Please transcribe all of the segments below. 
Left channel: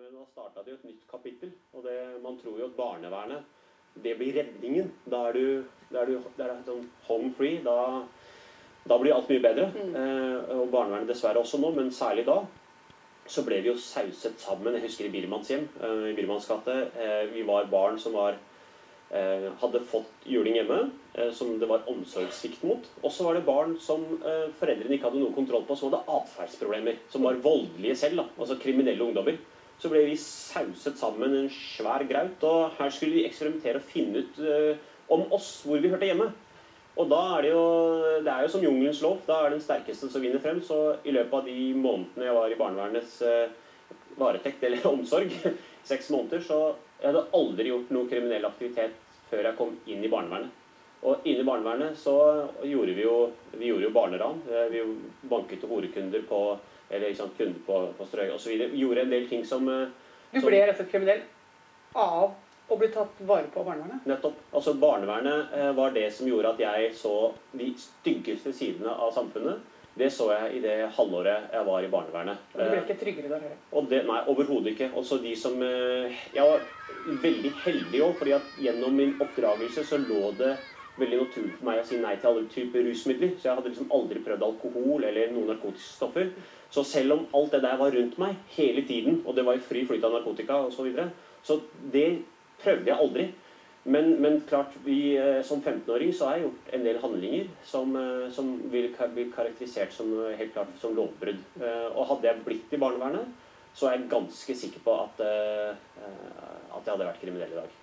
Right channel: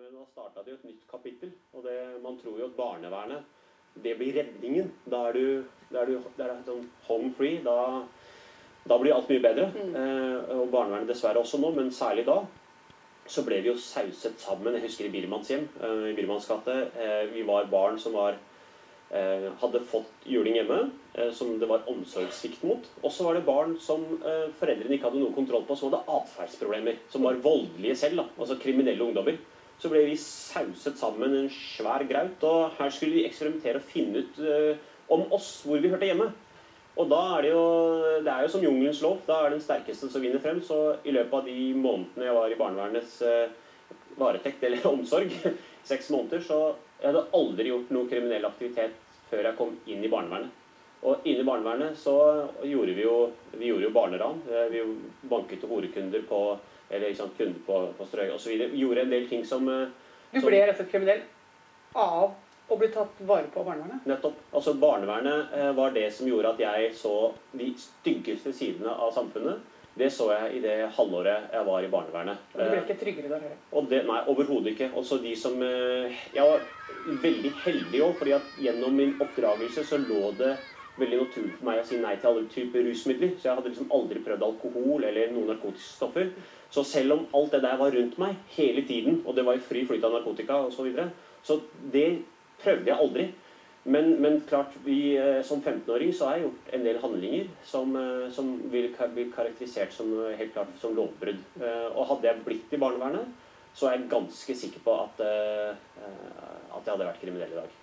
Men nå startet det jo et nytt kapittel, og man tror jo at barnevernet, det blir redningen. Da er det sånn home free, da blir alt mye bedre. Og barnevernet dessverre også nå, men særlig da, så ble vi jo sauset sammen. Jeg husker i Birmans hjem, i Birmans gate, vi var barn som hadde fått juling hjemme, som det var omsorgssvikt mot. Og så var det barn som foreldrene ikke hadde noe kontroll på, som hadde atferdsproblemer, som var voldelige selv, altså kriminelle ungdommer. Så ble vi sauset sammen en svær graut, og her skulle vi eksperimentere og finne ut om oss, hvor vi hørte hjemme. Og da det er jo som jungelens lov, da er den sterkeste som vinner frem, så i løpet av de månedene jeg var i barnevernets varetekt eller omsorg, 6 måneder, så jeg hadde aldri gjort noe kriminell aktivitet før jeg kom inn i barnevernet. Og inne i barnevernet så gjorde vi gjorde jo barneran. Vi banket horedkunder på eller ikke sant, kunde på strøy og så videre. Gjorde en del ting som... Du ble rett og slett kriminell av å bli tatt vare på barnevernet? Nettopp. Altså barnevernet var det som gjorde at jeg så de styggeste sidene av samfunnet. Det så jeg i det halvåret jeg var i barnevernet. Og du ble ikke tryggere der heller? Nei, overhodet ikke. Også de som... Jeg var veldig heldig også, fordi at gjennom min oppdragelse så lå det veldig naturlig for meg å si nei til alle typer rusmidler. Så jeg hadde liksom aldri prøvd alkohol eller noen narkotiske stoffer. Så selv om alt det der var rundt meg hele tiden, og det var i fri flyt av narkotika og så videre, så det prøvde jeg aldri. Men klart, som 15-åring så har jeg gjort en del handlinger som vil bli karakterisert som helt klart som lovbrudd. Og hadde jeg blitt i barnevernet, så er jeg ganske sikker på at jeg hadde vært kriminell i dag.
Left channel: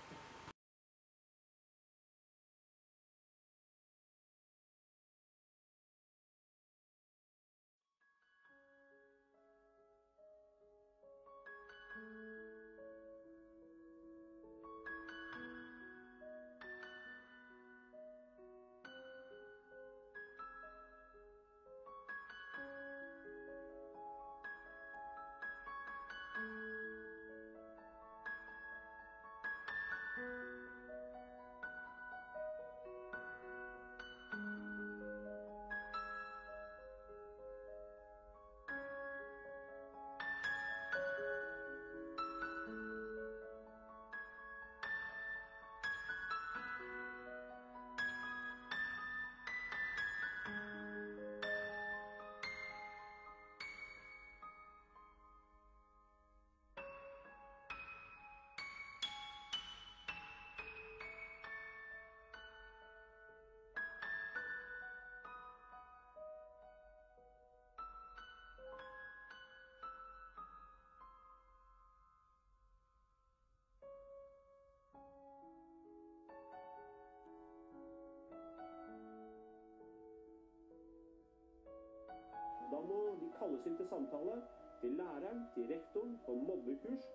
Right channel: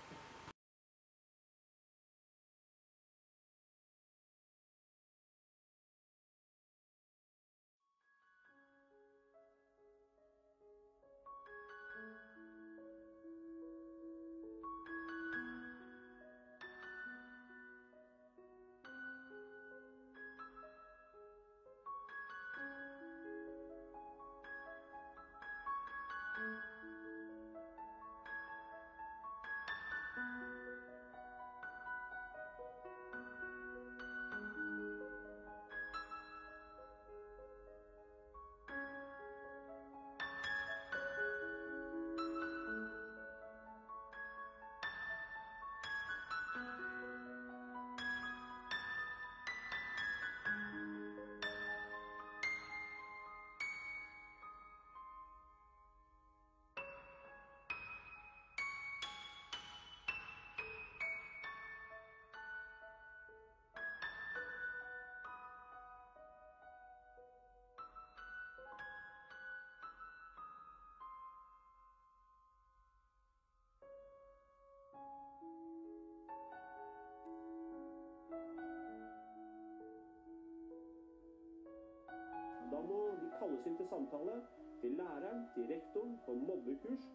Da må de kalles inn til samtale, til læreren, til rektoren, på mobbekurs,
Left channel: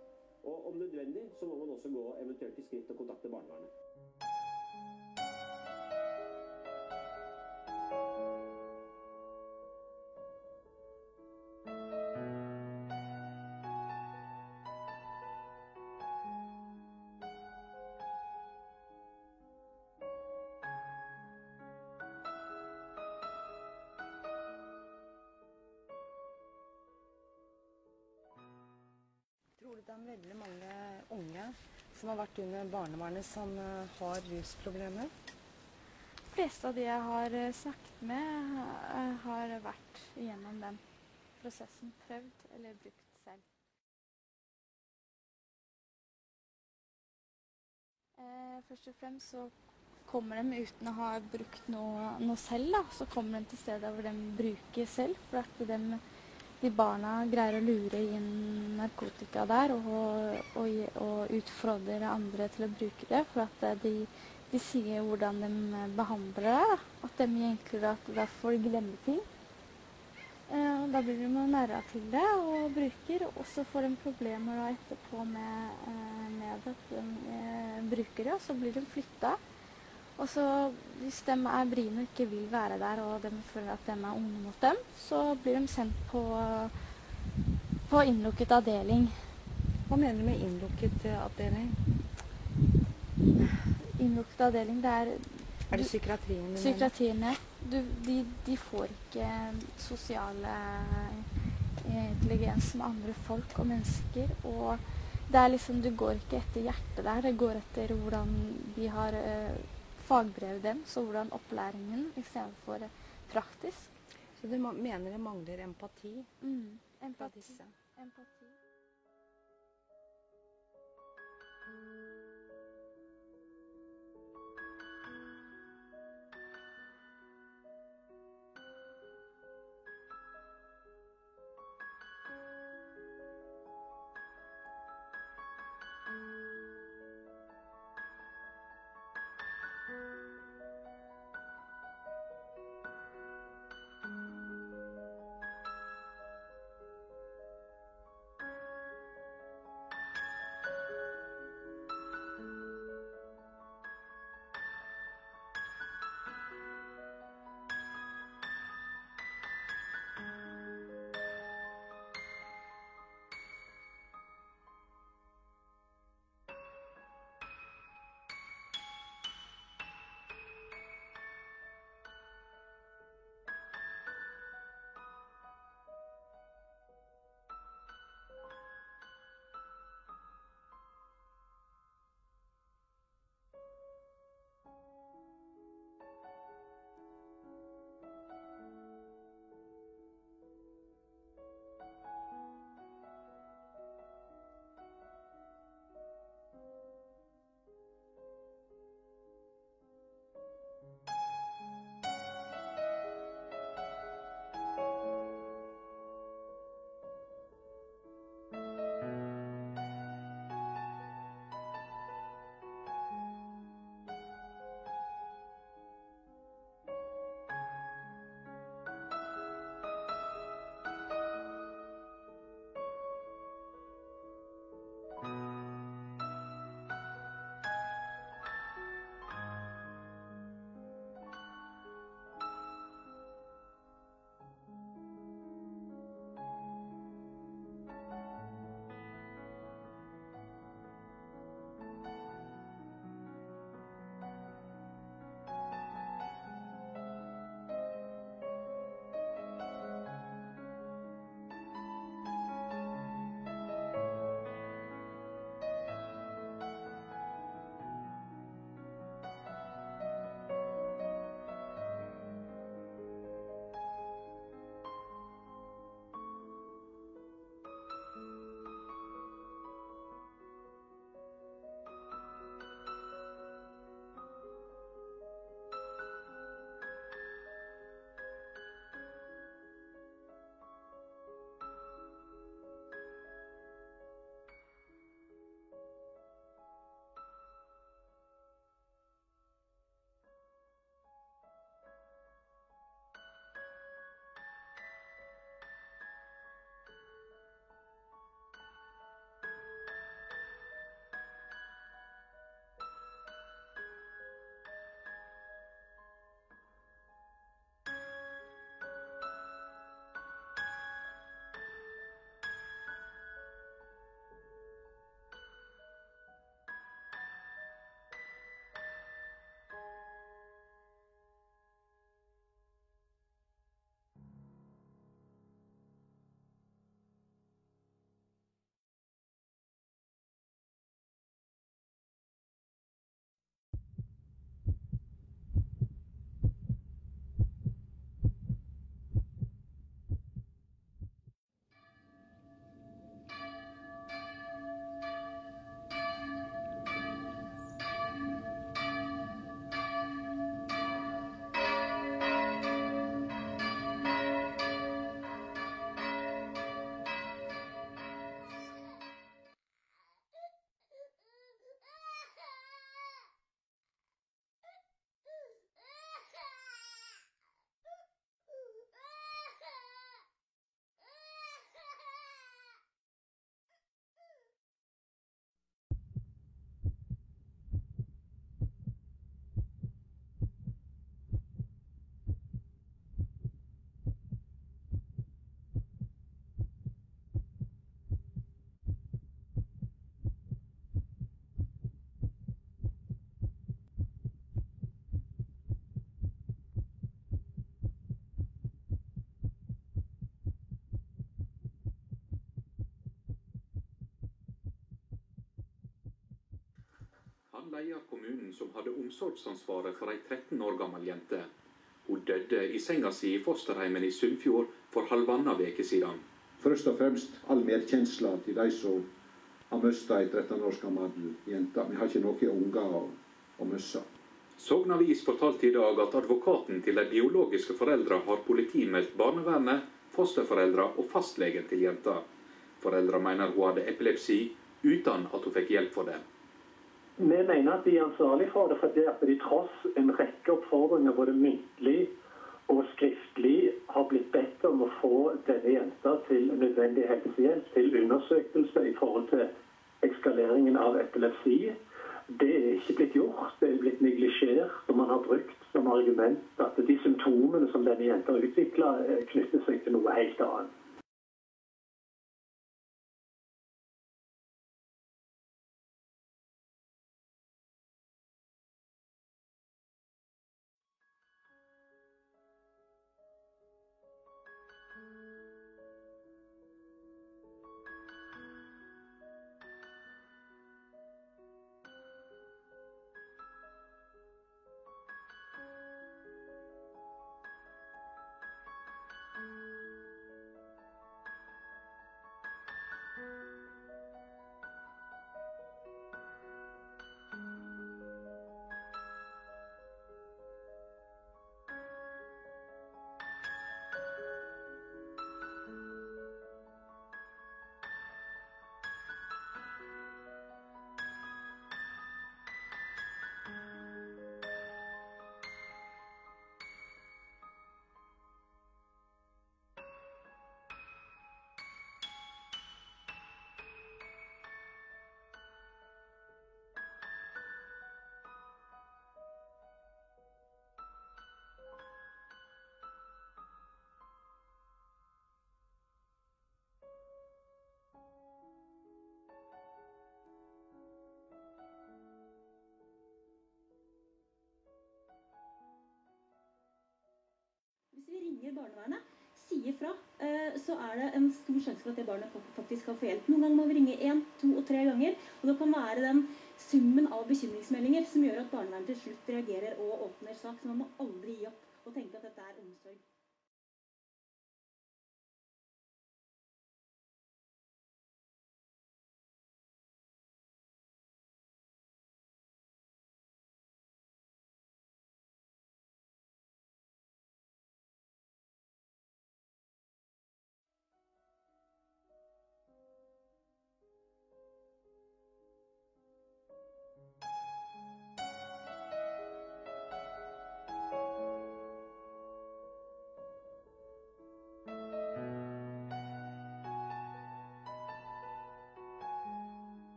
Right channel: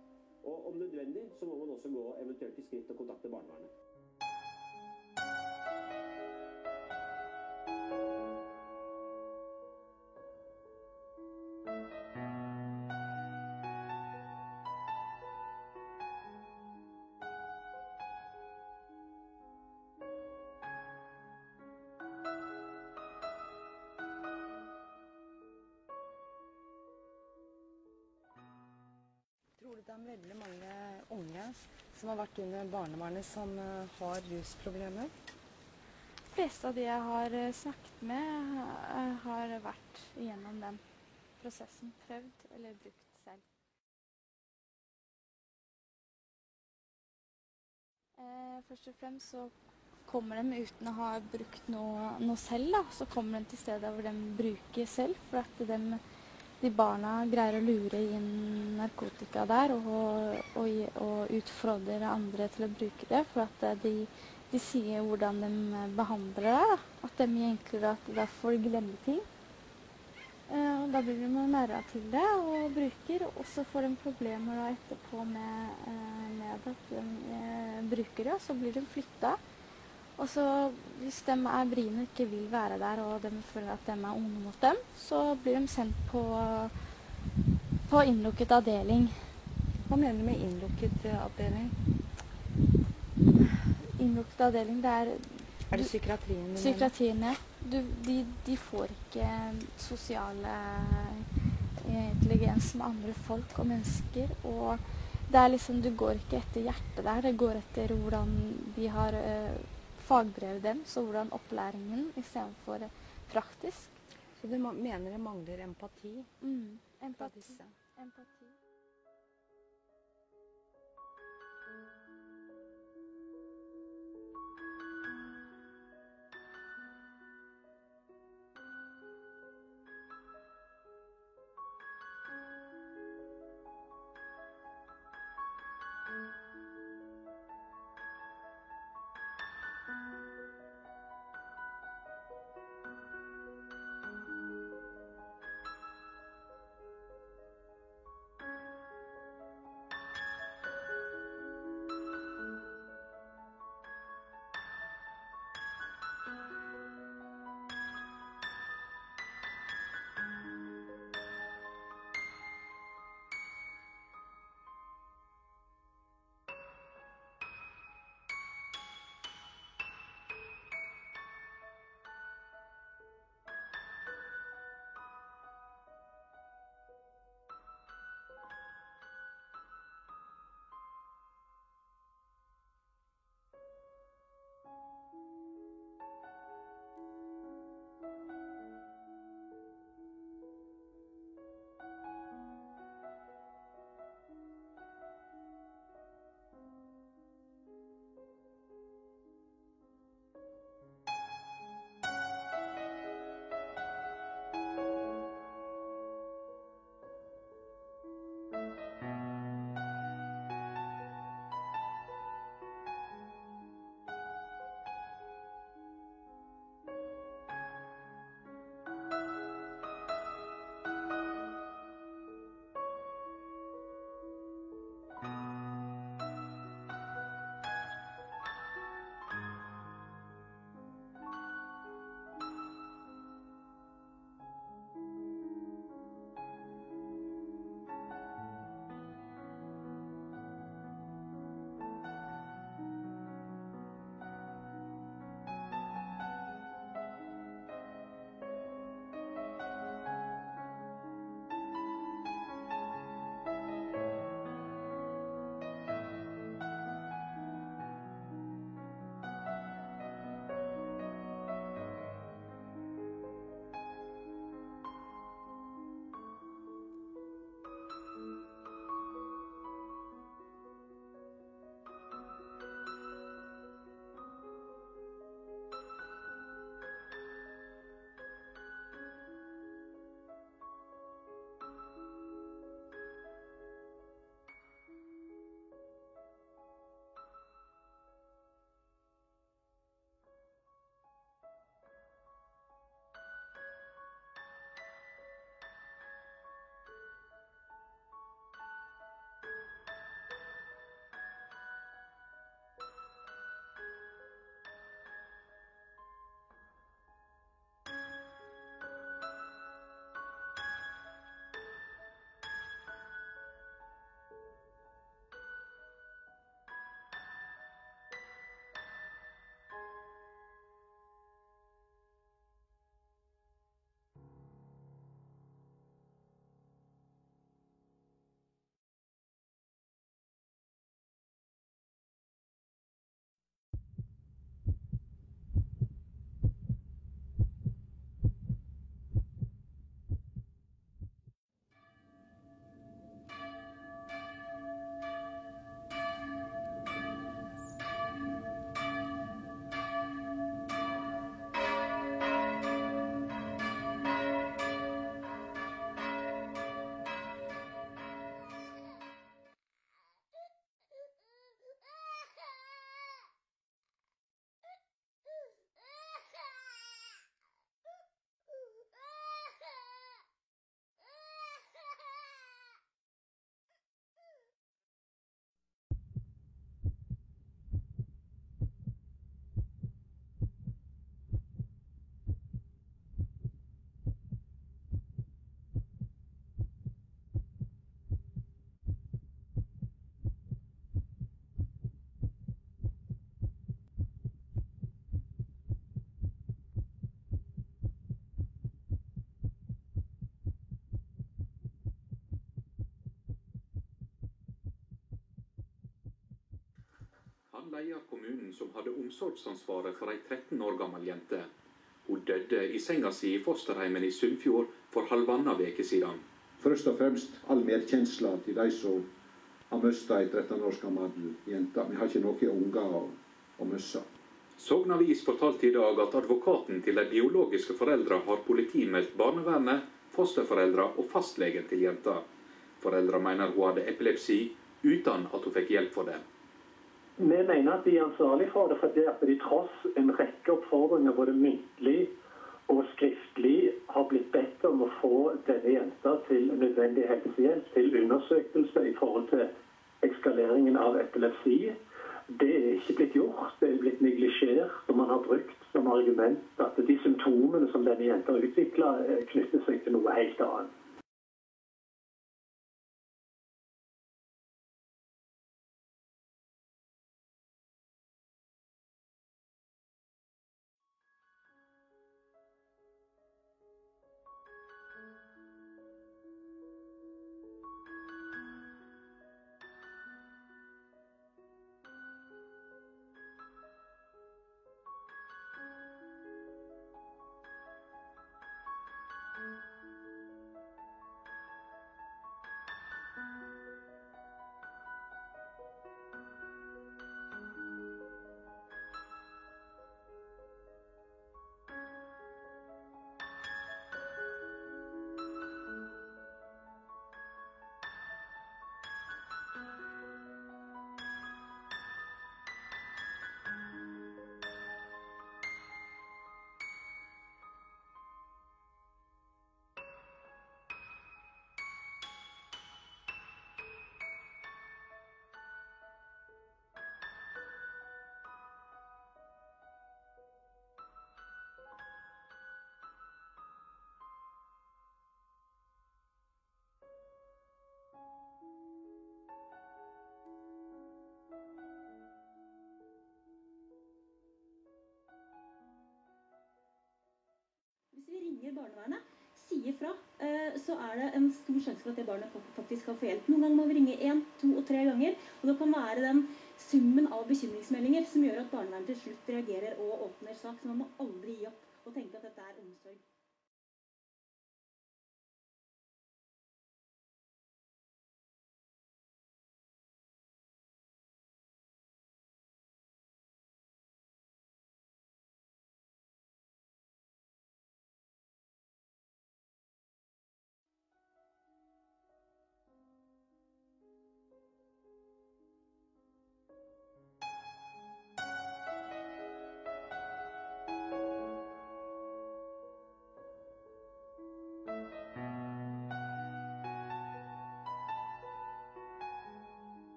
og om nødvendig så må man også gå eventuelt i skritt og kontakte barnevernet. Tror du det er veldig mange unge som har vært under barnevernet som har rusproblemer? De fleste av de jeg har snakket med, har vært igjennom den prosessen, prøvd eller brukt selv. Først og fremst så kommer de uten å ha brukt noe selv, da. Så kommer de til steder hvor de bruker selv, for at de barna greier å lure inn narkotika der og utfordre andre til å bruke det, for at de sier hvordan de behandler det, at de egentlig at da får de glemme ting. Da blir de nærere til det og bruker, og så får de problemer da etterpå med at de bruker det, og så blir de flyttet. Og så hvis de er brine og ikke vil være der, og de føler at de er onde mot dem, så blir de sendt på innlukket avdeling. Hva mener du med innlukket avdeling? Innlukket avdeling, det er... Er det psykiatrien du mener? Psykiatrien, ja. De får ikke sosiale intelligens med andre folk og mennesker, og det er liksom, du går ikke etter hjertet der, det går etter hvordan de har fagbrevet dem, så hvordan opplæringen i stedet for praktisk. Så du mener det mangler empati? Empati. leder kommunen som hadde omsorgsansvaret for en 13 år gammel jente. Hun døde i senga si i fosterheimen i Sunnfjord for halvannet veke siden. Først og fremst all medkjensla til de som har mistet en 13 års gammel jente. Vi har ikke noen unger å miste. Sogn Avis fortalte i dag at advokaten til de biologiske foreldre har politimeldt barnevernet, fosterforeldre og fastlegen til jenta. Foreldre mener hun hadde epilepsi uten at hun fikk hjelp for det. Vi mener at de er ansvarlige for det, fordi at de tross en rekke oppfordringer både muntlig og skriftlig har blitt bedt om å få denne jenta til nødvendig helsehjelp, til undersøkelse i forhold til ekskaleringen av epilepsi. Det er ikke blitt gjort, det er blitt neglisjert, og man har brukt som argument at de symptomene som denne jenta har utviklet knytter seg til noe helt annet. Hvis vi ringer barnevernet, sier fra, så er det en stor sjanse for at det barnet faktisk kan få hjelp. Noen ganger må vi ringe 1, 2 og 3 ganger, og det kan være den summen av bekymringsmeldinger som gjør at barnevernet til slutt reagerer og åpner sak. Så man må aldri gi opp og tenke at dette er omsorg.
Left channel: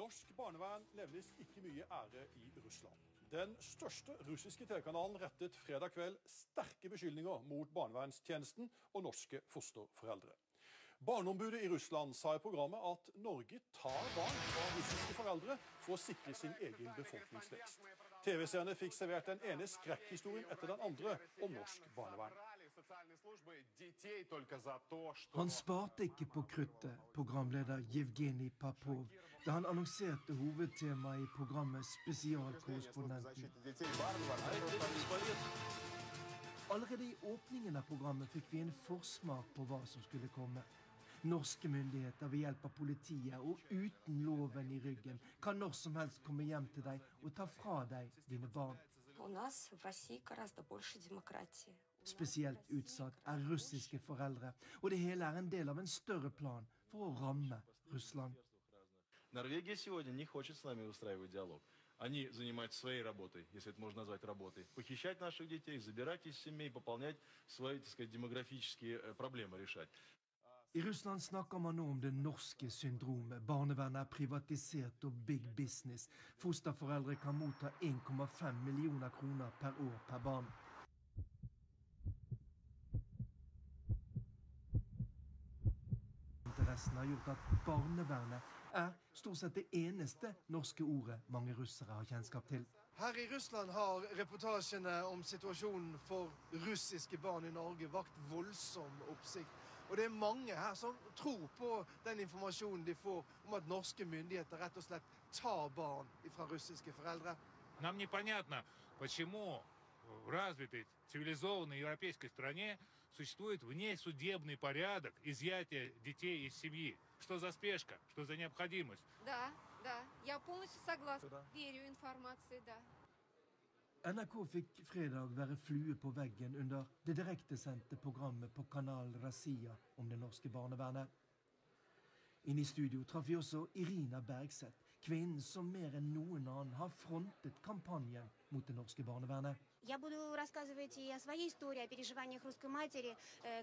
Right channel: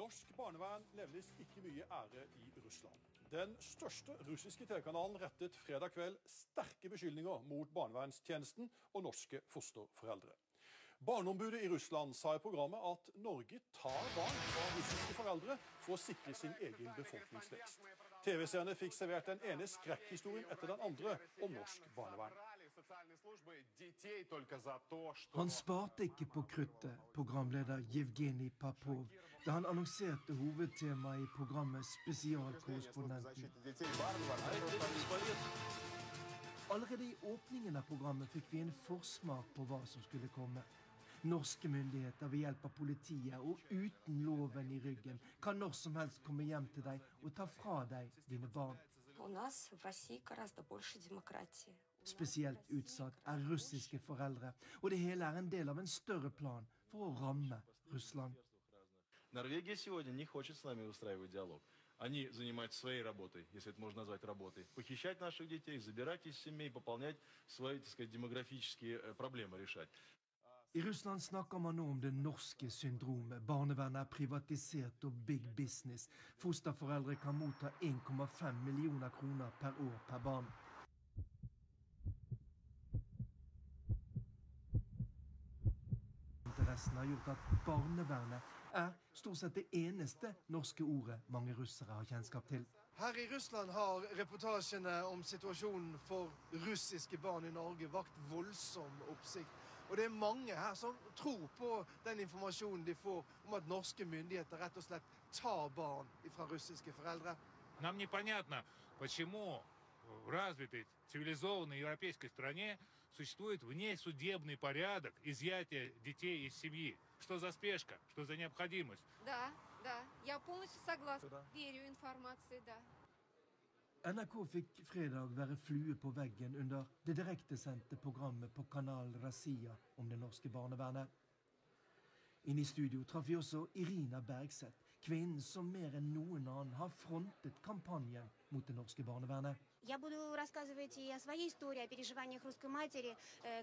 Norsk barnevern levnes ikke mye ære i Russland. Den største russiske TV-kanalen rettet fredag kveld sterke beskyldninger mot barnevernstjenesten og norske fosterforeldre. Barneombudet i Russland sa i programmet at Norge tar barn fra russiske foreldre for å sikre sin egen befolkningsvekst. TV-seerne fikk servert den ene skrekkhistorien etter den andre om norsk barnevern. Han sparte ikke på kruttet, programleder Yevgenij Popov, da han annonserte hovedtemaet i programmet Spesialkorrespondenten. Allerede i åpningen av programmet fikk vi en forsmak på hva som skulle komme. Norske myndigheter ved hjelp av politiet og uten loven i ryggen kan når som helst komme hjem til deg og ta fra deg dine barn. Spesielt utsatt er russiske foreldre, og det hele er en del av en større plan for å ramme Russland. Норвегия сегодня не хочет с нами устраивать диалог. Они занимаются своей работой, если это можно назвать работой. Похищать наших детей, забирать из семей, пополнять свои, так сказать, демографические проблемы решать. I Russland snakker man nå om det norske syndromet. Barnevernet er privatisert og big business. Fosterforeldre kan motta 1,5 millioner kroner per år per barn. Interessen har gjort at barnevernet er stort sett det eneste norske ordet mange russere har kjennskap til. Her i Russland har reportasjene om situasjonen for russiske barn i Norge vakt voldsom oppsikt. Og det er mange her som tror på den informasjonen de får om at norske myndigheter rett og slett tar barn fra russiske foreldre. Нам непонятно, почему в развитой, цивилизованной европейской стране существует внесудебный порядок изъятия детей из семьи. Что за спешка, что за необходимость? Да, я полностью согласна. Верю информации, да. NRK fikk fredag være flue på veggen under det direktesendte programmet på kanal Razia om det norske barnevernet. Inne i studio traff vi også Irina Bergseth, kvinnen som mer enn noen annen har frontet kampanjen mot det norske barnevernet. Я буду рассказывать и о своей истории, о переживаниях русской матери,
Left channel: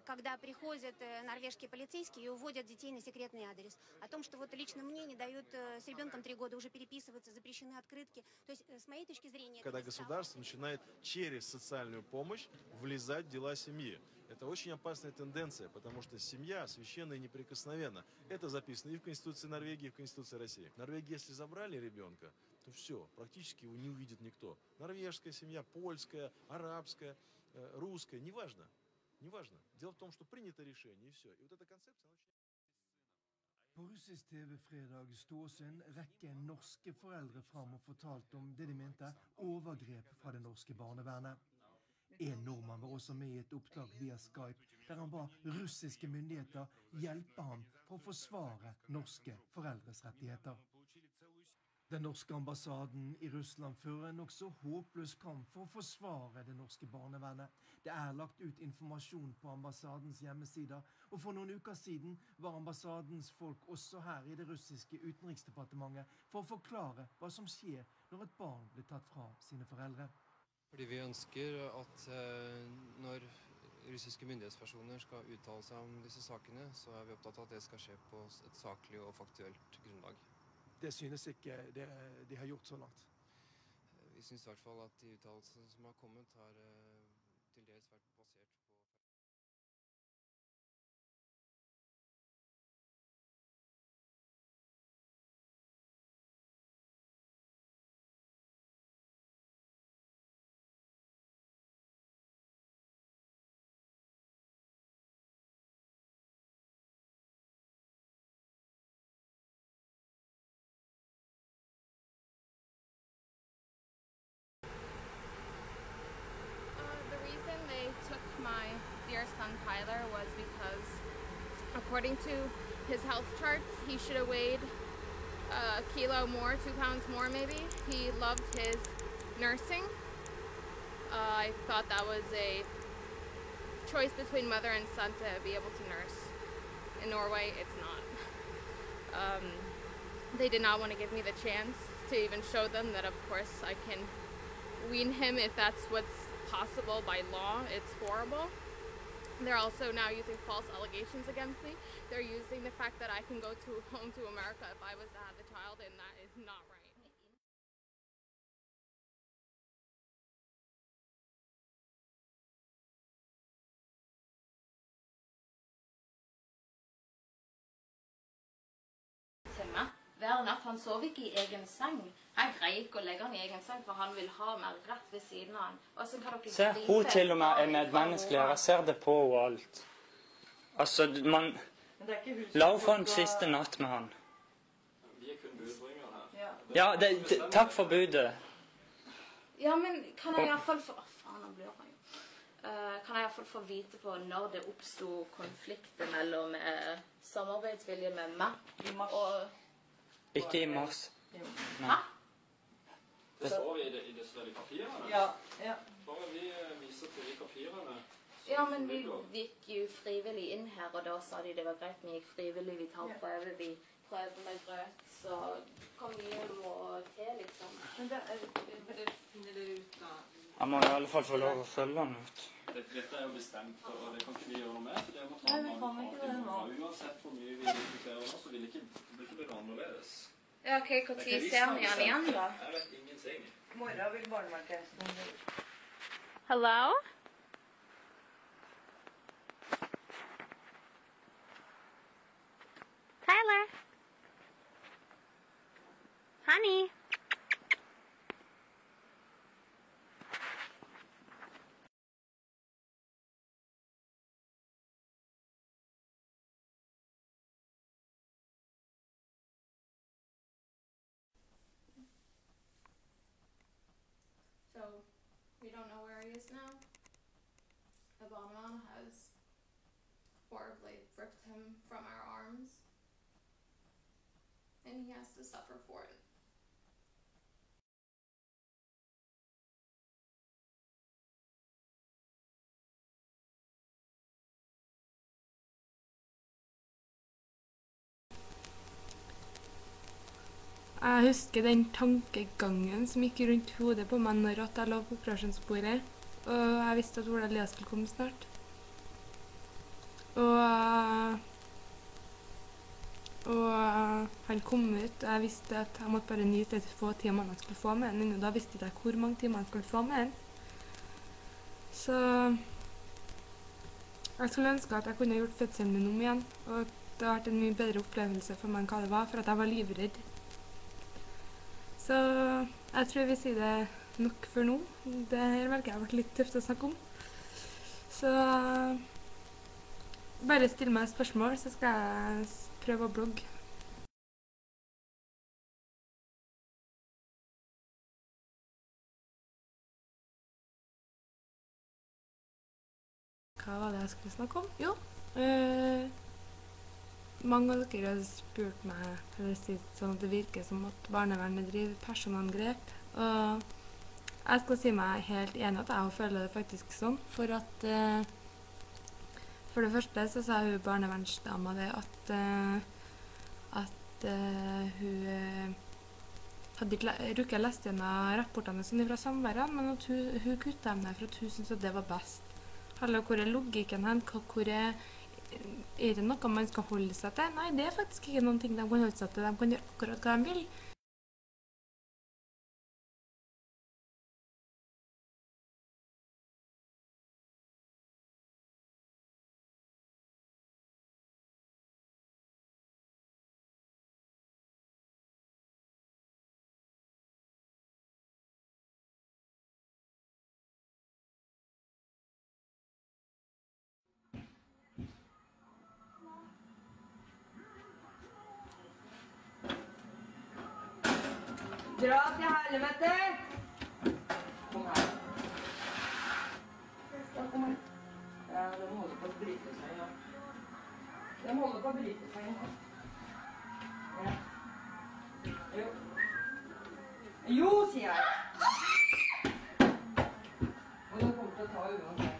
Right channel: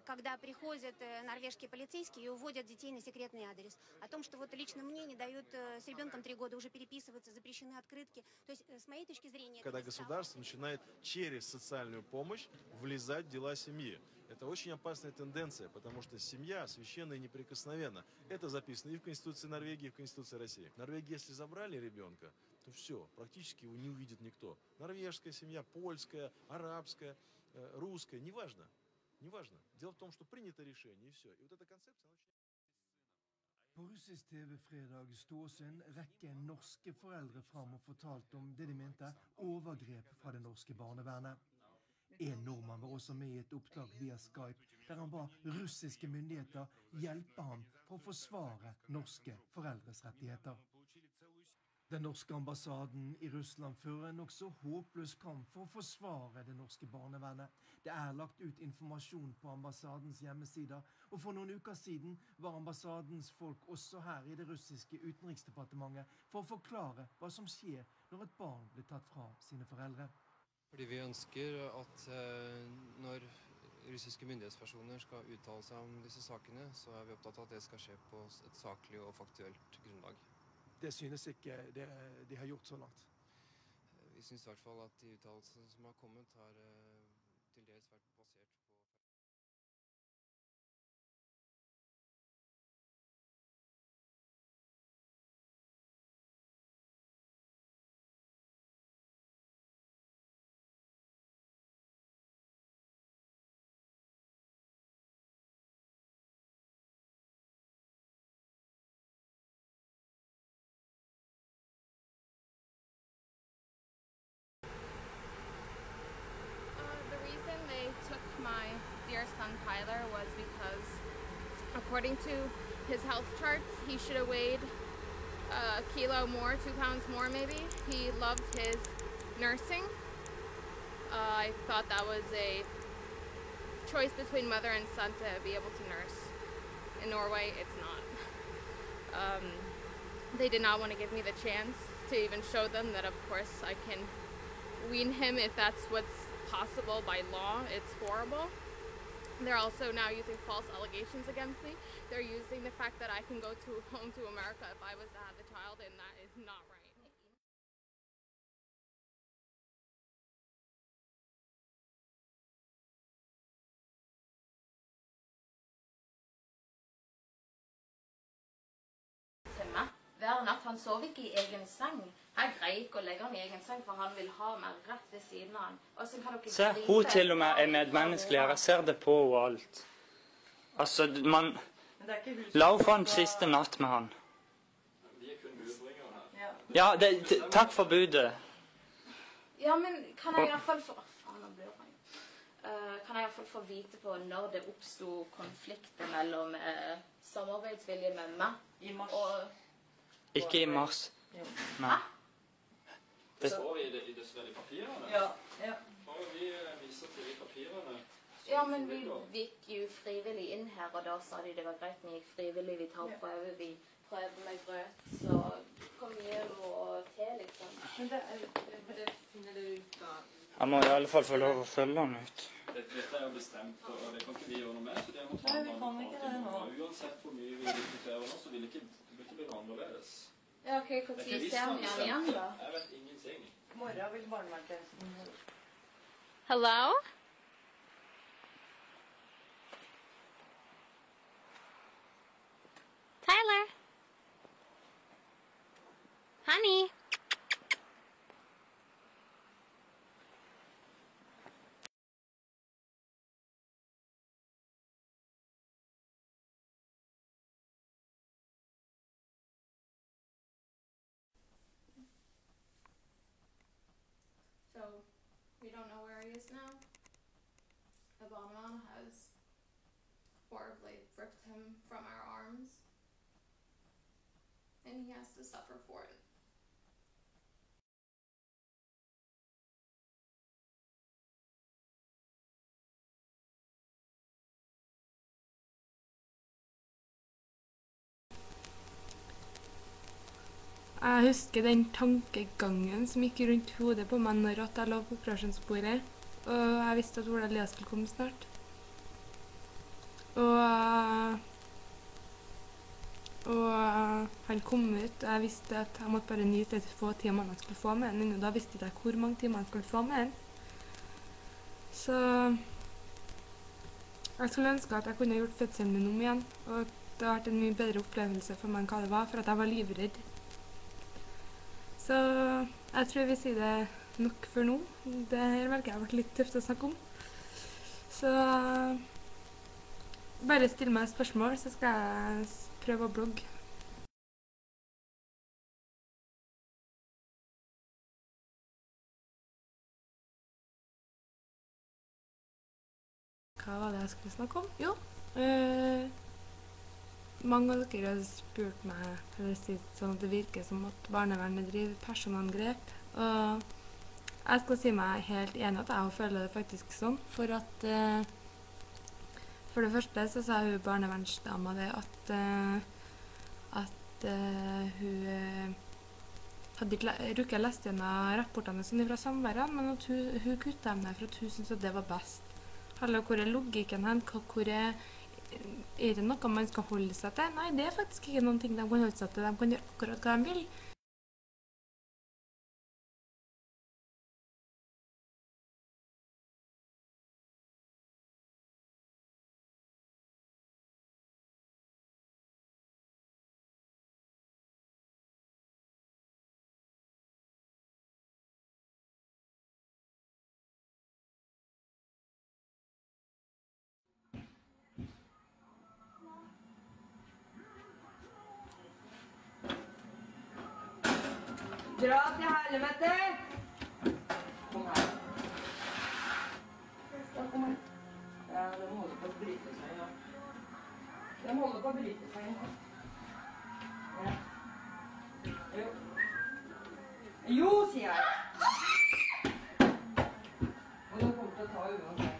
когда приходят норвежские полицейские и уводят детей на секретный адрес. О том, что вот лично мне не дают с ребенком 3 года уже переписываться, запрещены открытки. То есть, с моей точки зрения... Когда государство начинает через социальную помощь влезать в дела семьи. Это очень опасная тенденция, потому что семья священна и неприкосновенна. Это записано и в Конституции Норвегии, и в Конституции России. В Норвегии, если забрали ребенка, то все, практически его не увидит никто. Норвежская семья, польская, арабская, русская, неважно. Неважно. Дело в том, что принято решение, и все. И вот эта концепция... På russisk TV fredag sto også en rekke norske foreldre fram og fortalte om det de mente overgrep fra det norske barnevernet. En nordmann var også med i et opptak via Skype, der han ba russiske myndigheter hjelpe ham for å forsvare norske foreldres rettigheter. Den norske ambassaden i Russland fører en også håpløs kamp for å forsvare det norske barnevernet. Det er lagt ut informasjon på ambassadens hjemmesider, og for noen uker siden var ambassadens folk også her i det russiske utenriksdepartementet for å forklare hva som skjer når et barn blir tatt fra sine foreldre. Fordi vi ønsker at når russiske myndighetspersoner skal uttale seg om disse sakene, så er vi opptatt av at det skal skje på et saklig og faktuelt grunnlag. Det synes ikke de har gjort så langt. Vi synes i hvert fall at de uttalelsene som har kommet har til dels vært basert på... Took my dear son Tyler was because, according to his health charts, he should have weighed a kilo more, 2 pounds more maybe. He loved his nursing. I thought that was a choice between mother and son to be able to nurse. In Norway, it's not. They did not want to give me the chance to even show them that, of course, I can wean him if that's what's possible by law. It's horrible. They're also now using false allegations against me. They're using the fact that I can go home to America if I was to have the child, and that is not right. Hver natt. Han sov ikke i egen seng. Jeg greier ikke å legge han i egen seng, for han vil ha meg rett ved siden av han. Og så kan dere Se, hun til og med er medmenneskelig. Jeg ser det på og alt. Altså, man... La henne få en siste natt med han. Vi er kun budbringere her. Ja, takk for budet. Ja, men kan jeg i hvert fall få... Faen, nå blør han. Kan jeg i hvert fall få vite på når det oppstod konflikter mellom samarbeidsvilje med meg og... Ikke i mars. Nei. Det står vi i disse papirene. Ja. Bare vi viser til de papirene. Ja, men vi gikk jo frivillig inn her, og da sa de det var greit. Vi gikk frivillig, vi tar prøve, vi prøvde med grøt, så kom vi må til, liksom. Men det finner du ut da? Jeg må i alle fall få lov å følge han ut. Dette er jo bestemt, og det kan ikke vi gjøre noe med, så det må ta mange. Uansett hvor mye vi diskuterer nå, så vil det ikke bli annerledes. Ja, ok, hvor tid ser vi han igjen da? Jeg vet ingenting. Morgen vil barneverntjenesten. Hello? Tyler? Honey? years now. A barneman has horribly ripped him from our arms, and he has to suffer for it. Jeg husker den tankegangen som gikk rundt hodet på meg når jeg lå på operasjonsbordet, og jeg visste at Ola Elias skulle komme snart. Og han kom ut, og jeg visste at jeg måtte bare nyte de få timene jeg skulle få med den, og da visste jeg ikke hvor mange timer jeg skulle få med den. Så jeg skulle ønske at jeg kunne gjort fødselen min om igjen, og det har vært en mye bedre opplevelse for meg enn hva det var, for at jeg var livredd. Så jeg tror vi sier det nok for nå. Det her velger jeg har vært litt tøft å snakke om. Så bare still meg spørsmål, så skal jeg prøve å blogge. Hva var det jeg skulle snakke om? Jo, mange av dere har spurt meg, eller sagt sånn at det virker som at barnevernet driver personangrep, og jeg skal si meg helt enig at jeg føler det faktisk sånn, for at for det første så sa hun barnevernsdama det at hun hadde ikke rukket å lese gjennom rapportene sine fra samværet, men at hun kuttet dem der for at hun syntes at det var best. Eller hvor er logikken hen? Hvor er det noe man skal holde seg til? Nei, det er faktisk ikke noen ting de kan holde seg til. De kan gjøre akkurat hva de vil. Dra til helvete! Kom her. Ja, kom her. Ja, de holder på å bryte seg, ja. De holder på å bryte seg, ja. Jo. Jo, sier jeg. Og de kommer til å ta uansett.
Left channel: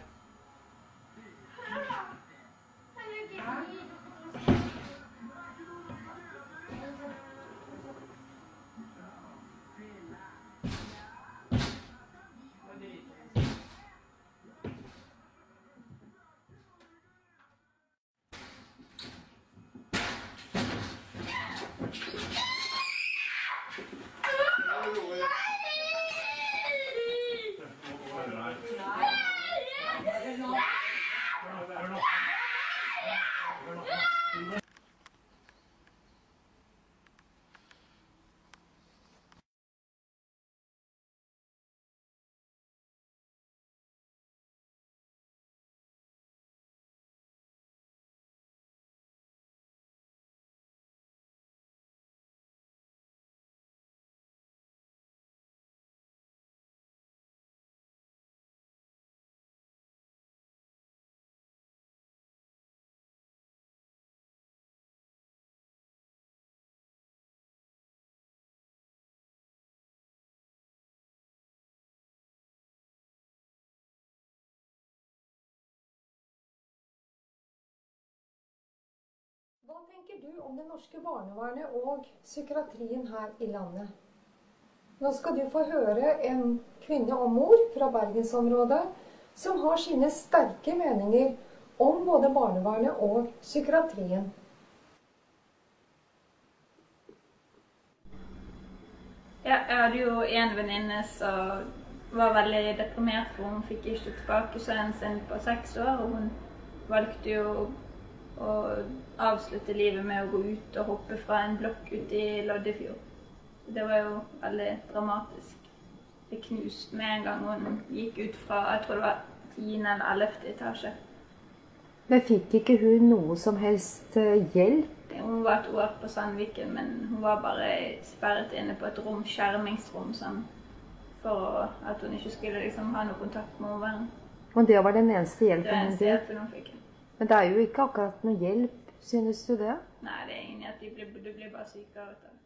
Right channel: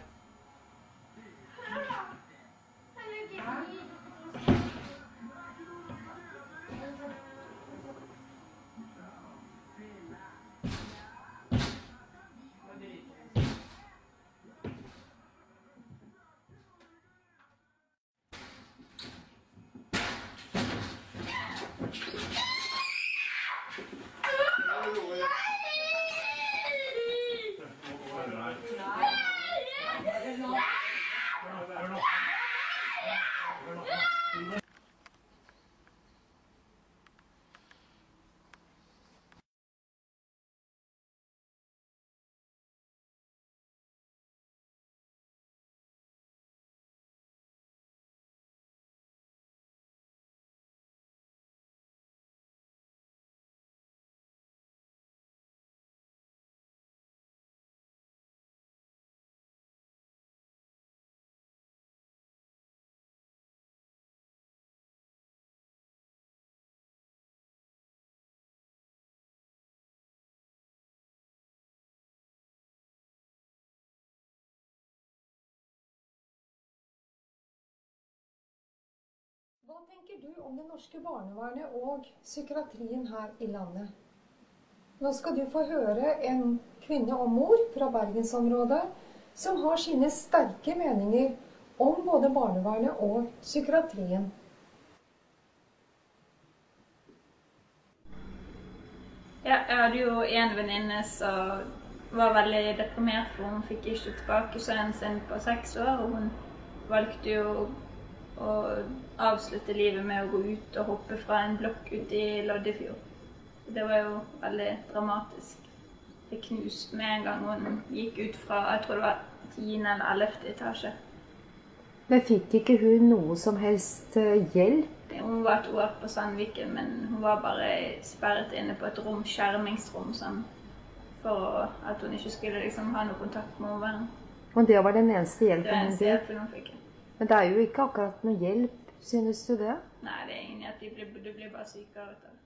Hva tenker du om det norske barnevernet og psykiatrien her i landet? Nå skal du få høre en kvinne og mor fra Bergensområdet som har sine sterke meninger om både barnevernet og psykiatrien. Ja, jeg hadde jo en venninne som var veldig deprimert, for hun fikk ikke tilbake sønnen sin på 6 år, og hun valgte jo å avslutte livet med å gå ut og hoppe fra en blokk ute i Loddefjord. Det var jo veldig dramatisk. Det knuste med en gang hun gikk ut fra, jeg tror det var 10. eller 11. etasje. Men fikk ikke hun noe som helst hjelp? Hun var 2 år på Sandviken, men hun var bare sperret inne på et rom, skjermingsrom, sånn for at hun ikke skulle liksom ha noe kontakt med omverdenen. Og det var den eneste Det hjelpen var hun eneste fikk. hjelpen hun fikk. Men det er jo ikke akkurat noe hjelp, synes du det? Nei, det er ingen at du blir bare sykere ut av det.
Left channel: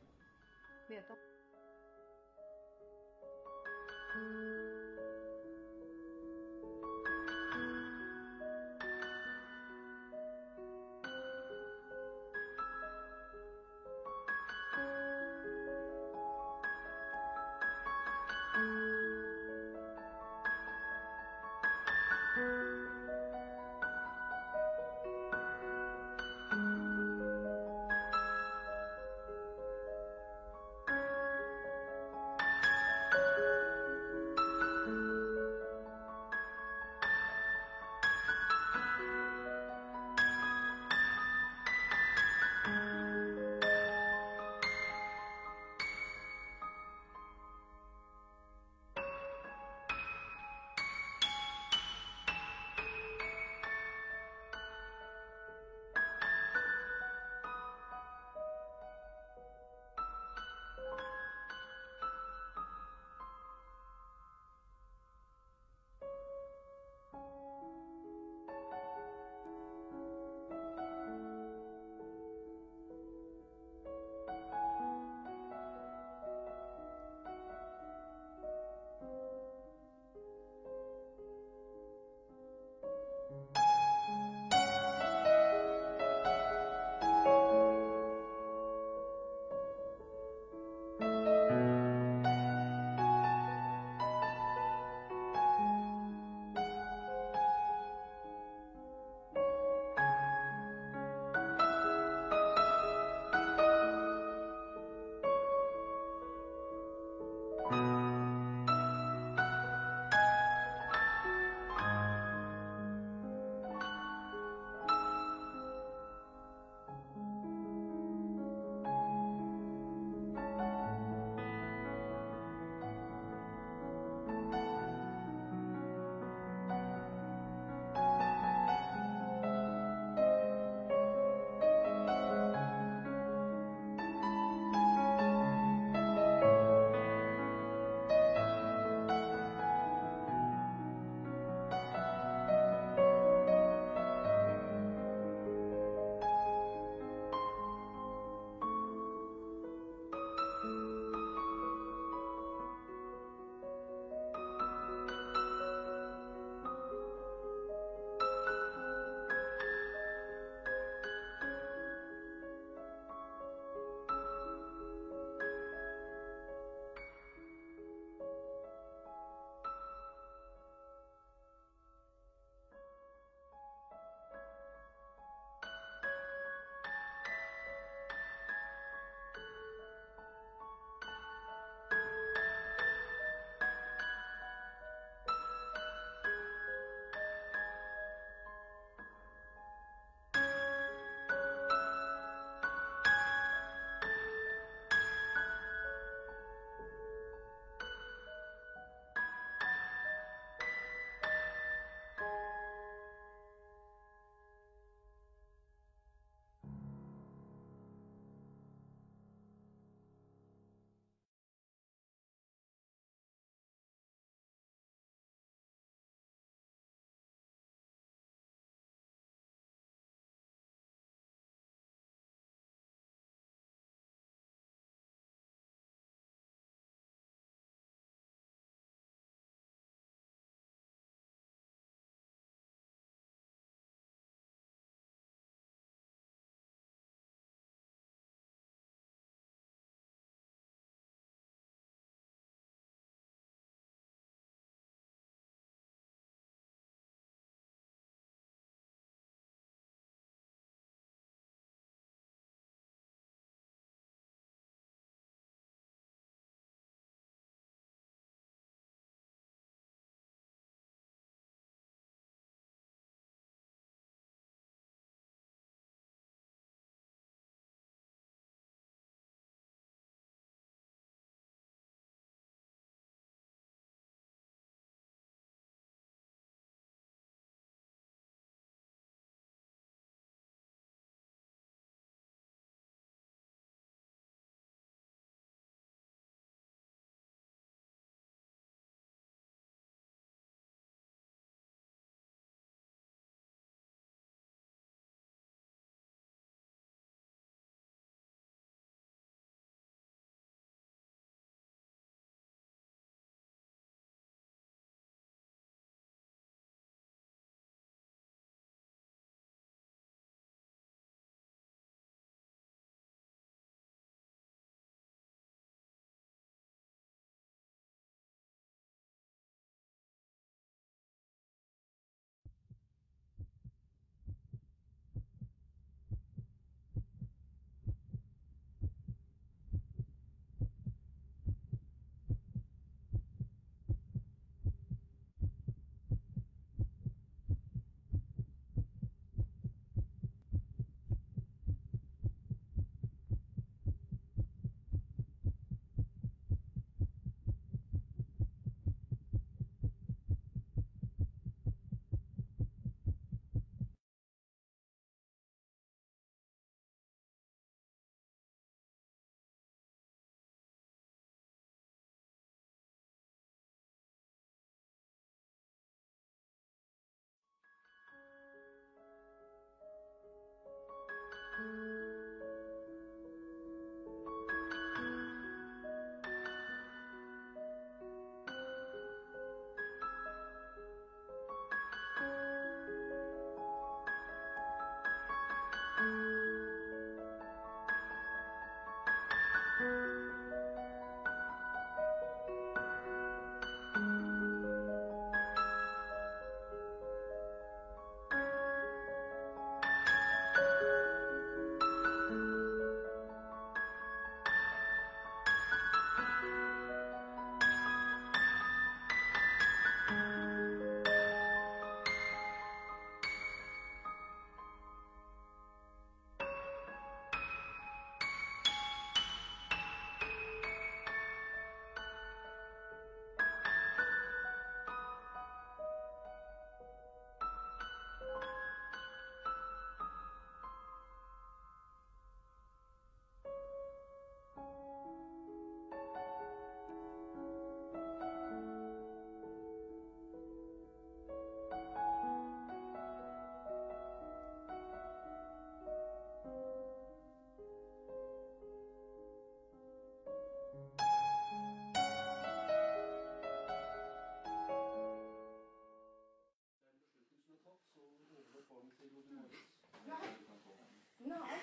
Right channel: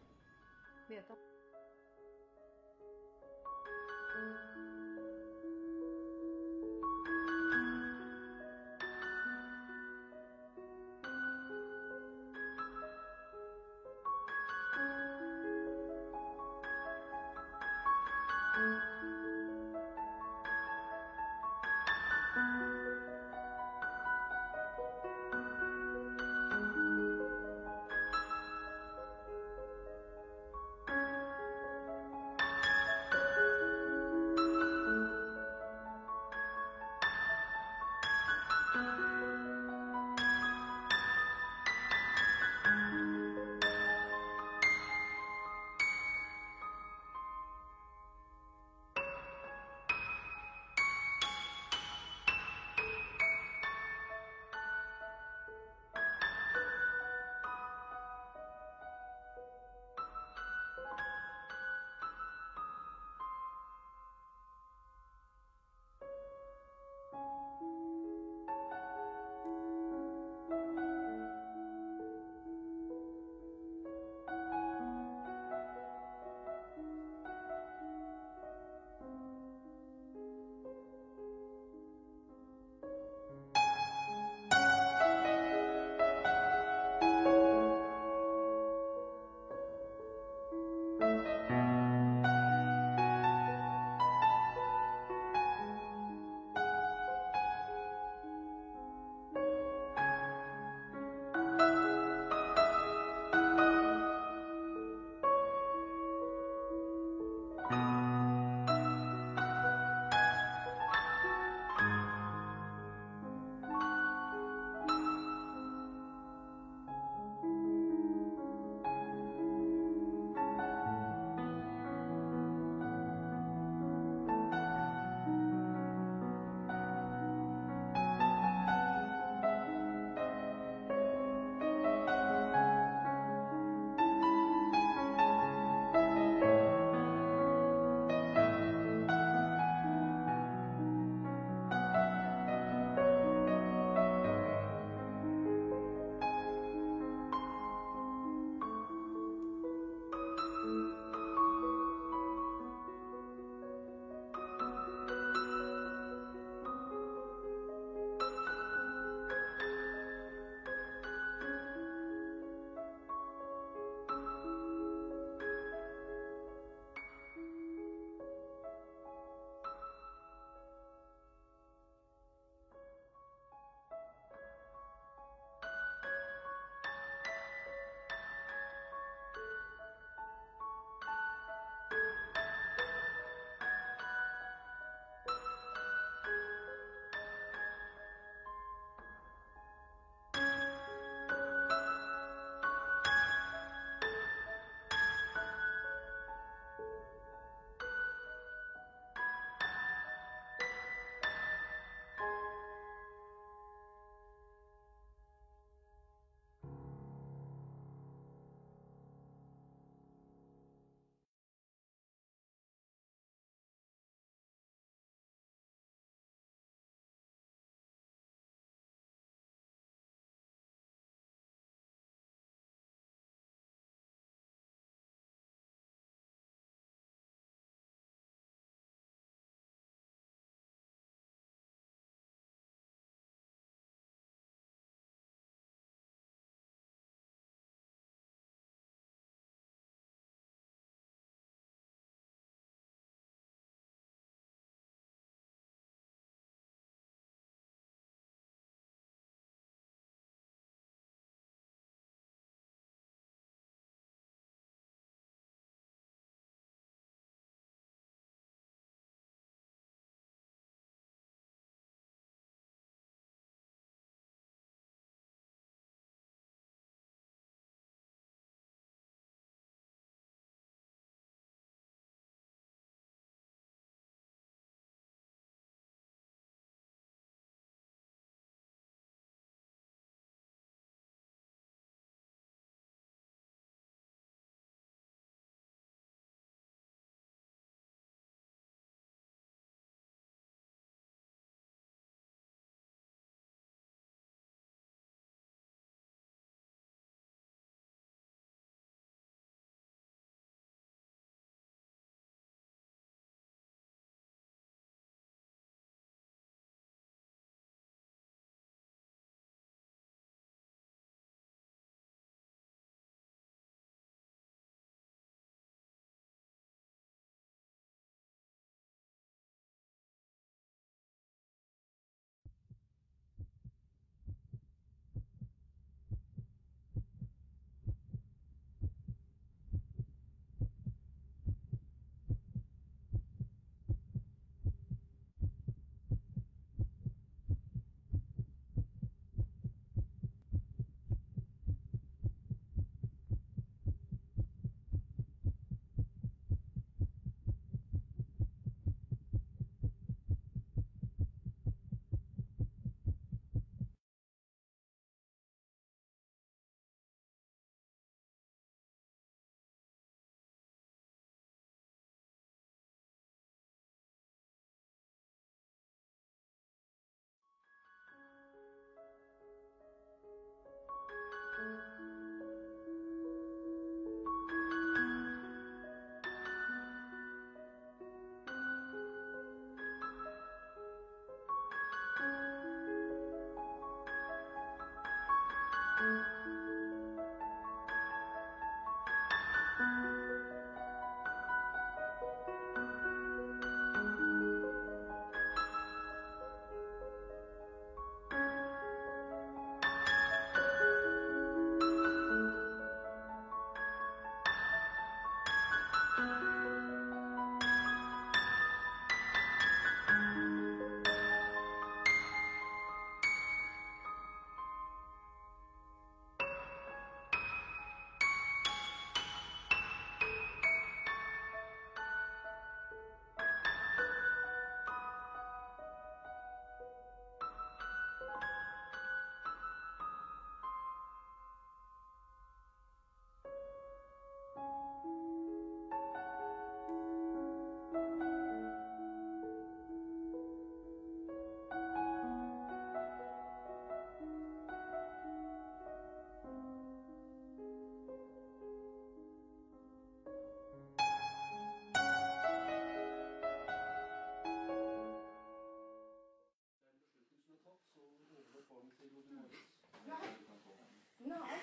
Nei.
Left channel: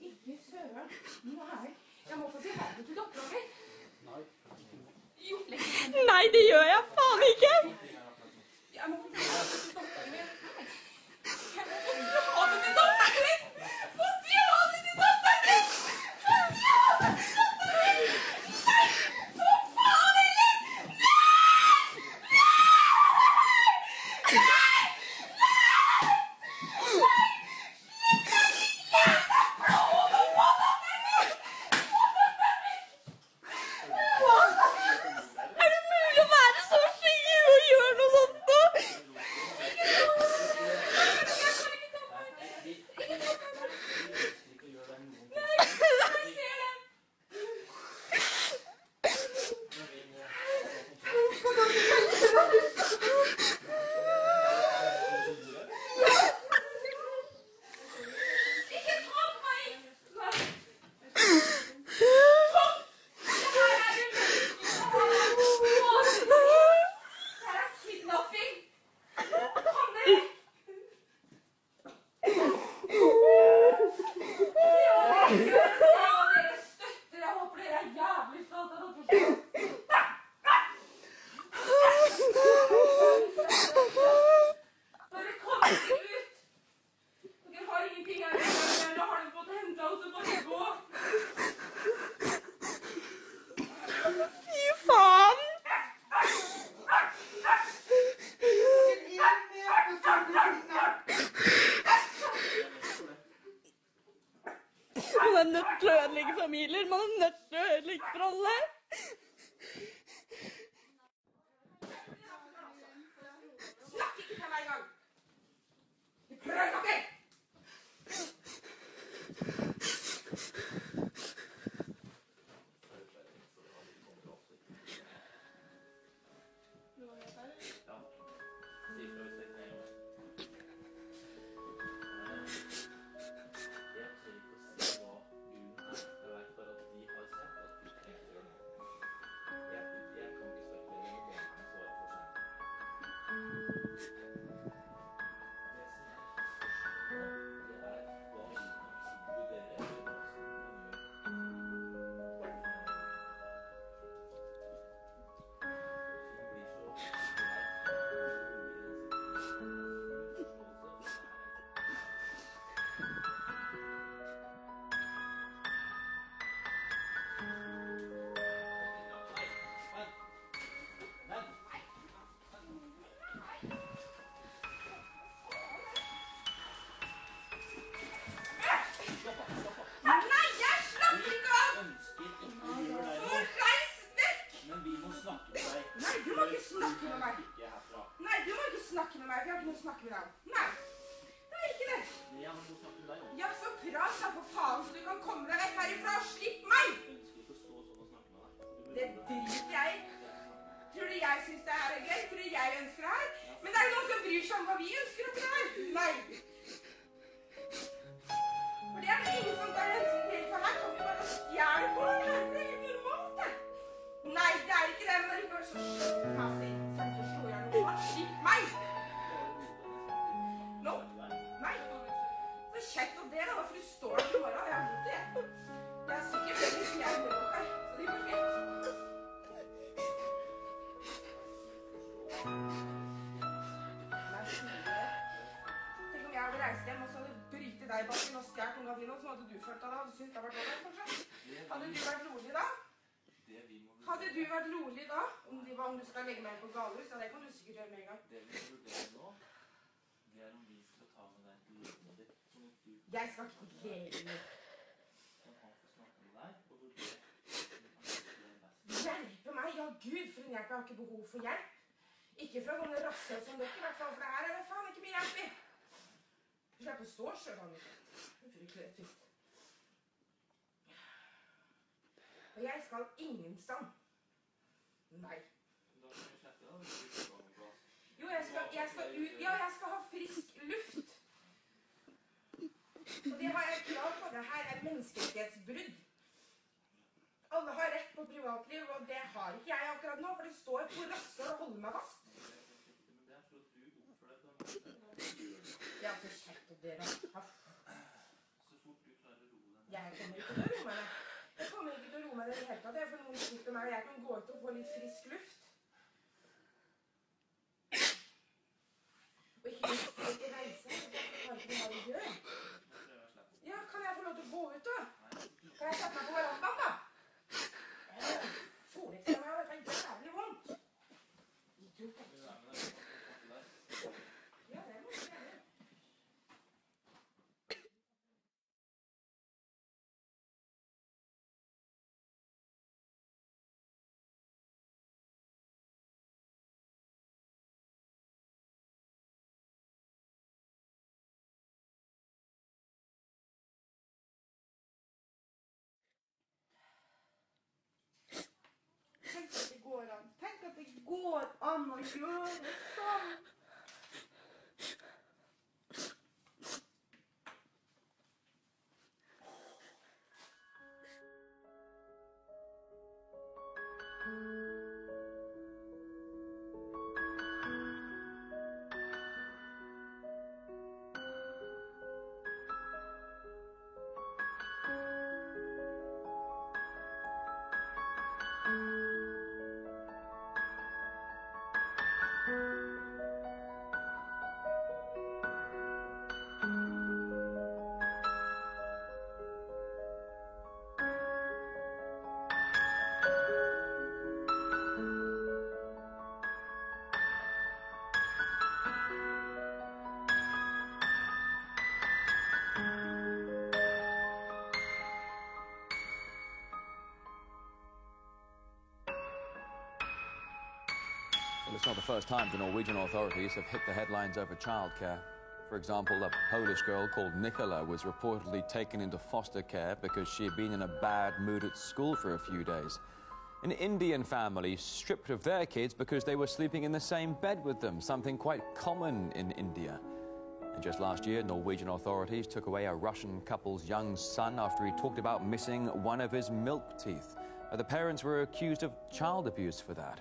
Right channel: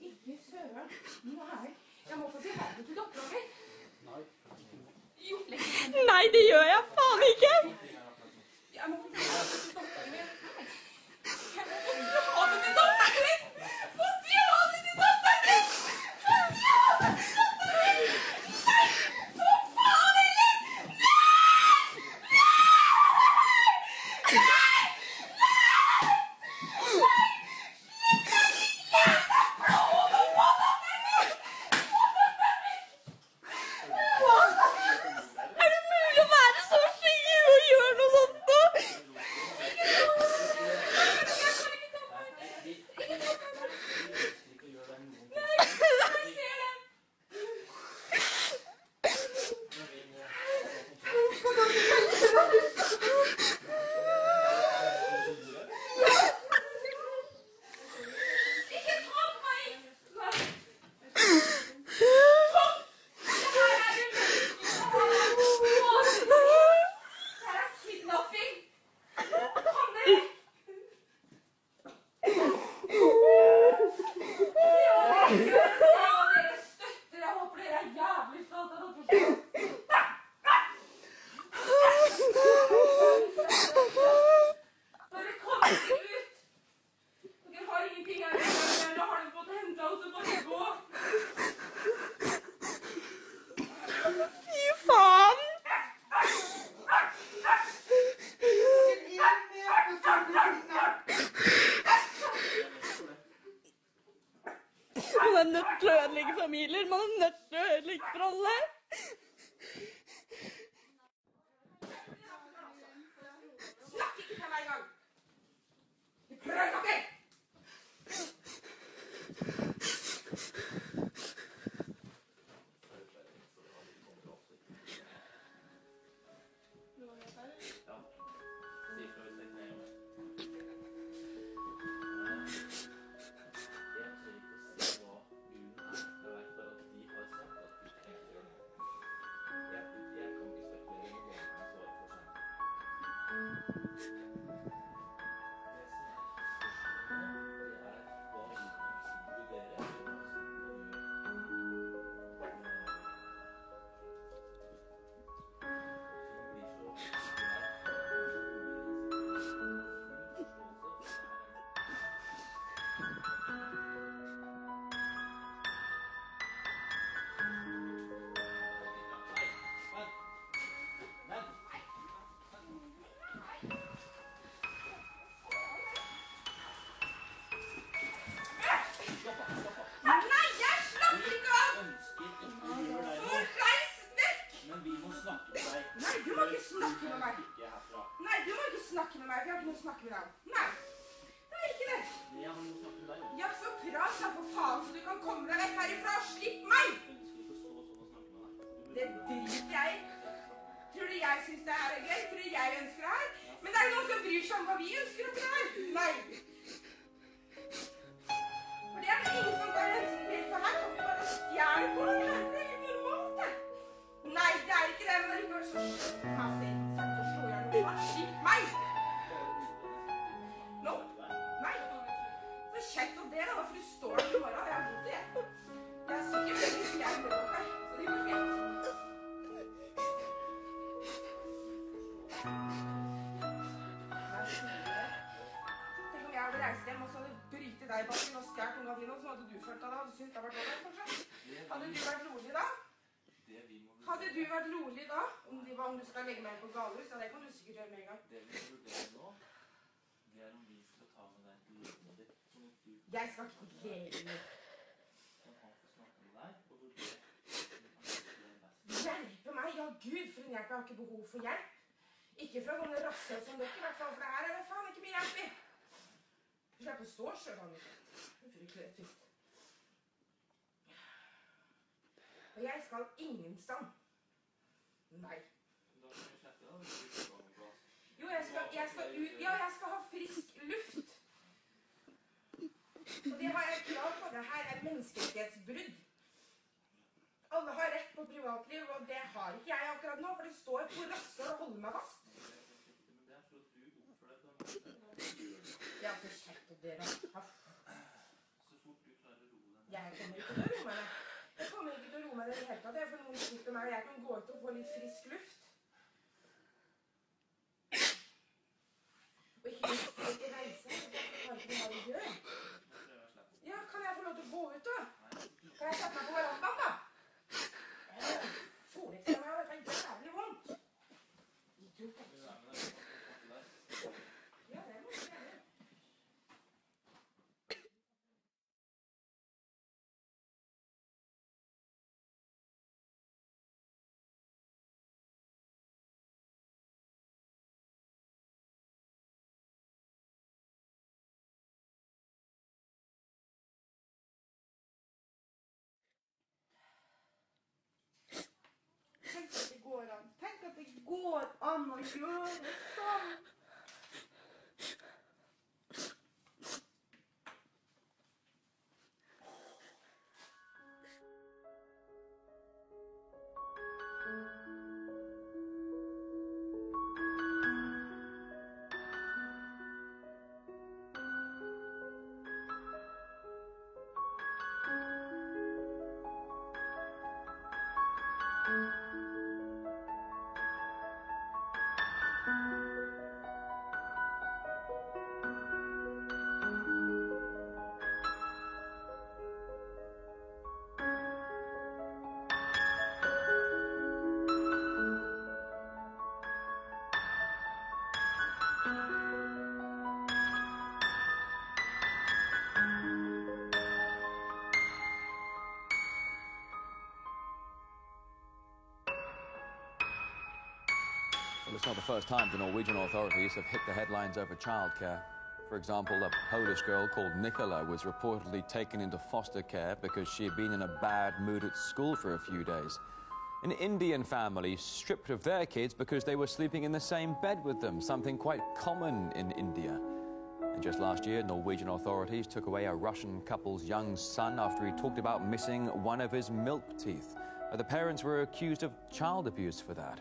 Ikke søren. Nei. Jeg må få si hei til datteren min. Jo. Nei, det gjør jeg faen ikke! Jeg må få si hei til datteren min. Jeg må få si ha det til datteren min! Få si ha det til datteren min! Få si ha det til datteren min! Nei! For faen heller! Nei! Nei! Man er nødt til å ødelegge familier. Man er nødt til å ødelegge for alle. Snakk ikke til meg engang! Du prøver dere! Ja, så prat da for faen, så du kan komme deg vekk herifra. Slipp meg! Det driter jeg i. Tror du jeg synes det er gøy? Tror du jeg ønsker det her? Men det er jo noen som bryr seg om hva vi ønsker om det her. Nei. For det er det ingen som tar hensyn til, for her kan vi bare stjerne på det her. Det er helt normalt, det. Nei, det er ikke det, men allikevel så slipp meg, sier han til å slå igjen noe. Slipp meg! Nå? Nei. Så kjekt av det da, for du står der i morgen, og jeg har god til. Jeg er sikkert veldig hvis jeg hører noe her, så det går fint. Tenk om jeg hadde reist hjem og så hadde brytet deg i bakken og stjert ungene dine, og så hadde du følt av det, hadde du syntes det hadde vært over, kanskje? Hadde du vært rolig da? Hadde du vært rolig da, om du skal legge meg på galehus? Ja, det kan du sikkert gjøre med en gang. Det vi må vurdere nå, det er om vi skal ta med deg til livet ditt. Jeg skal ikke glede. Man kan få snakke med deg og vurdere. Hjelpe meg? Ja, Gud, for en hjelp. Jeg har ikke behov for hjelp. Ikke fra sånne rasser som dere, i hvert fall, for det her er det faen ikke mye hjelp i. Du slipper å stå selv, han ikke. Det er fryktelig trist. Og jeg skal ingen stand. Nei. Jo, jeg skal ut. Ja, jeg skal ha frisk luft. Og det har jeg krav på. Det her er menneskerettighetsbrudd. Alle har rett på privatliv, og det har ikke jeg akkurat nå, for det står på rasser og holder meg fast. Men det er for at du oppfører deg på en måte. Dere, Så fort du klarer å roe deg. Jeg kommer ikke til å roe meg. Jeg kommer ikke til å roe meg det hele tatt. For noen sitter meg, og jeg kan gå ut og få litt frisk luft. Og ikke reise. Jeg kan ikke hva du gjør. Ja, kan jeg få lov til å gå ut da? Kan jeg sette meg på verandaen da? Solekser meg, og det er jævlig vondt. Idiot. Ja, det må jeg gjøre. Tenk at det går an. Tenk at det går an å gjøre sånn. Well, it's not the first time the Norwegian authorities have hit the headlines over childcare. For example, a Polish girl called Nicola was reportedly taken into foster care because she had been in a bad mood at school for a few days. An Indian family stripped of their kids because they were sleeping in the same bed with them, something quite common in India. And just last year, Norwegian authorities took away a Russian couple's young son after he talked about missing one of his milk teeth. The parents were accused of child abuse for that.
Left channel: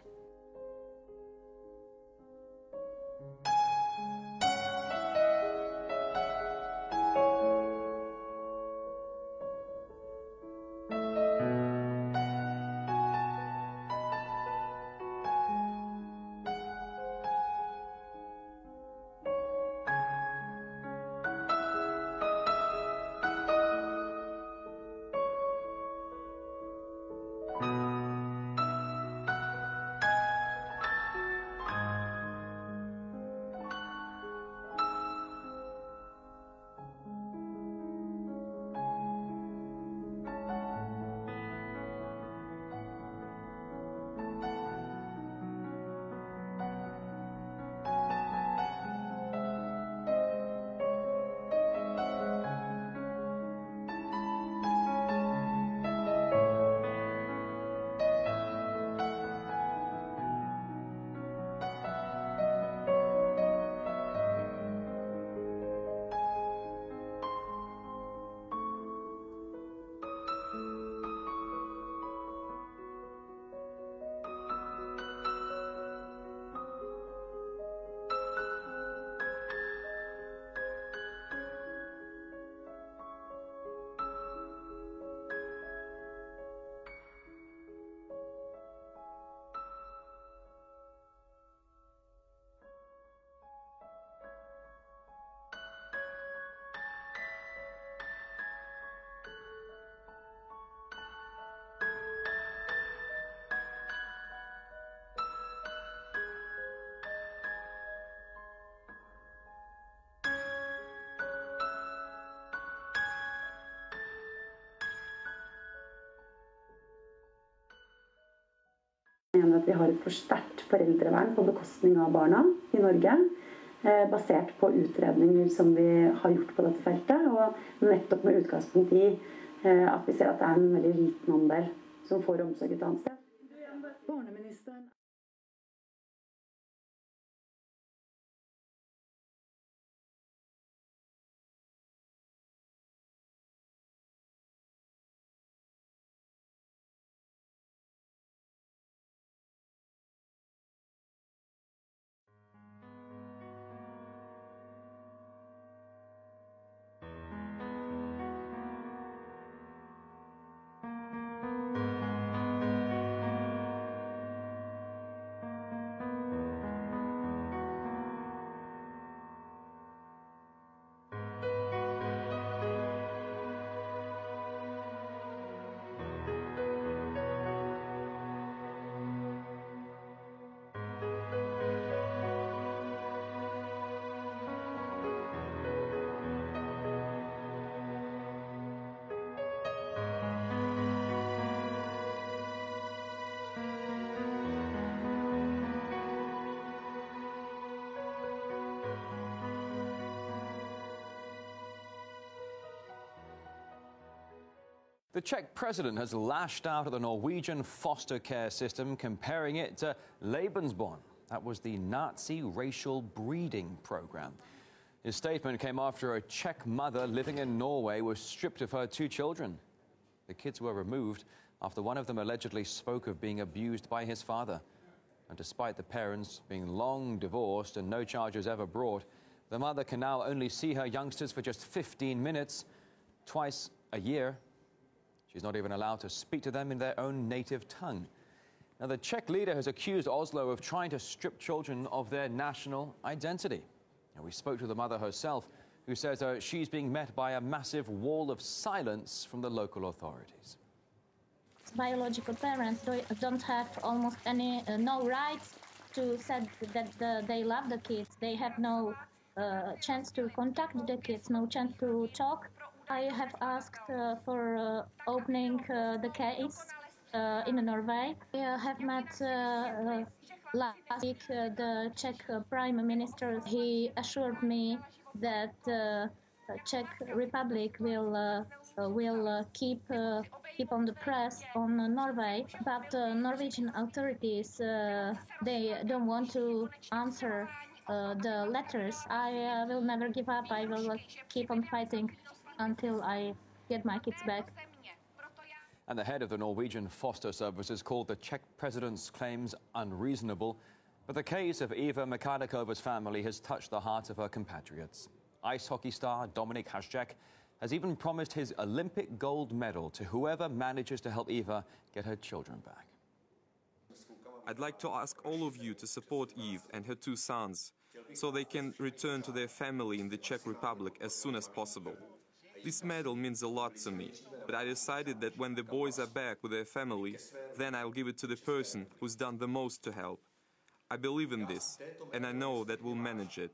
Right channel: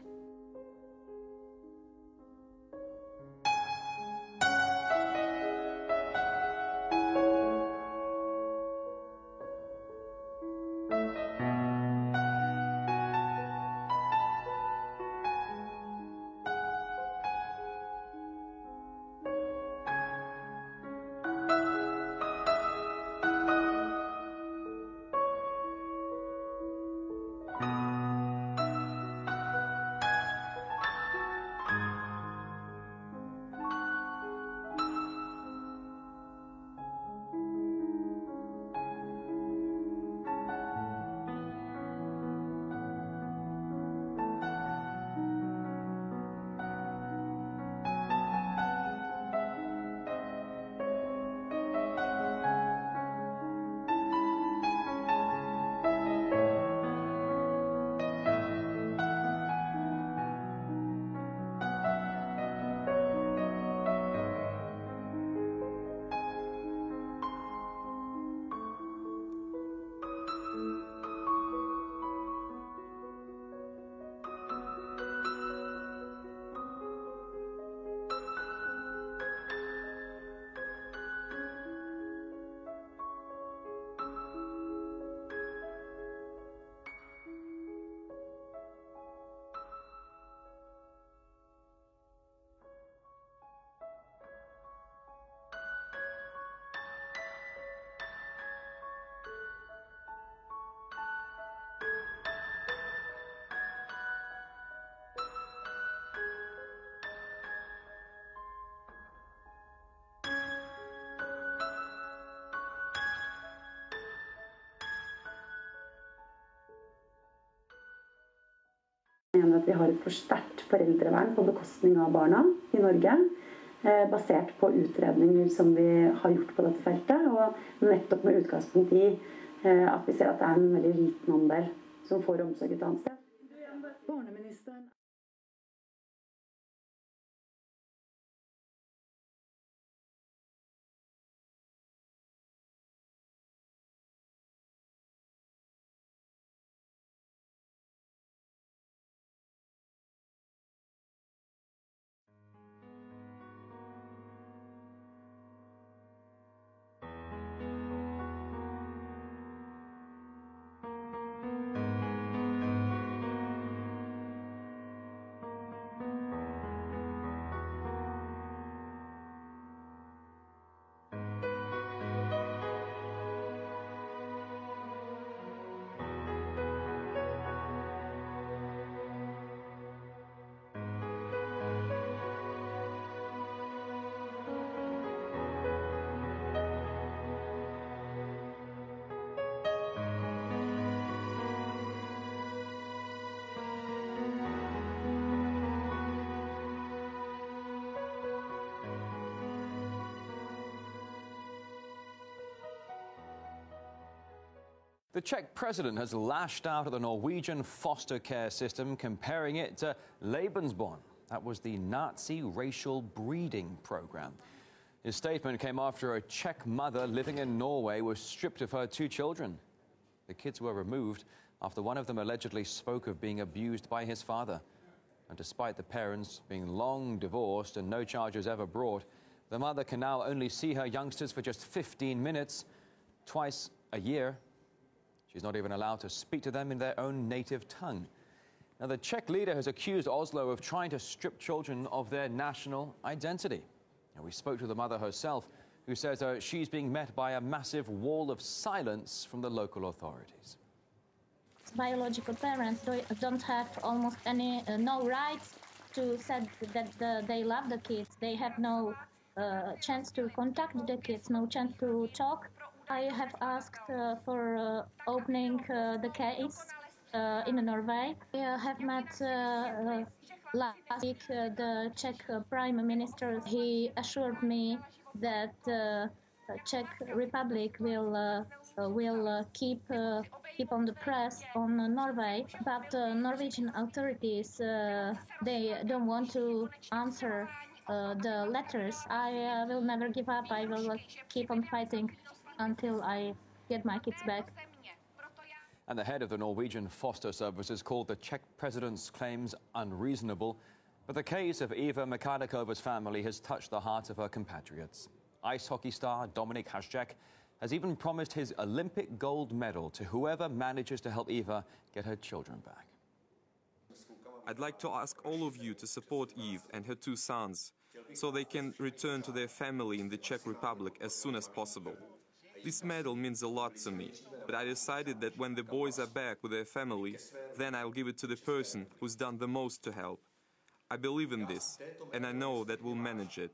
Jeg mener at vi har et for sterkt foreldrevern på bekostning av barna i Norge, basert på utredninger som vi har gjort på dette feltet, og nettopp med utgangspunkt i at vi ser at det er en veldig liten andel som får omsorg et annet sted. Barneministeren The Czech president has lashed out at the Norwegian foster care system, comparing it to Lebensborn. That was the Nazi racial breeding program. His statement came after a Czech mother living in Norway was stripped of her 2 children. The kids were removed after one of them allegedly spoke of being abused by his father. And despite the parents being long divorced and no charges ever brought, the mother can now only see her youngsters for just 15 minutes, twice a year. She's not even allowed to speak to them in their own native tongue. Now, the Czech leader has accused Oslo of trying to strip children of their national identity. Now, we spoke to the mother herself, who says she's being met by a massive wall of silence from the local authorities. Biological parents don't have almost no rights to say that they love the kids. They have no chance to contact the kids, no chance to talk. I have asked for opening the case in Norway. I have met last week the Czech Prime Minister. He assured me that the Czech Republic will keep on the press on Norway, but Norwegian authorities they don't want to answer the letters. I will never give up. I will keep on fighting until I get my kids back. And the head of the Norwegian foster services called the Czech president's claims unreasonable. But the case of Eva Mikhalikova's family has touched the hearts of her compatriots. Ice hockey star Dominik Haščák has even promised his Olympic gold medal to whoever manages to help Eva get her children back. I'd like to ask all of you to support Eve and her 2 sons so they can return to their family in the Czech Republic as soon as possible. This medal means a lot to me, but I decided that when the boys are back with their family, then I'll give it to the person who's done the most to help. I believe in this, and I know that we'll manage it.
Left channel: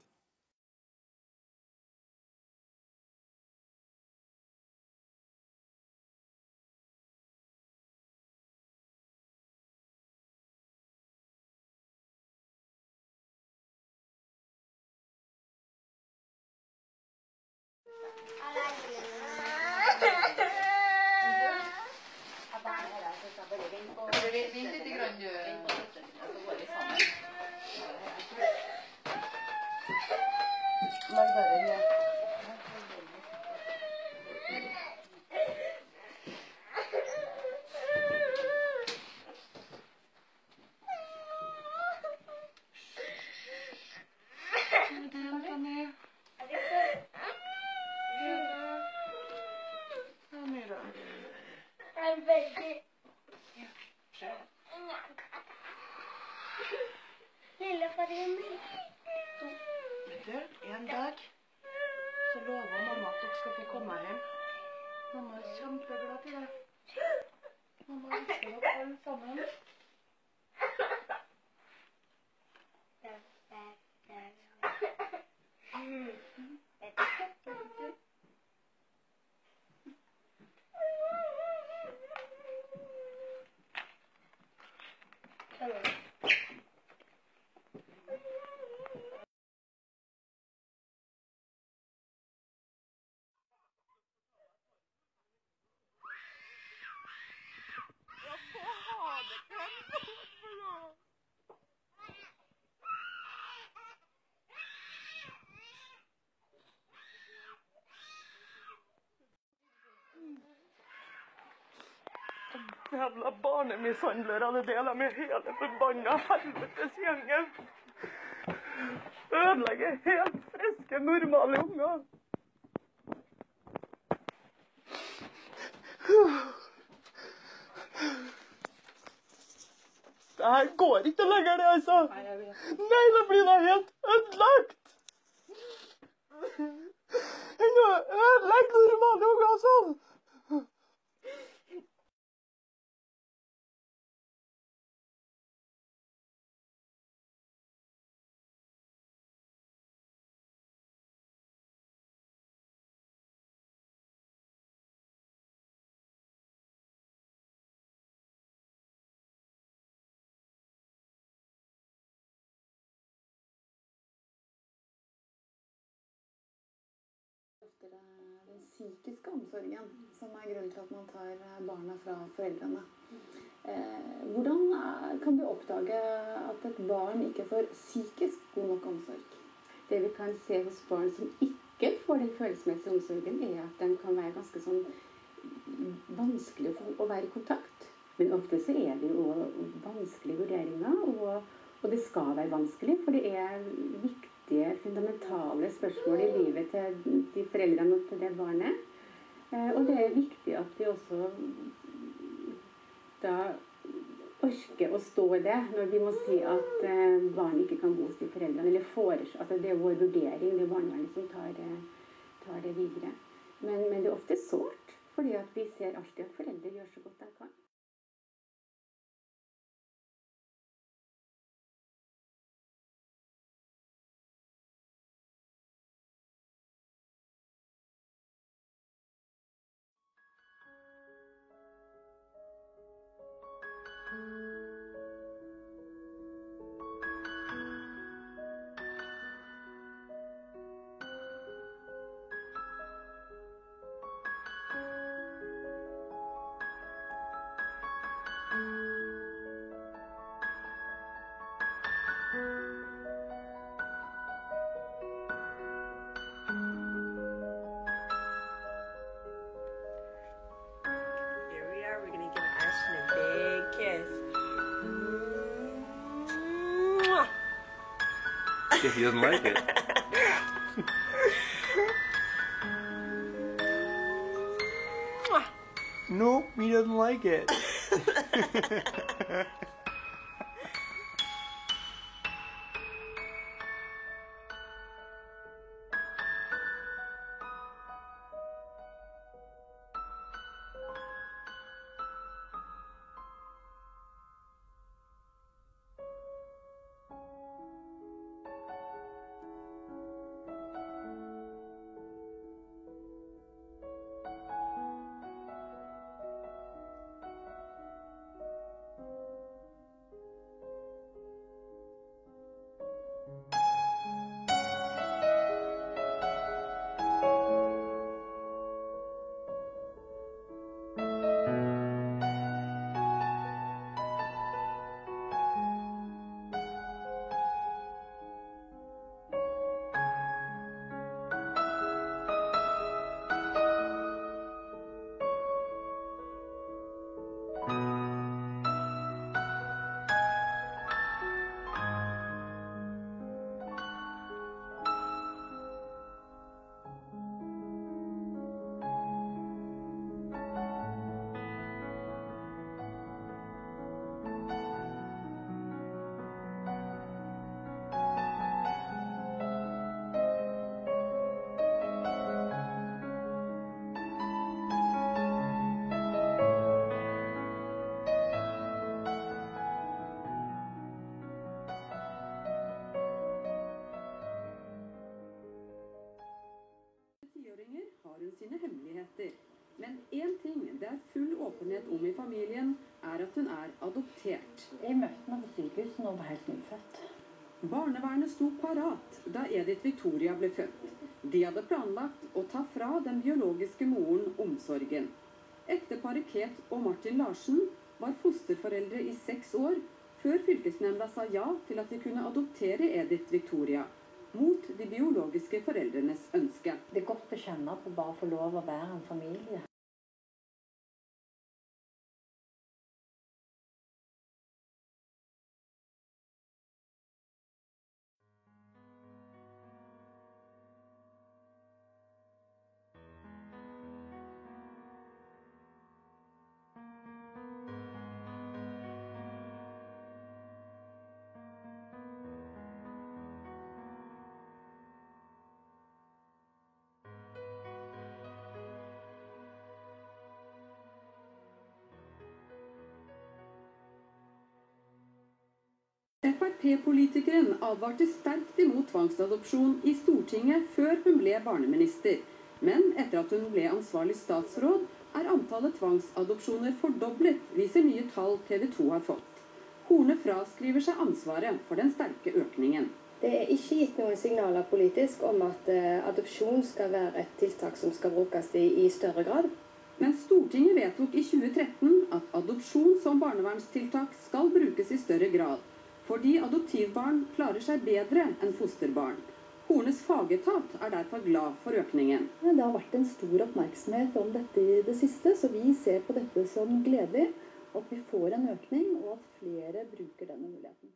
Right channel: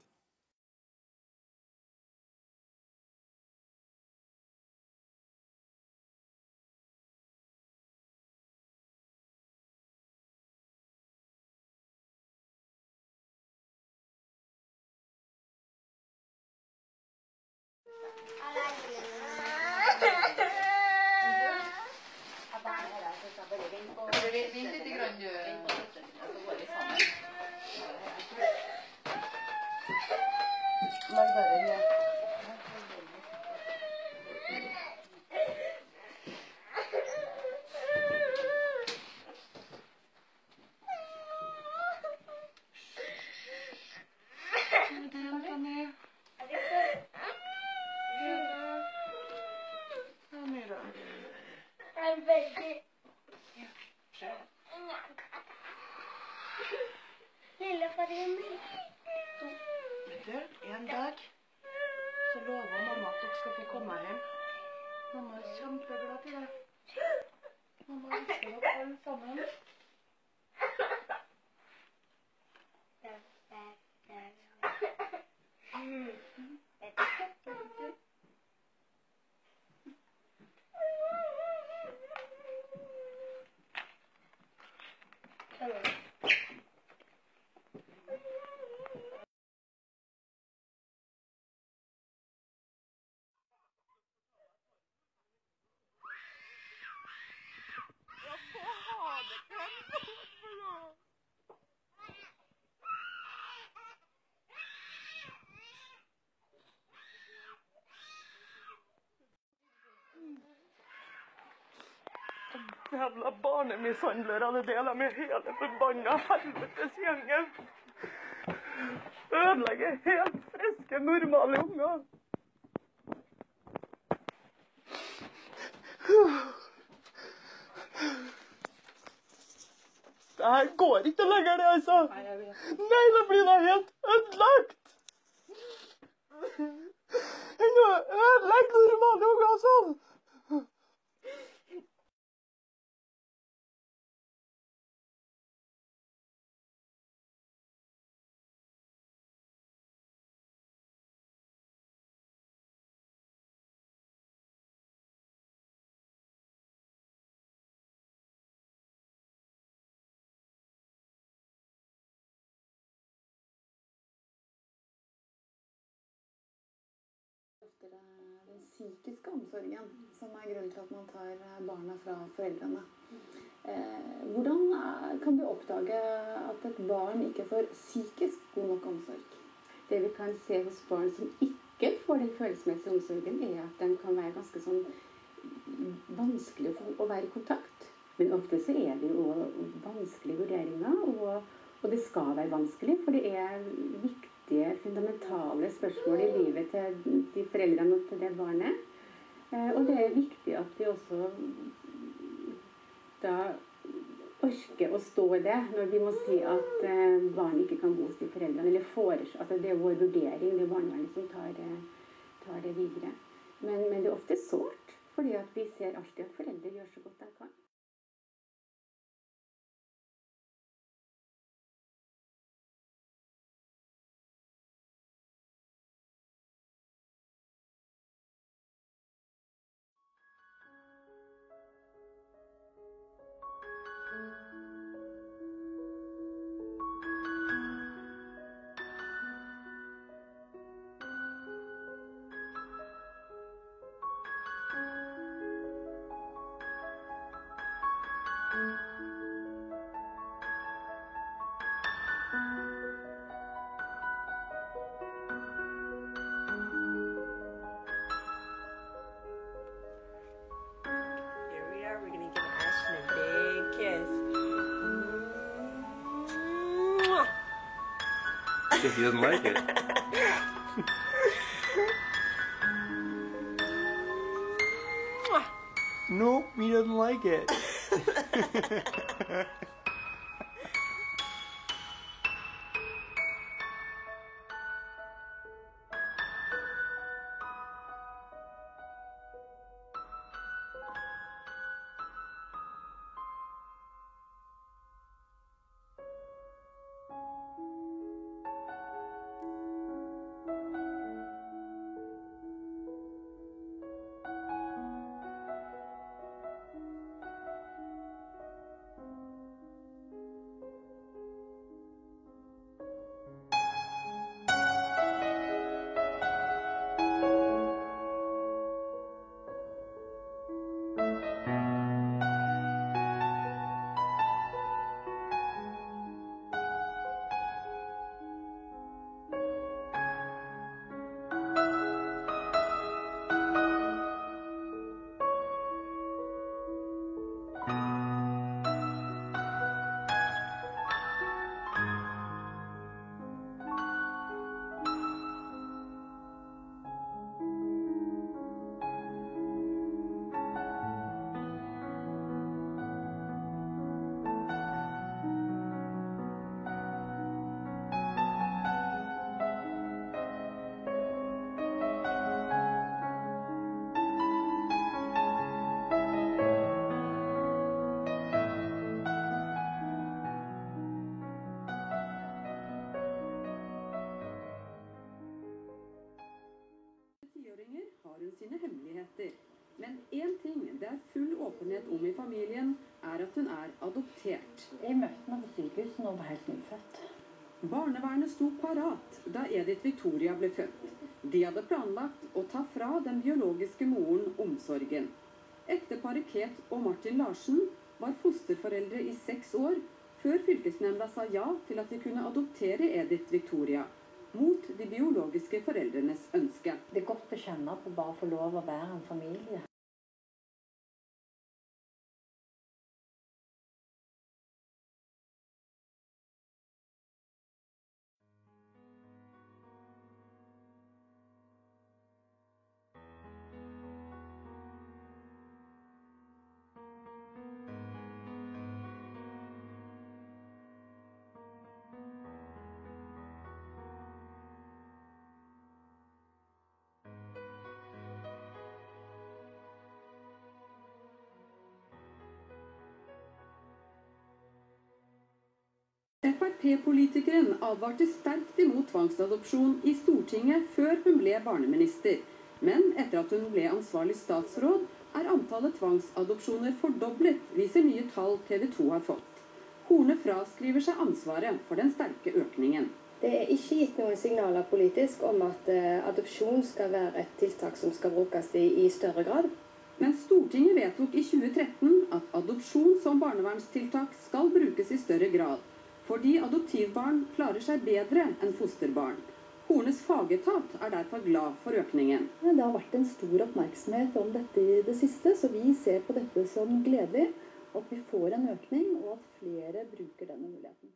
En dag så lover mamma at dere skal få komme hjem. Mamma er kjempeglad til det. Mamma elsker dere alle sammen. Jävla barnemishandlere, det deler med hele forbanna helvetes gjengen. Ødelegger helt friske, normale unger. Det her går ikke lenger, det, altså. Nei, da blir det helt ødelagt. Ødelegg normale unger sånn. psykiske omsorgen som grunnen til at man tar barna fra foreldrene. Hvordan kan du oppdage at et barn ikke får psykisk god nok omsorg? Det vi kan se hos barn som ikke får den følelsesmessige omsorgen, at de kan være ganske sånn vanskelig å være i kontakt. Men ofte så det jo vanskelige vurderinger, og det skal være vanskelig, for det viktige, fundamentale spørsmål i livet til de foreldrene og til det barnet. Og det viktig at vi også da orker å stå i det, når vi må si at barn ikke kan bo hos de foreldrene, eller foreslå, at det vår vurdering, det barnevernet som tar det videre. Men det ofte sårt, fordi at vi ser alltid at foreldre gjør så godt de kan. We're gonna give Ashton a big kiss. If he doesn't like it. No, he doesn't like it. Sine hemmeligheter. Men en ting det full åpenhet om i familien, at hun adoptert. Jeg møtte henne på sykehus når hun var helt nyfødt. Barnevernet sto parat da Edith Victoria ble født. De hadde planlagt å ta fra den biologiske moren omsorgen. Ekteparet Kate og Martin Larsen var fosterforeldre i 6 år, før fylkesnemnda sa ja til at de kunne adoptere Edith Victoria. Mot de biologiske foreldrenes ønske. Det godt å kjenne på bare å få lov å være en familie. FrP-politikeren advarte sterkt imot tvangsadopsjon i Stortinget før hun ble barneminister. Men etter at hun ble ansvarlig statsråd, antallet tvangsadopsjoner fordoblet, viser nye tall TV 2 har fått. Horne fraskriver seg ansvaret for den sterke økningen. Det er ikke gitt noen signaler politisk om at adopsjon skal være et tiltak som skal brukes i større grad. Men Stortinget vedtok i 2013 at adopsjon som barnevernstiltak skal brukes i større grad, fordi adoptivbarn klarer seg bedre enn fosterbarn. Hornes fagetat er derfor glad for økningen. Det har vært en stor oppmerksomhet om dette i det siste, så vi ser på dette som gledelig, at vi får en økning, og at flere bruker denne muligheten.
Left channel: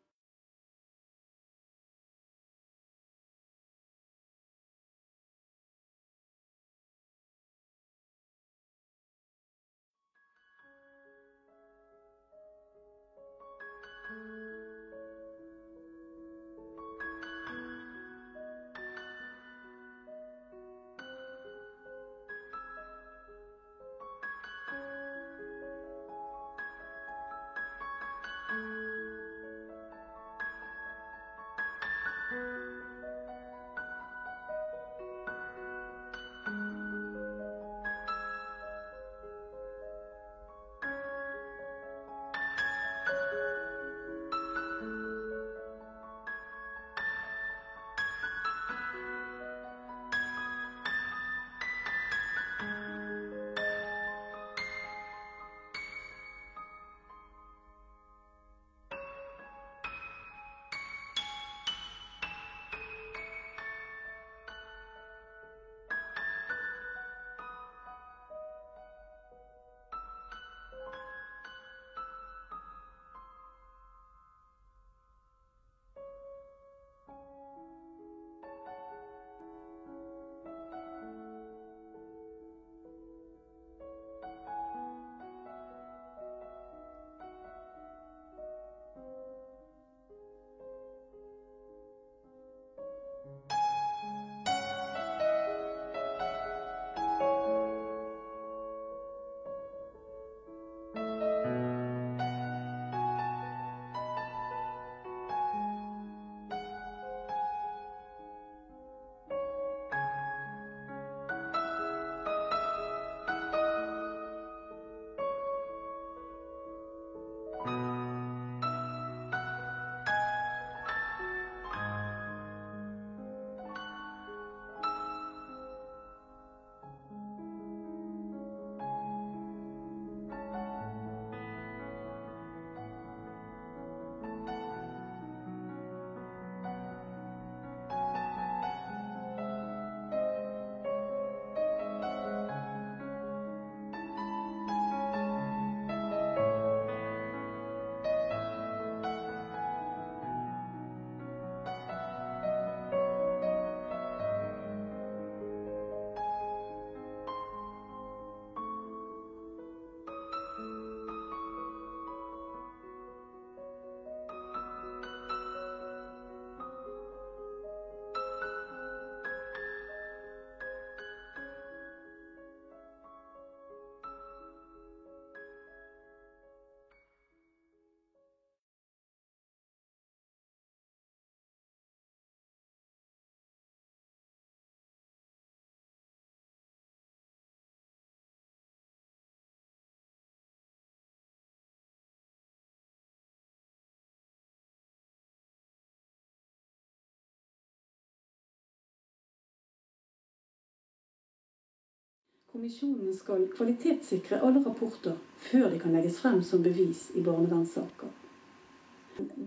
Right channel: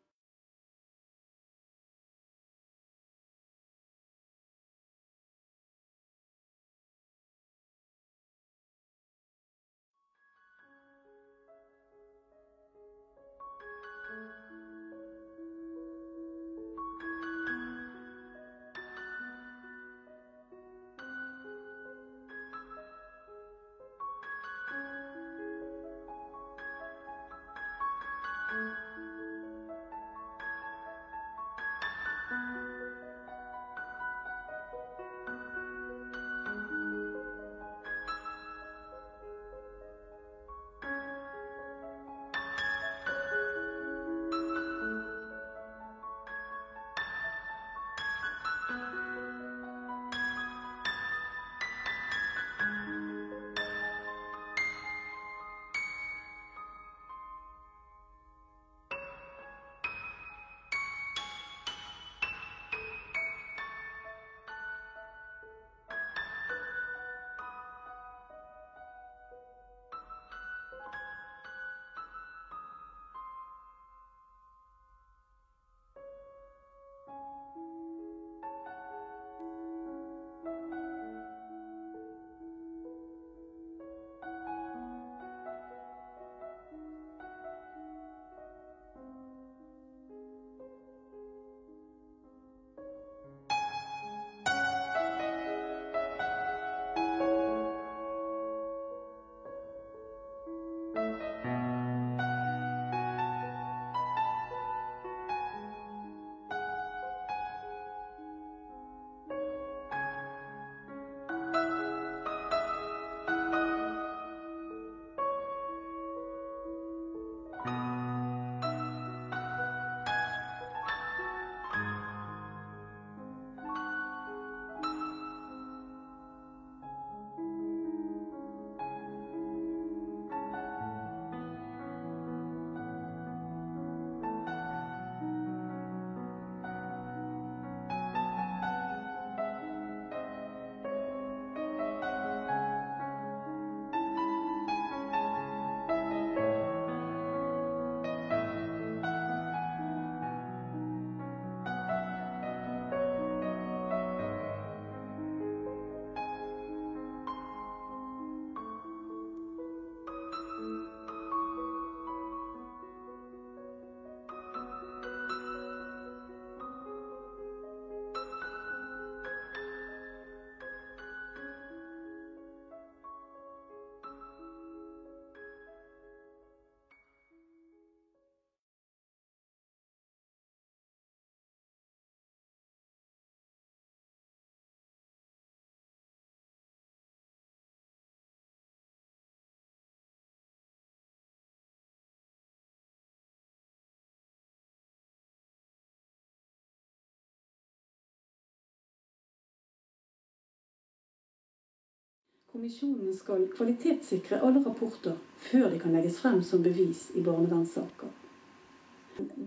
Kommisjonen skal kvalitetssikre alle rapporter før de kan legges frem som bevis i barnevernssaker.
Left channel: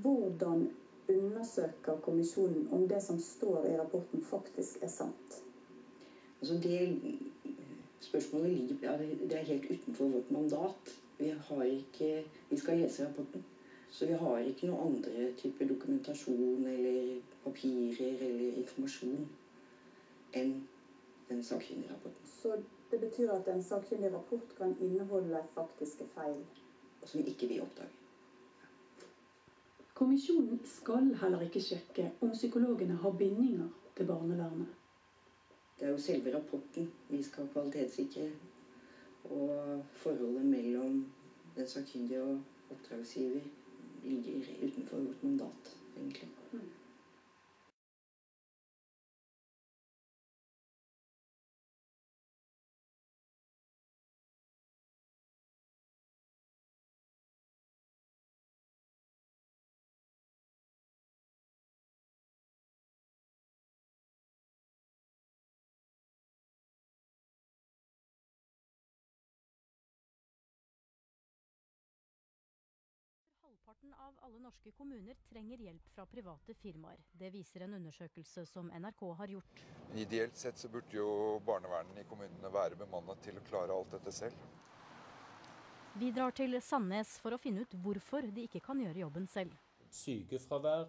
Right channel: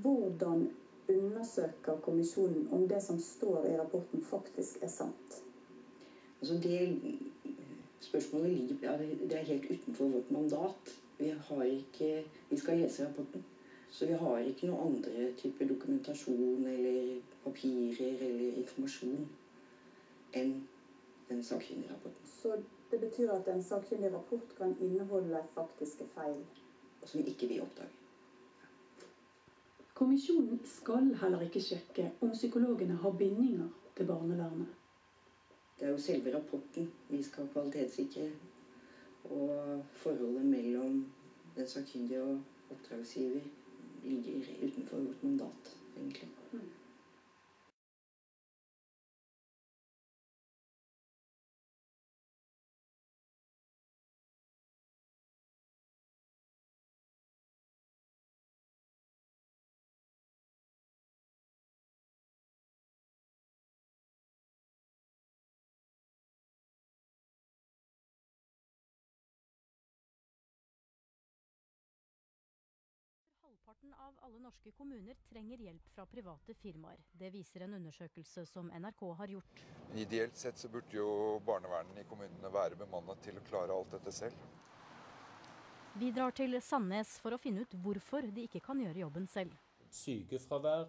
Hvordan undersøker kommisjonen om det som står i rapporten faktisk er sant? Altså det spørsmålet det er helt utenfor vårt mandat. Vi skal lese rapporten, så vi har ikke noe andre type dokumentasjon eller papirer eller informasjon enn den sakkyndige rapporten. Så det betyr at en sakkyndig rapport kan inneholde faktiske feil? Som ikke vi oppdager. Kommisjonen skal heller ikke sjekke om psykologene har bindinger til barnevernet. Det er jo selve rapporten vi skal kvalitetssikre, og forholdet mellom den sakkyndige og oppdragsgiver ligger utenfor vårt mandat, egentlig. Halvparten av alle norske kommuner trenger hjelp fra private firmaer. Det viser en undersøkelse som NRK har gjort. Ideelt sett så burde jo barnevernet i kommunene være bemannet til å klare alt dette selv. Vi drar til Sandnes for å finne ut hvorfor de ikke kan gjøre jobben selv. Sykefravær.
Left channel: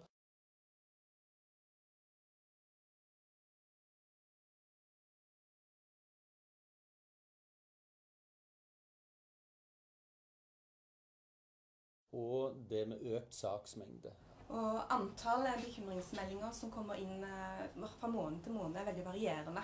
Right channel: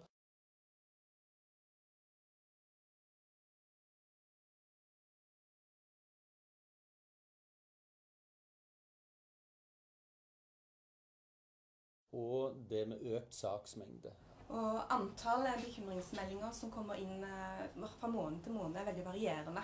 Og det med økt saksmengde. Og antallet bekymringsmeldinger som kommer inn fra måned til måned er veldig varierende.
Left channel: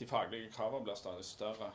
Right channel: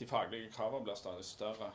De faglige kravene blir stadig større.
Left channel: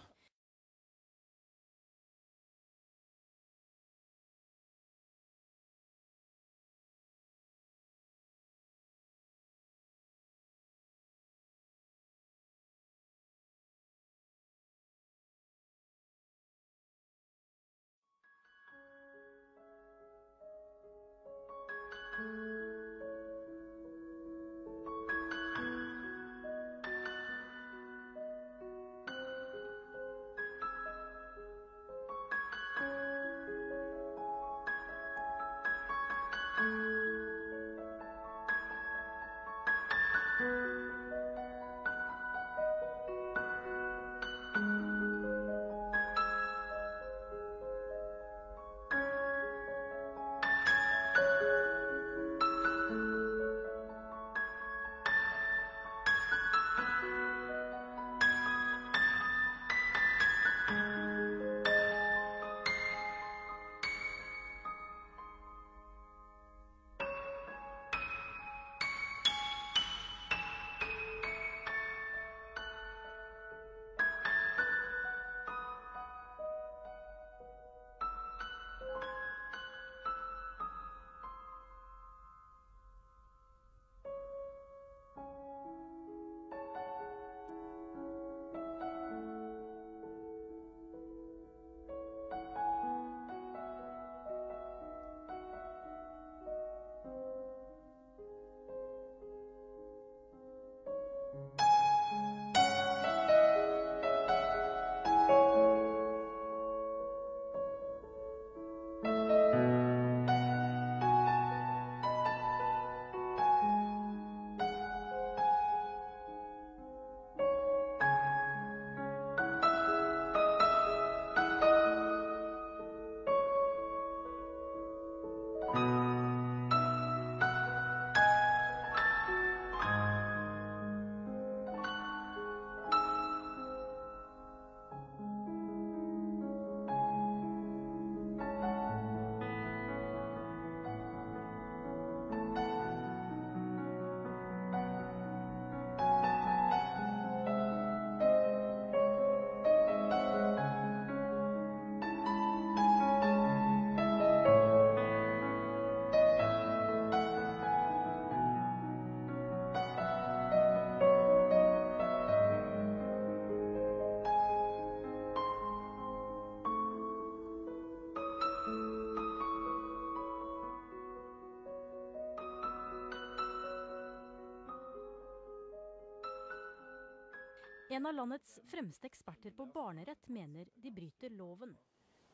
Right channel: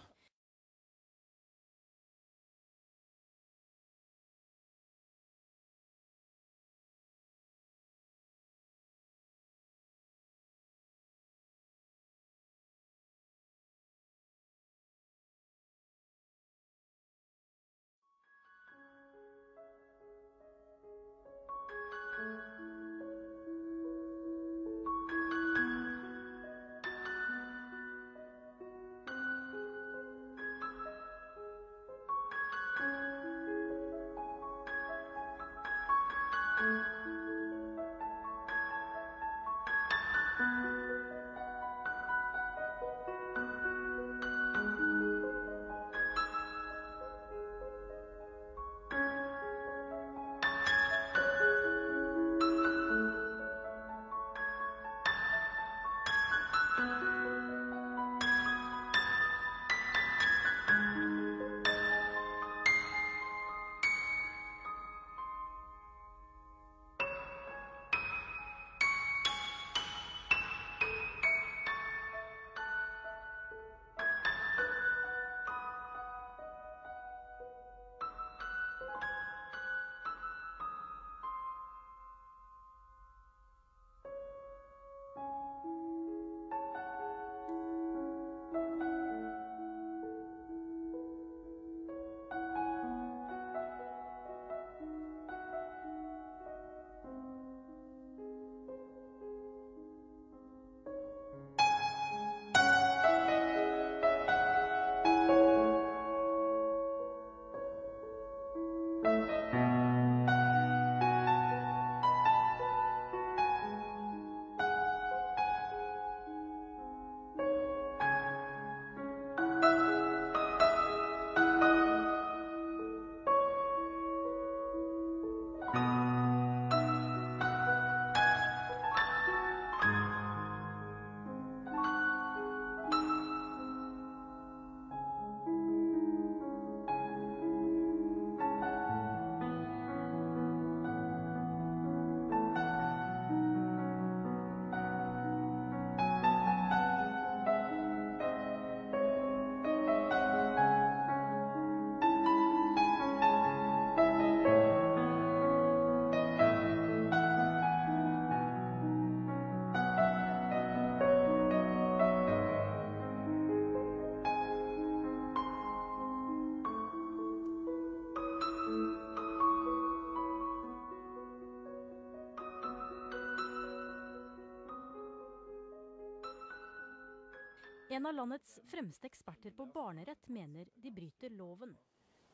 En av landets fremste eksperter på barnerett mener de bryter loven.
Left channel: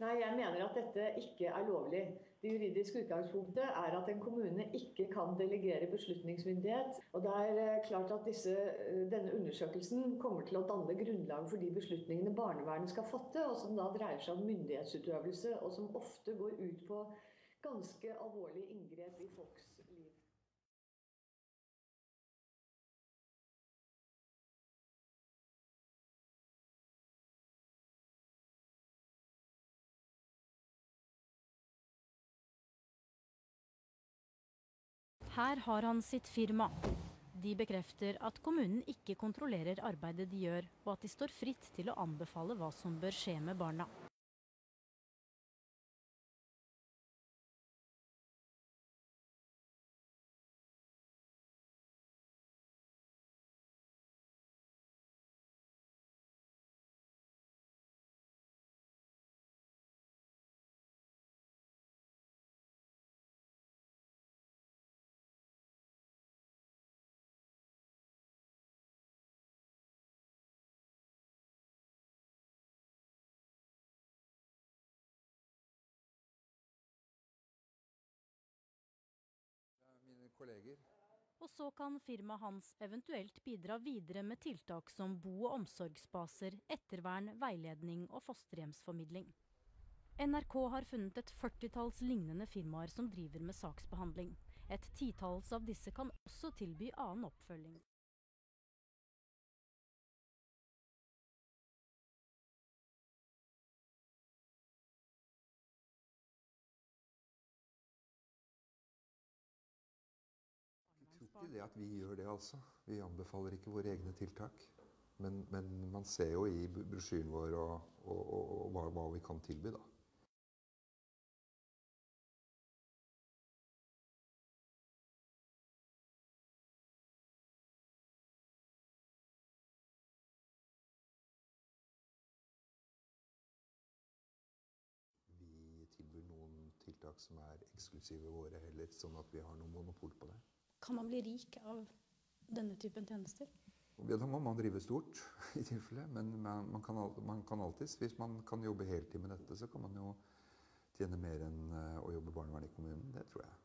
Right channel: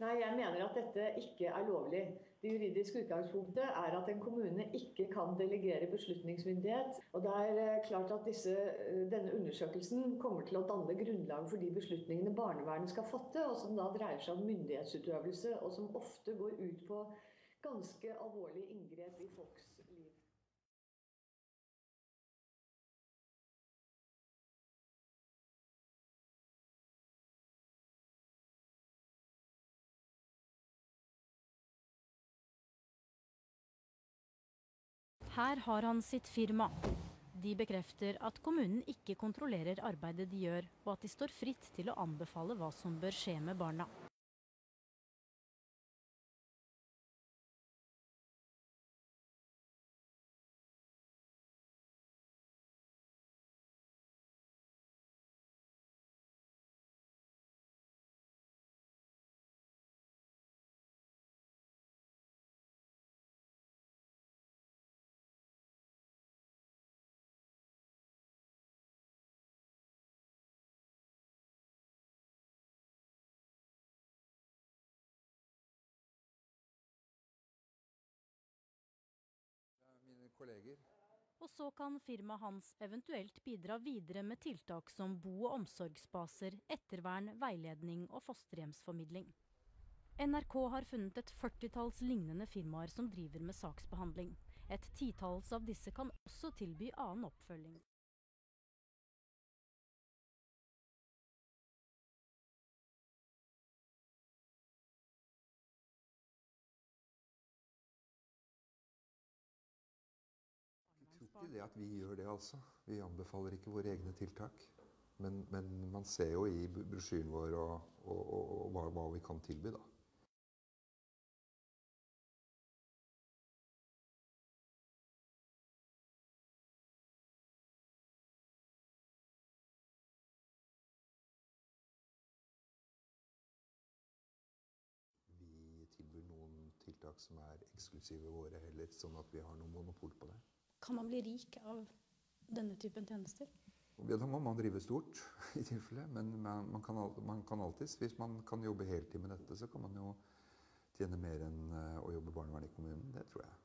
Nei, jeg mener at dette ikke er lovlig. Det juridiske utgangspunktet er at en kommune ikke kan delegere beslutningsmyndighet. Og det er klart at denne undersøkelsen kommer til å danne grunnlag for de beslutningene barnevernet skal fatte, og som da dreier seg om myndighetsutøvelse, og som ofte går ut på ganske alvorlige inngrep i folks liv. Her har han sitt firma. De bekrefter at kommunen ikke kontrollerer arbeidet de gjør, og at de står fritt til å anbefale hva som bør skje med barna. Og så kan firmaet hans eventuelt bidra videre med tiltak som bo- og omsorgsbaser, ettervern, veiledning og fosterhjemsformidling. NRK har funnet et 40-talls lignende firmaer som driver med saksbehandling. Et 10-talls av disse kan også tilby annen oppfølging. Ikke det at vi gjør det, altså. Vi anbefaler ikke våre egne tiltak. Men man ser jo i brosjyren vår hva vi kan tilby, da. Vi tilbyr noen tiltak som eksklusive våre heller, sånn at vi har noe monopol på det. Kan man bli rik av denne typen tjenester? Ja, da må man drive stort, i tilfelle. Men man kan alltids, hvis man kan jobbe heltid med dette, så kan man jo tjene mer enn å jobbe barnevern i kommunen. Det tror jeg.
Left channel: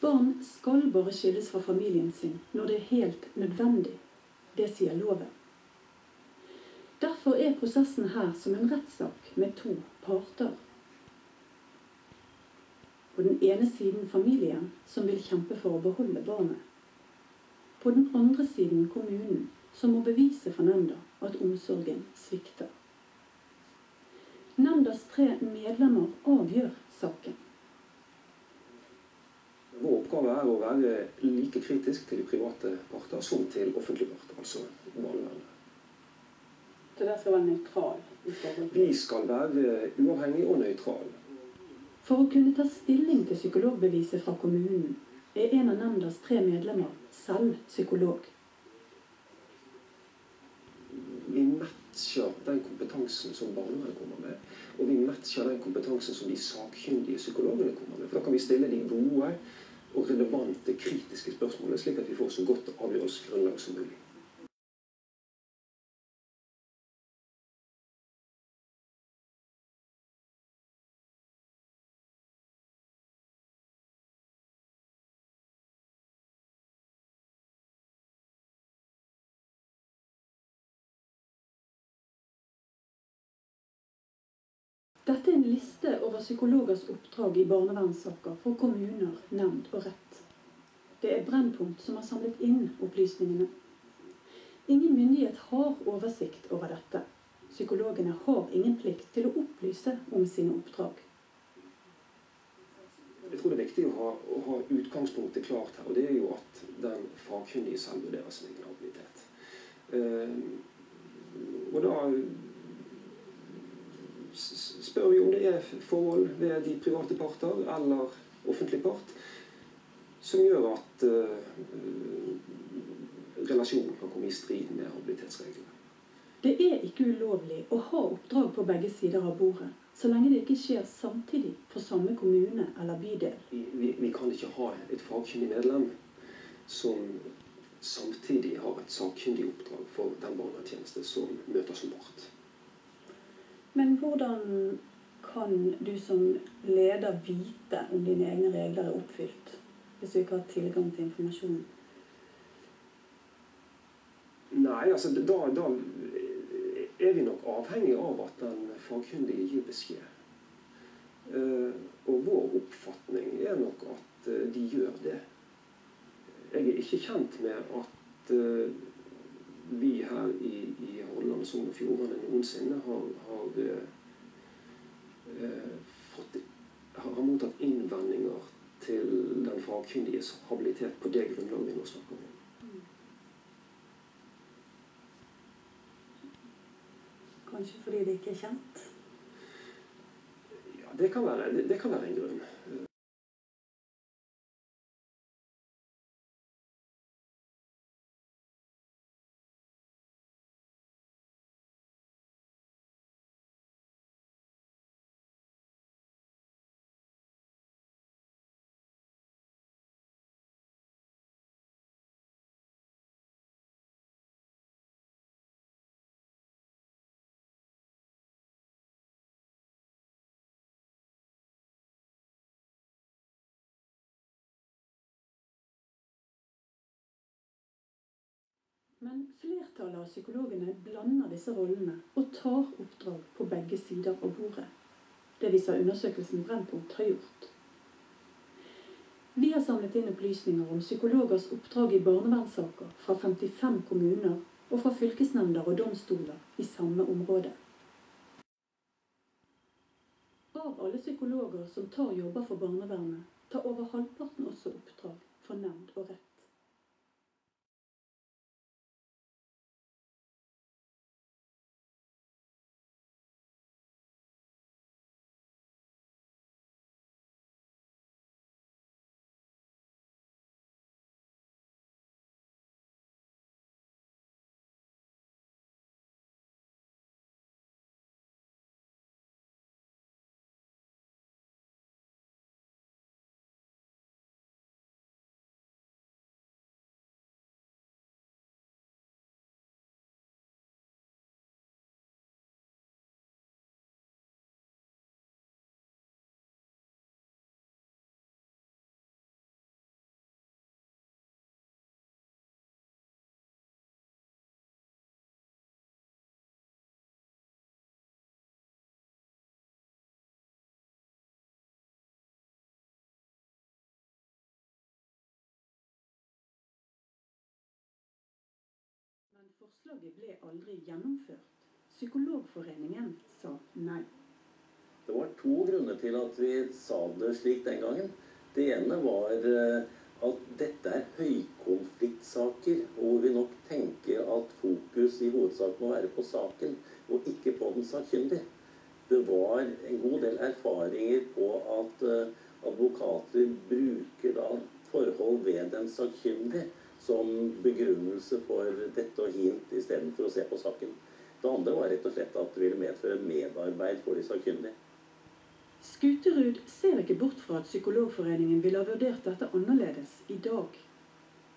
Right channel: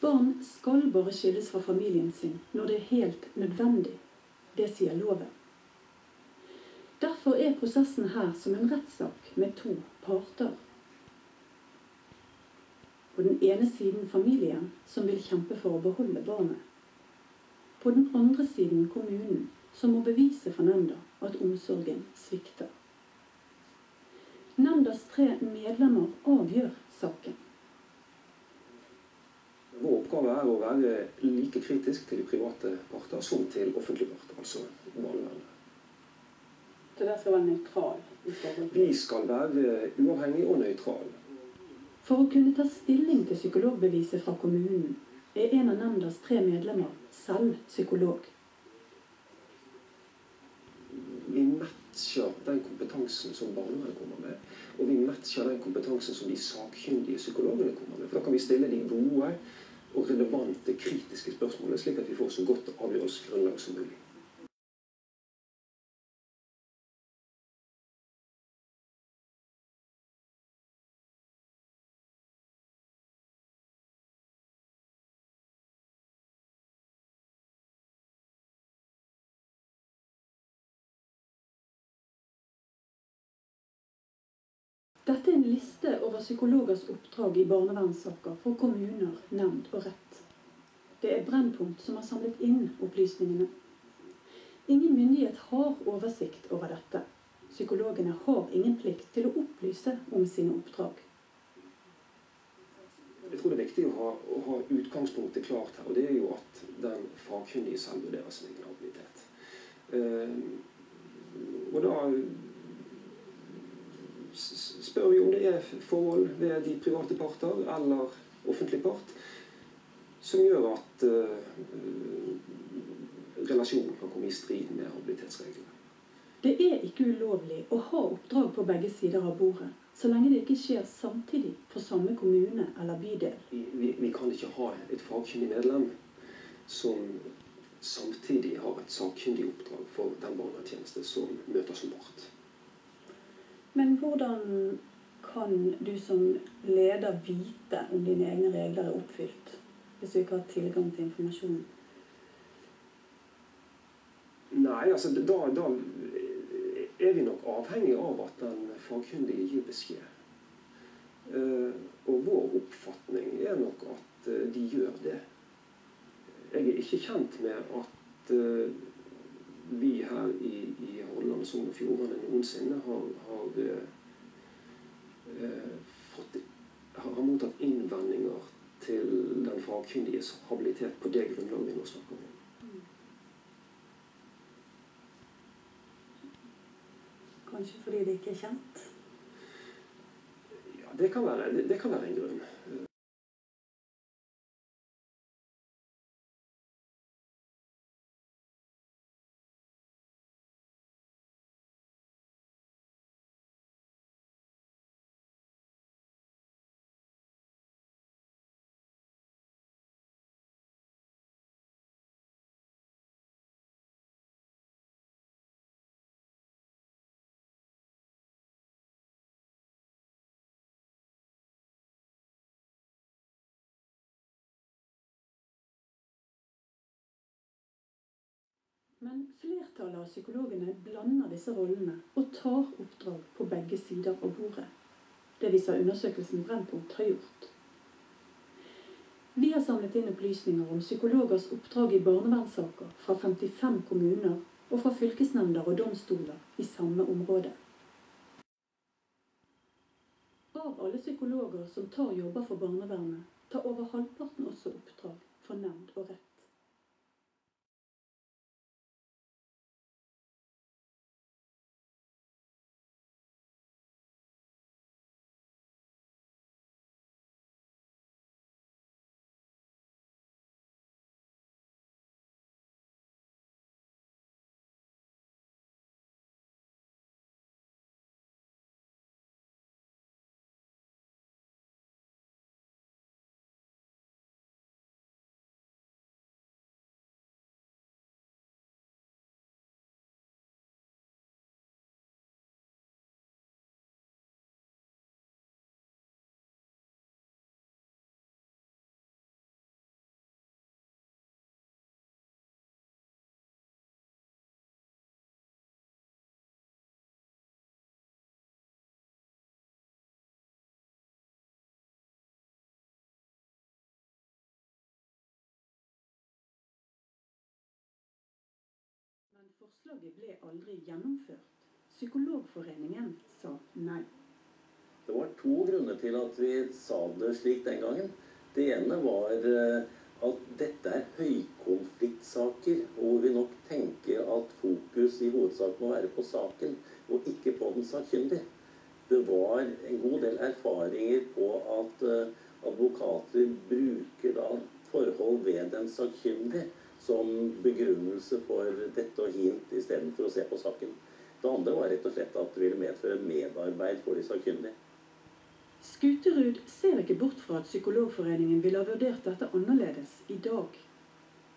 Barn skal bare skilles fra familien sin når det helt nødvendig. Det sier loven. Derfor prosessen her som en rettssak med to parter. På den ene siden familien, som vil kjempe for å beholde barnet. På den andre siden kommunen, som må bevise for nemnda at omsorgen svikter. Nemndas 3 medlemmer avgjør saken. Vår oppgave å være like kritisk til de private parter som til offentlige parter, altså barnevernet. Så det skal være nøytral i forhold til? Vi skal være uavhengig og nøytral. For å kunne ta stilling til psykologbeviset fra kommunen, en av nemndas 3 medlemmer selv psykolog. Vi matcher den kompetansen som barnevernet kommer med, og vi matcher den kompetansen som de sakkyndige psykologene kommer med. For da kan vi stille de gode og relevante, kritiske spørsmål, slik at vi får så godt avgjørelsesgrunnlag som mulig. Dette er en liste over psykologers oppdrag i barnevernssaker for kommuner, nemnd og rett. Det er Brennpunkt som har samlet inn opplysningene. Ingen myndighet har oversikt over dette. Psykologene har ingen plikt til å opplyse om sine oppdrag. Jeg tror det er viktig å ha utgangspunktet klart her, og det er jo at den fagkyndige selv vurderer sin egen habilitet. Og da spør vi om det er forhold ved de private parter eller offentlig part som gjør at relasjonen kan komme i strid med habilitetsreglene. Det er ikke ulovlig å ha oppdrag på begge sider av bordet, så lenge det ikke skjer samtidig for samme kommune eller bydel. Vi kan ikke ha et fagkyndig medlem som samtidig har et sakkyndig oppdrag for den barnevernstjeneste som møter som part. Men hvordan kan du som leder vite om dine egne regler er oppfylt, hvis du ikke har tilgang til informasjon? Nei, altså da er vi nok avhengig av at den fagkyndige gir beskjed. Og vår oppfatning er nok at de gjør det. Jeg er ikke kjent med at vi her i Hordaland, Sogn og Fjordane noensinne har mottatt innvendinger til den fagkyndiges habilitet på det grunnlaget vi nå snakker om. Kanskje fordi det ikke er kjent? Ja, det kan være en grunn. Men flertallet av psykologene blander disse rollene og tar oppdrag på begge sider av bordet. Det viser undersøkelsen Brennpunkt har gjort. Vi har samlet inn opplysninger om psykologers oppdrag i barnevernssaker fra 55 kommuner og fra fylkesnemnder og domstoler i samme område. Av alle psykologer som tar jobber for barnevernet, tar over halvparten også oppdrag for nemnd og rett. Men forslaget ble aldri gjennomført. Psykologforeningen sa nei. Det var 2 grunner til at vi sa det slik den gangen. Det ene var at dette er høykonfliktsaker, hvor vi nok tenker at fokus i hovedsak må være på saken, og ikke på den sakkyndige. Det var en god del erfaringer på at advokater bruker da forhold ved den sakkyndige som begrunnelse for dette og hint i stedet for å se på saken. Det andre var rett og slett at det ville medføre medarbeid for de sakkyndige. Skuterud ser ikke bort fra at Psykologforeningen ville ha vurdert dette annerledes i dag.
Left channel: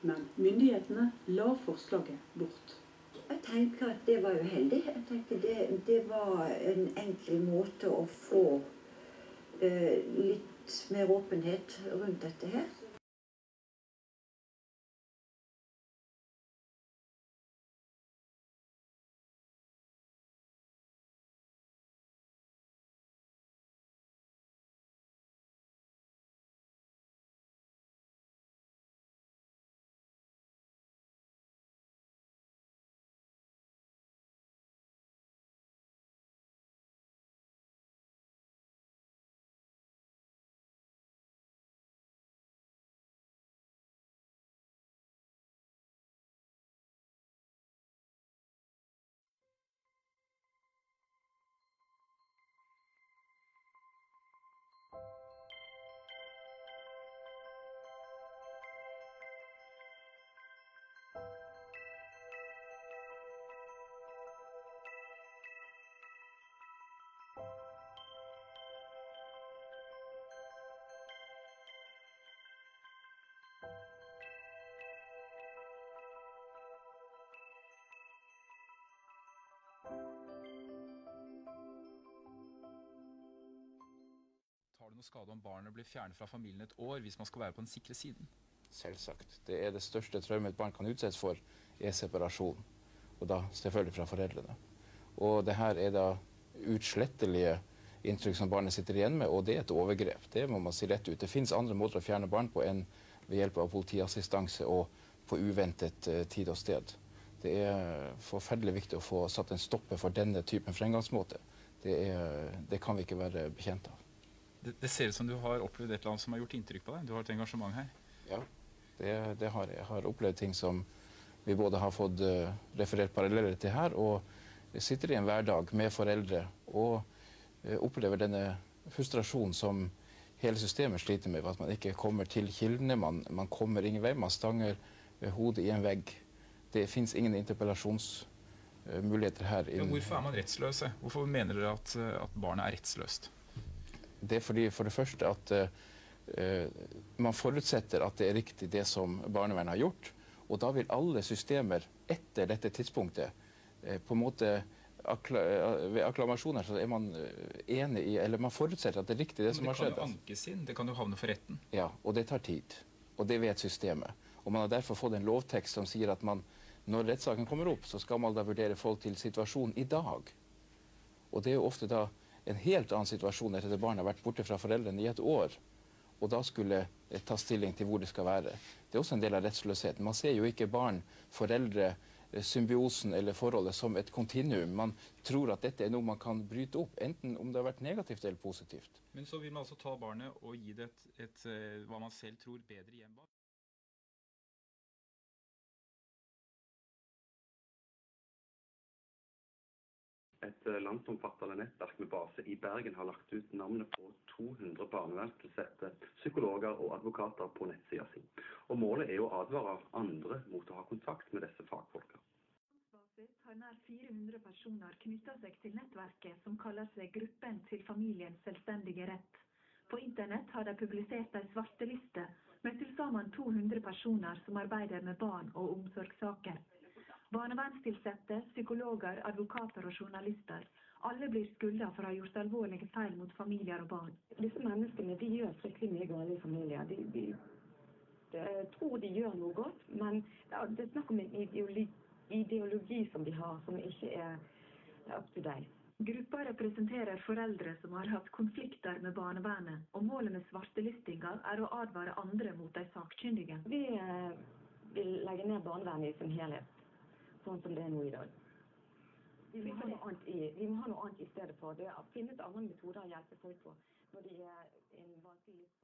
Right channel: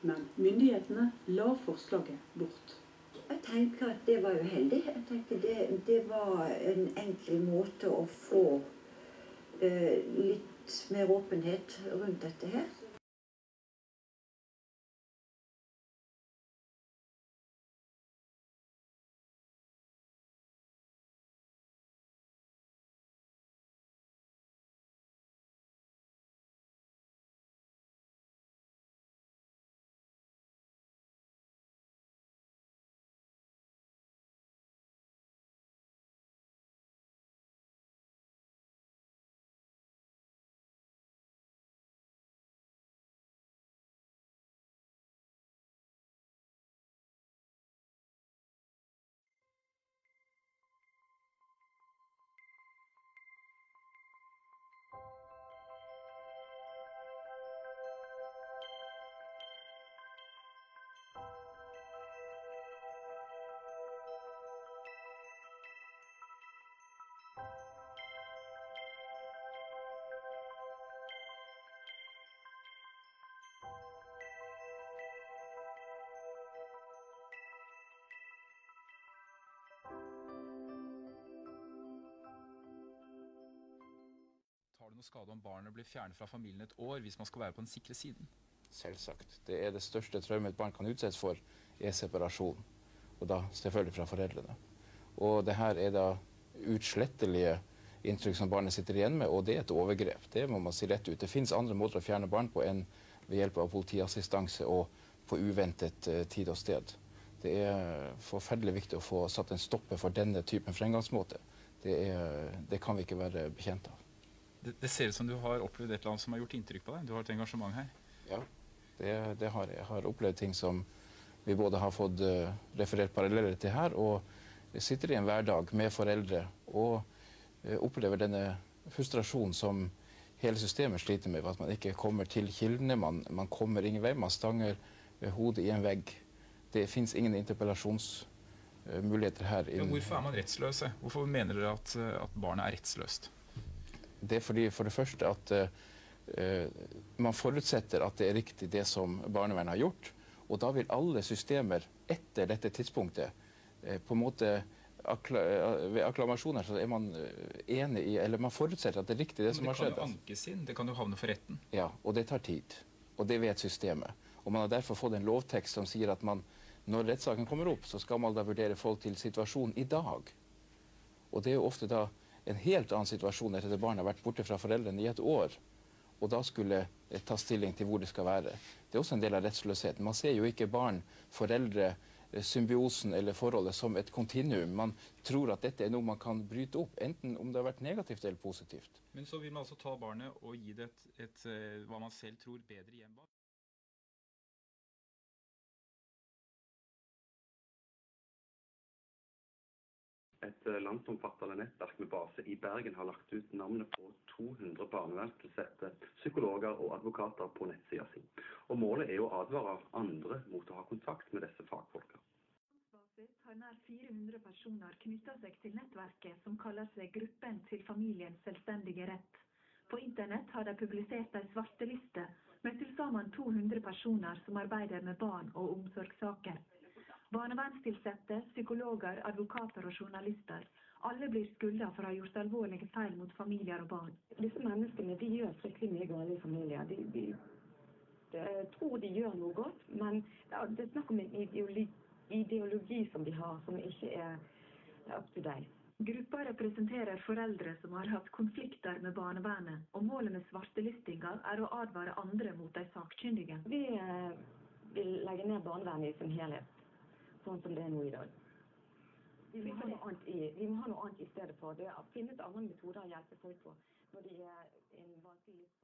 Men myndighetene la forslaget bort. Jeg tenker at det var uheldig. Jeg tenker det var en enkel måte å få litt mer åpenhet rundt dette her. Tar det noe skade om barnet blir fjernet fra familien et år hvis man skal være på den sikre siden? Selvsagt. Det er det største traumet et barn kan utsettes for, er separasjon. Og da selvfølgelig fra foreldrene. Og det her er da utslettelige inntrykk som barnet sitter igjen med, og det er et overgrep. Det må man si rett ut. Det finnes andre måter å fjerne barn på enn ved hjelp av politiassistanse og på uventet tid og sted. Det er forferdelig viktig å få satt en stopper for denne typen fremgangsmåte. Det kan vi ikke være bekjent av. Det ser ut som du har opplevd et eller annet som har gjort inntrykk på deg. Du har et engasjement her. Ja, det har jeg. Jeg har opplevd ting som vi både har fått referert paralleller til her, og jeg sitter i en hverdag med foreldre og opplever denne frustrasjonen som hele systemet sliter med, at man ikke kommer til kildene, man kommer ingen vei, man stanger hodet i en vegg. Det finnes ingen interpellasjonsmuligheter her. Ja, hvorfor er man rettsløse? Hvorfor mener dere at barnet er rettsløst? Det er fordi for det første at man forutsetter at det er riktig det som barnevernet har gjort, og da vil alle systemer etter dette tidspunktet på en måte ved akklamasjoner så er man enig i, eller man forutsetter at det er riktig det som har skjedd. Men det kan jo ankes inn, det kan jo havne for retten. Ja, og det tar tid, og det vet systemet. Og man har derfor fått en lovtekst som sier at når rettssaken kommer opp, så skal man da vurdere forhold til situasjonen i dag. Og det er jo ofte da en helt annen situasjon etter at barnet har vært borte fra foreldrene i et år, og da skulle ta stilling til hvor det skal være. Det er også en del av rettsløsheten. Man ser jo ikke barn, foreldre, symbiosen eller forholdet som et kontinuum. Man tror at dette er noe man kan bryte opp, enten om det har vært negativt eller positivt. Men så vil man altså ta barnet og gi det et hva man selv tror bedre hjem. Et landsomfattende nettverk med base i Bergen har lagt ut navnet på 200 barnevernstilsatte, psykologer og advokater på nettsida si. Og målet er å advare andre mot å ha kontakt med disse fagfolka. Har nær 400 personer knyttet seg til nettverket som kaller seg Gruppen til familiens selvstendige rett. På internett har de publisert en svarteliste med til sammen 200 personer som arbeider med barn og omsorgssaker. Barnevernstilsatte, psykologer, advokater og journalister. Alle blir skylda for å ha gjort alvorlige feil mot familier og barn. Disse menneskene de gjør fryktelig mye galt i familier. De tror de gjør noe godt, men det er snakk om en ideologi som de har, som ikke er up to date. Gruppa representerer foreldre som har hatt konflikter med barnevernet, og målet med svartelistinga er å advare andre mot de sakkyndige. Vi vil legge ned barnevernet i sin helhet, sånn som det er nå i dag. Vi må ha noe annet i stedet for. Det finnes andre metoder å hjelpe folk på når de er en vanskelig livsfase.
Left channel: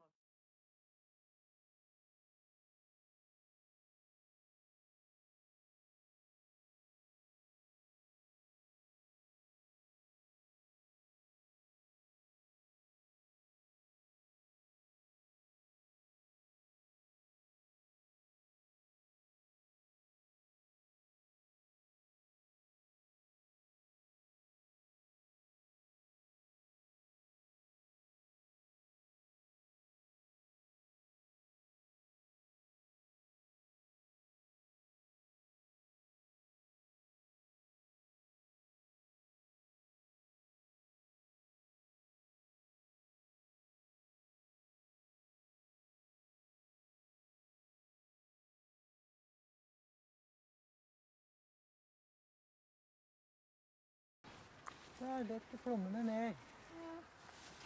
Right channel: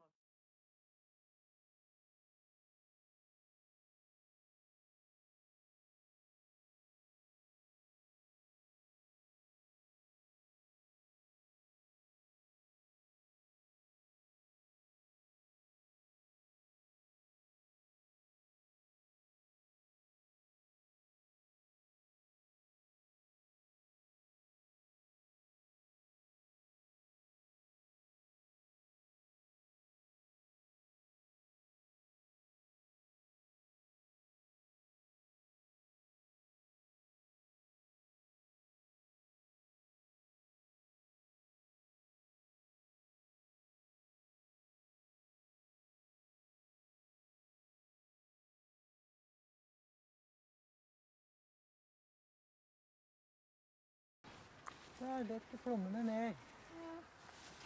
så lett flommene ned.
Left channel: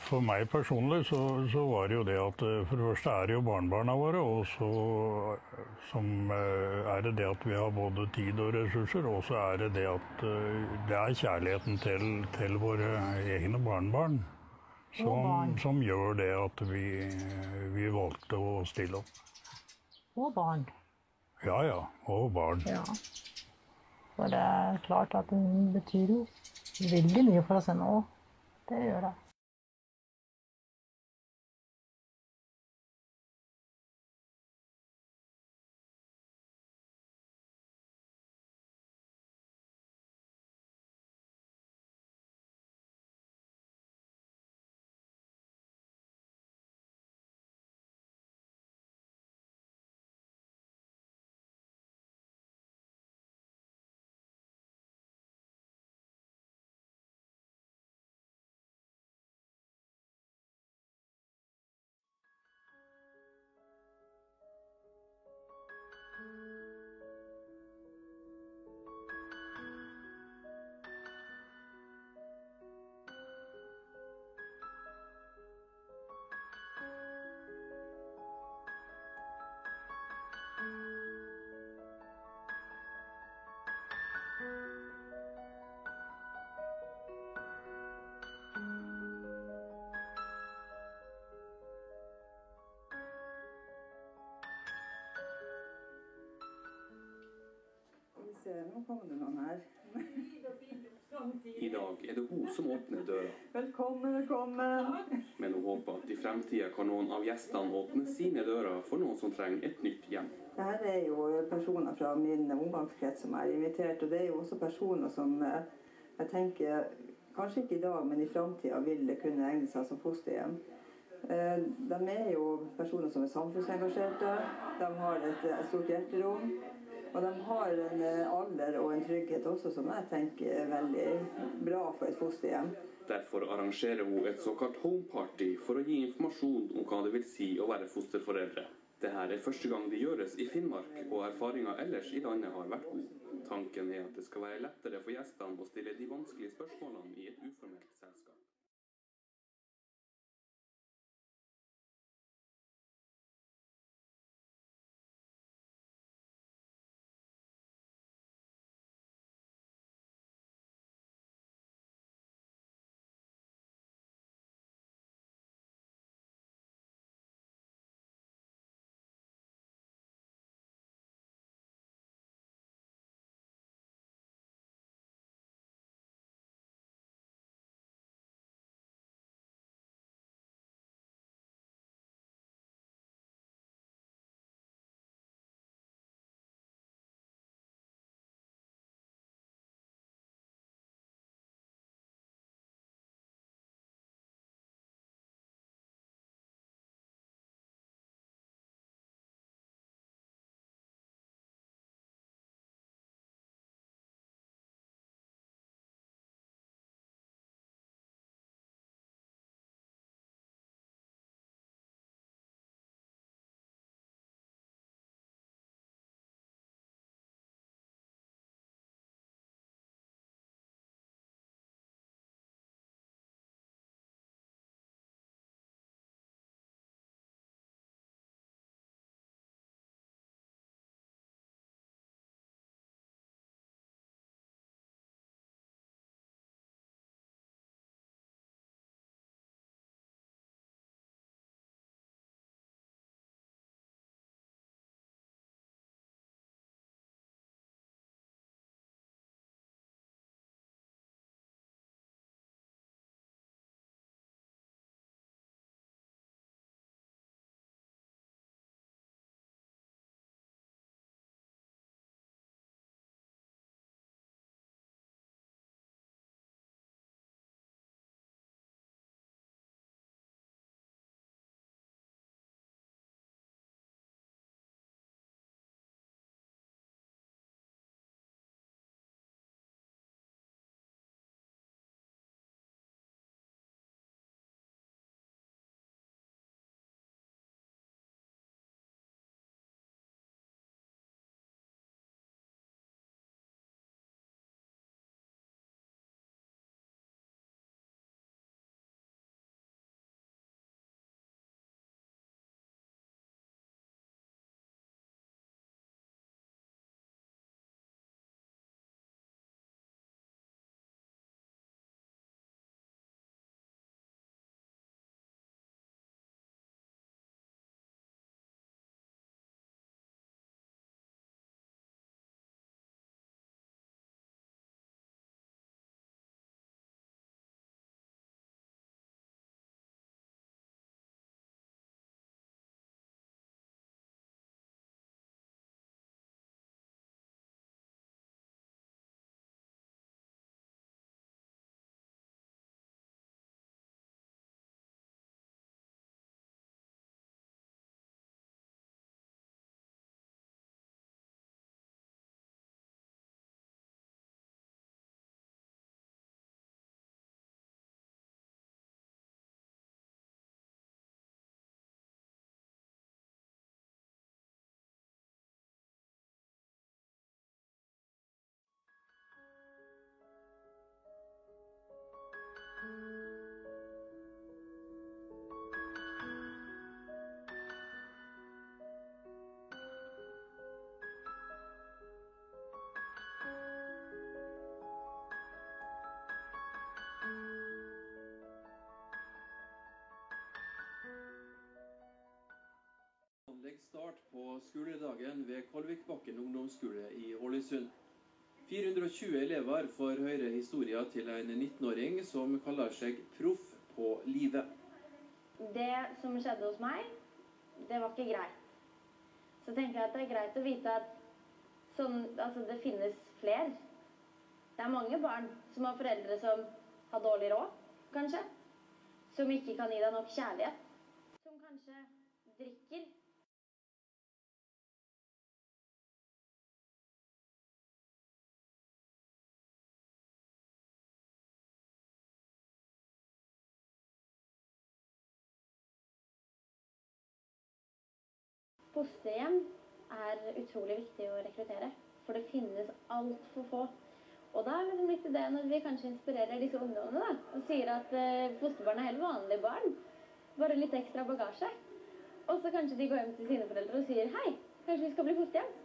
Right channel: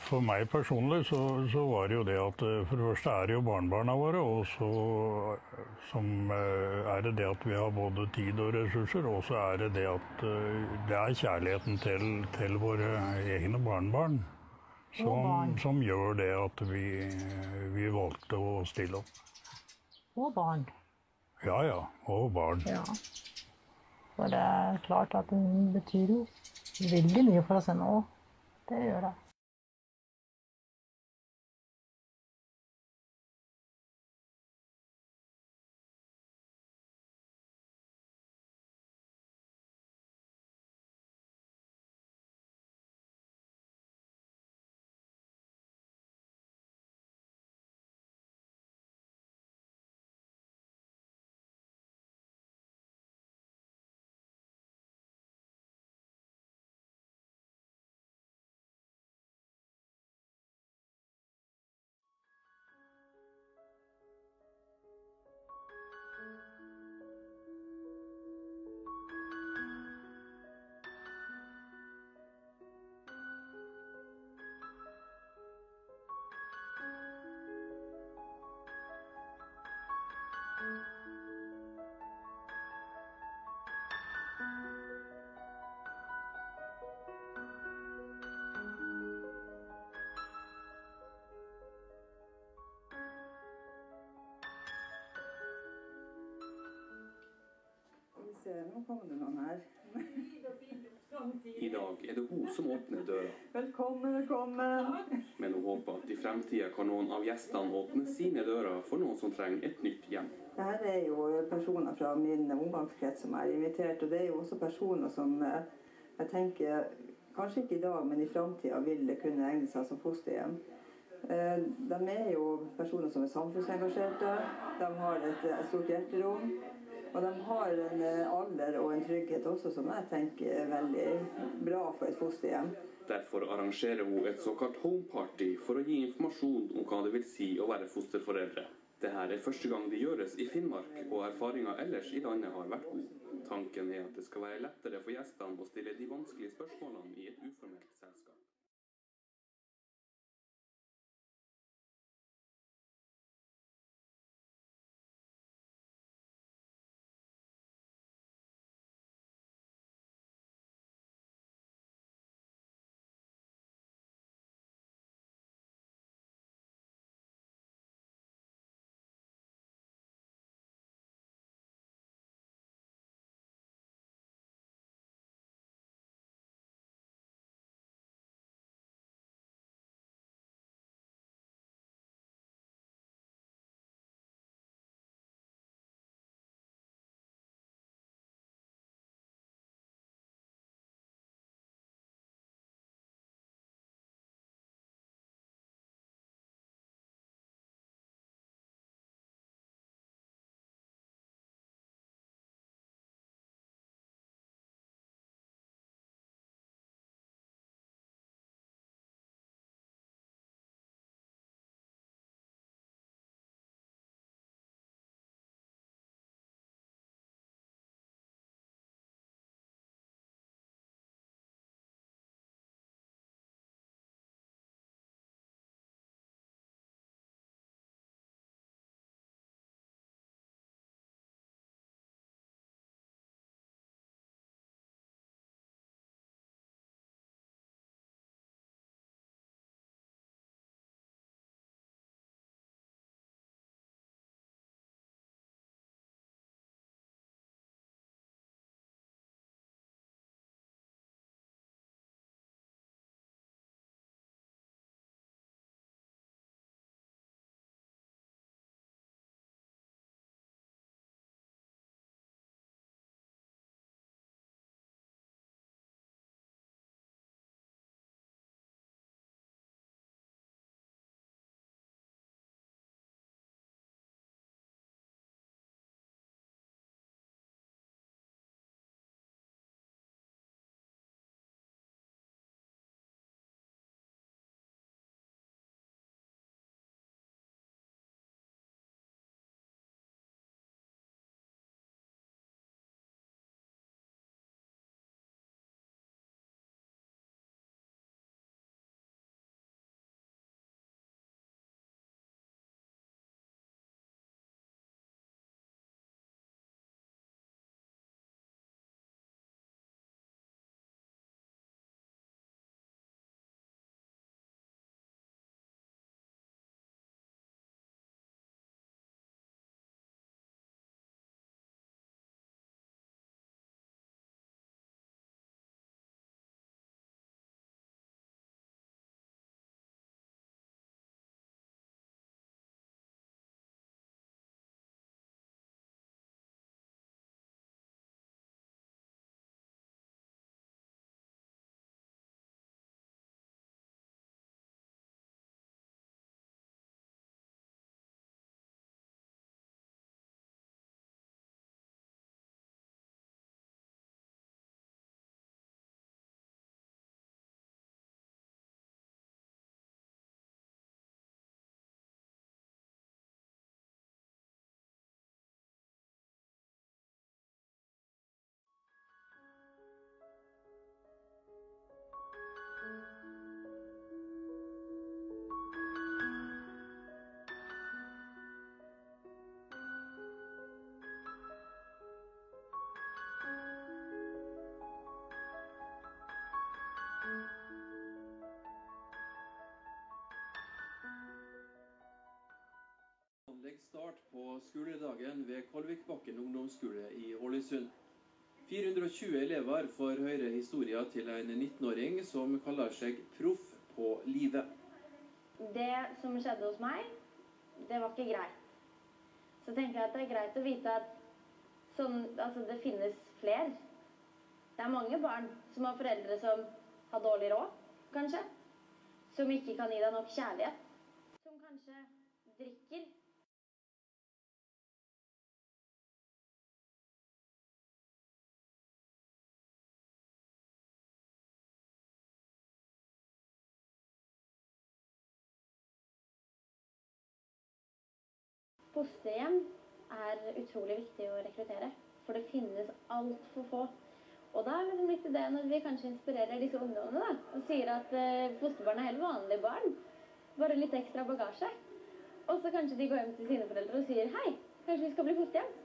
For meg personlig så var det jo det at for det første er det jo barnebarna våre, og så er det at vi har både tid og ressurser, og så er det at det er kjærligheten til våre egne barnebarn som gjør det at vi valgte å stille opp. Og barn. Ja, og barn. Ja. For det er klart at den betyr jo veldig mye for oss ennå. Det gjør det. Nå kommer det noen her. I dag er det hun som åpner døra. Velkommen. Men hun håper at i fremtiden kan noen av gjestene åpne sine dører for noen som trenger et nytt hjem. Dette er jo personer fra min omgangskrets som er invitert, og det er jo også personer som jeg tenker, kanskje ikke i dag, men i fremtiden vil kunne egne seg som fosterhjem. De er jo personer som er samfunnsengasjerte, de har et stort hjerterom, og de har en alder og en trygghet også som jeg tenker er veldig bra for et fosterhjem. Derfor arrangerer hun et såkalt homeparty for å gi informasjon om hva det vil si å være fosterforeldre. Dette er første gang det gjøres i Finnmark, og erfaringen ellers i landet har vært god. Tanken er at det skal være lettere for gjestene å stille de vanskelige spørsmålene i et uformelt selskap. Vanlig start på skoledagen ved Kolvikbakken ungdomsskole i Ålesund. 420 elever får høre historier til en 19-åring som kaller seg proff på livet. Det som skjedde hos meg, det var ikke greit. Så tenker jeg at det er greit å vite at det finnes flere. Det er mange barn som har foreldre som har dårlig råd, kanskje. Som ikke kan gi deg nok kjærlighet. Som kanskje drikker. Fosterhjem er utrolig viktig å rekruttere, for det finnes alt for få. Og da er det litt det når vi kanskje inspirerer disse ungdommene da, og sier at fosterbarn er helt vanlige barn, bare litt ekstra bagasje. Og så kanskje de går hjem til sine foreldre og sier, hei, kanskje vi skal bli fosterhjem?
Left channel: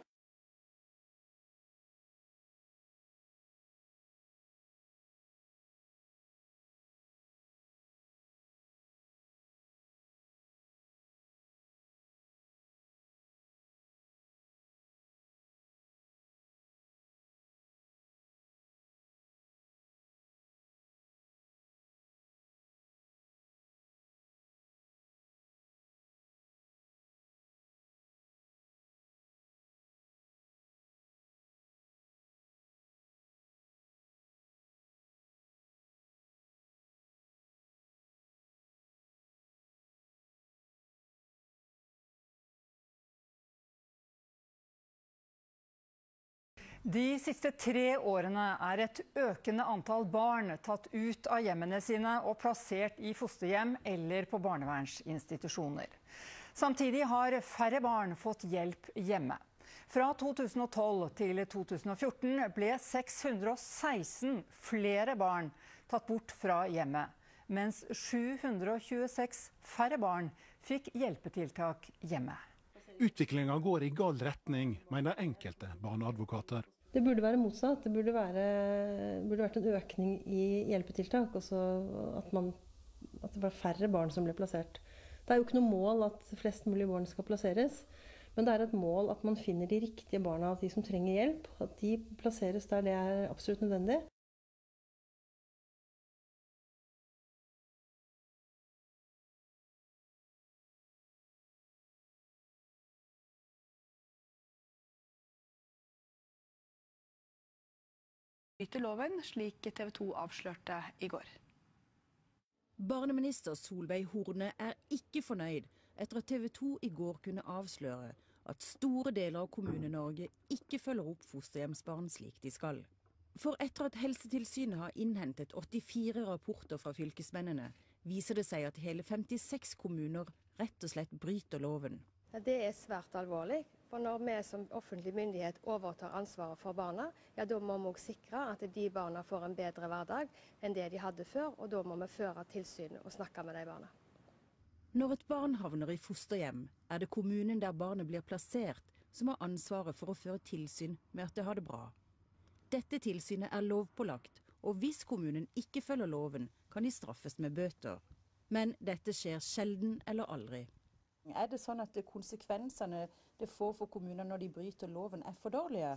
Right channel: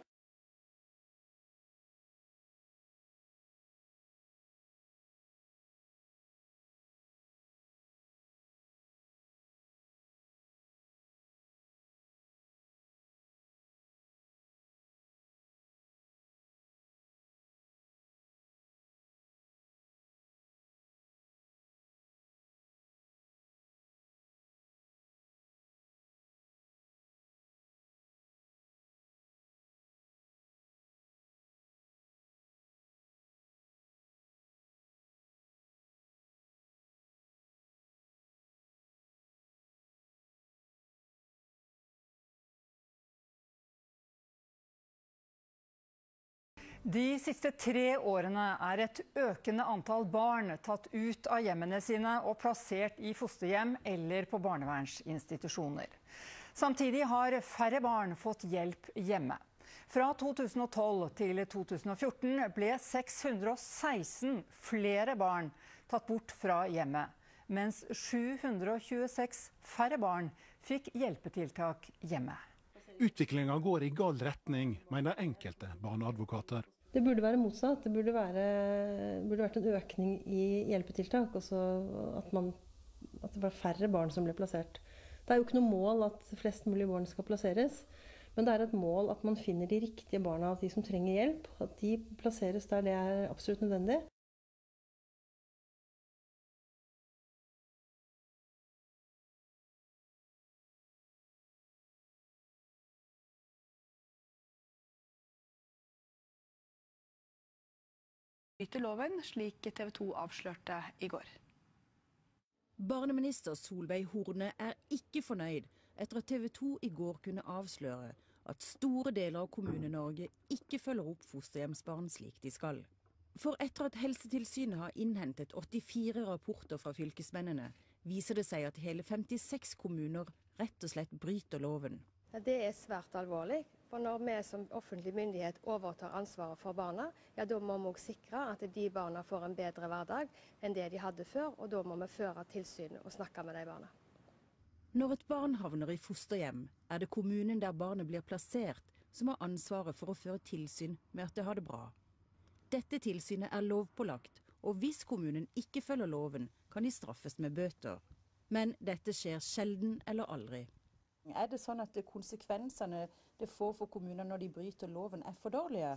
De siste 3 årene er et økende antall barn tatt ut av hjemmene sine og plassert i fosterhjem eller på barnevernsinstitusjoner. Samtidig har færre barn fått hjelp hjemme. Fra 2012 til 2014 ble 616 flere barn tatt bort fra hjemmet, mens 726 færre barn fikk hjelpetiltak hjemme. Utviklingen går i gal retning, mener enkelte barneadvokater. Det burde være motsatt. Det burde vært en økning i hjelpetiltak, og så at det var færre barn som ble plassert. Det er jo ikke noe mål at flest mulig barn skal plasseres, men det er et mål at man finner de riktige barna, de som trenger hjelp, at de plasseres der det er absolutt nødvendig. Bryter loven, slik TV 2 avslørte i går. Barneminister Solveig Horne er ikke fornøyd etter at TV 2 i går kunne avsløre at store deler av Kommune-Norge ikke følger opp fosterhjemsbarn slik de skal. For etter at Helsetilsynet har innhentet 84 rapporter fra fylkesmennene, viser det seg at hele 56 kommuner rett og slett bryter loven. Det er svært alvorlig, for når vi som offentlig myndighet overtar ansvaret for barna, ja, da må vi også sikre at de barna får en bedre hverdag enn det de hadde før, og da må vi føre tilsyn og snakke med de barna. Når et barn havner i fosterhjem, er det kommunen der barnet blir plassert som har ansvaret for å føre tilsyn med at det har det bra. Dette tilsynet er lovpålagt, og hvis kommunen ikke følger loven, kan de straffes med bøter. Men dette skjer sjelden eller aldri. Er det sånn at konsekvensene det får for kommuner når de bryter loven er for dårlige?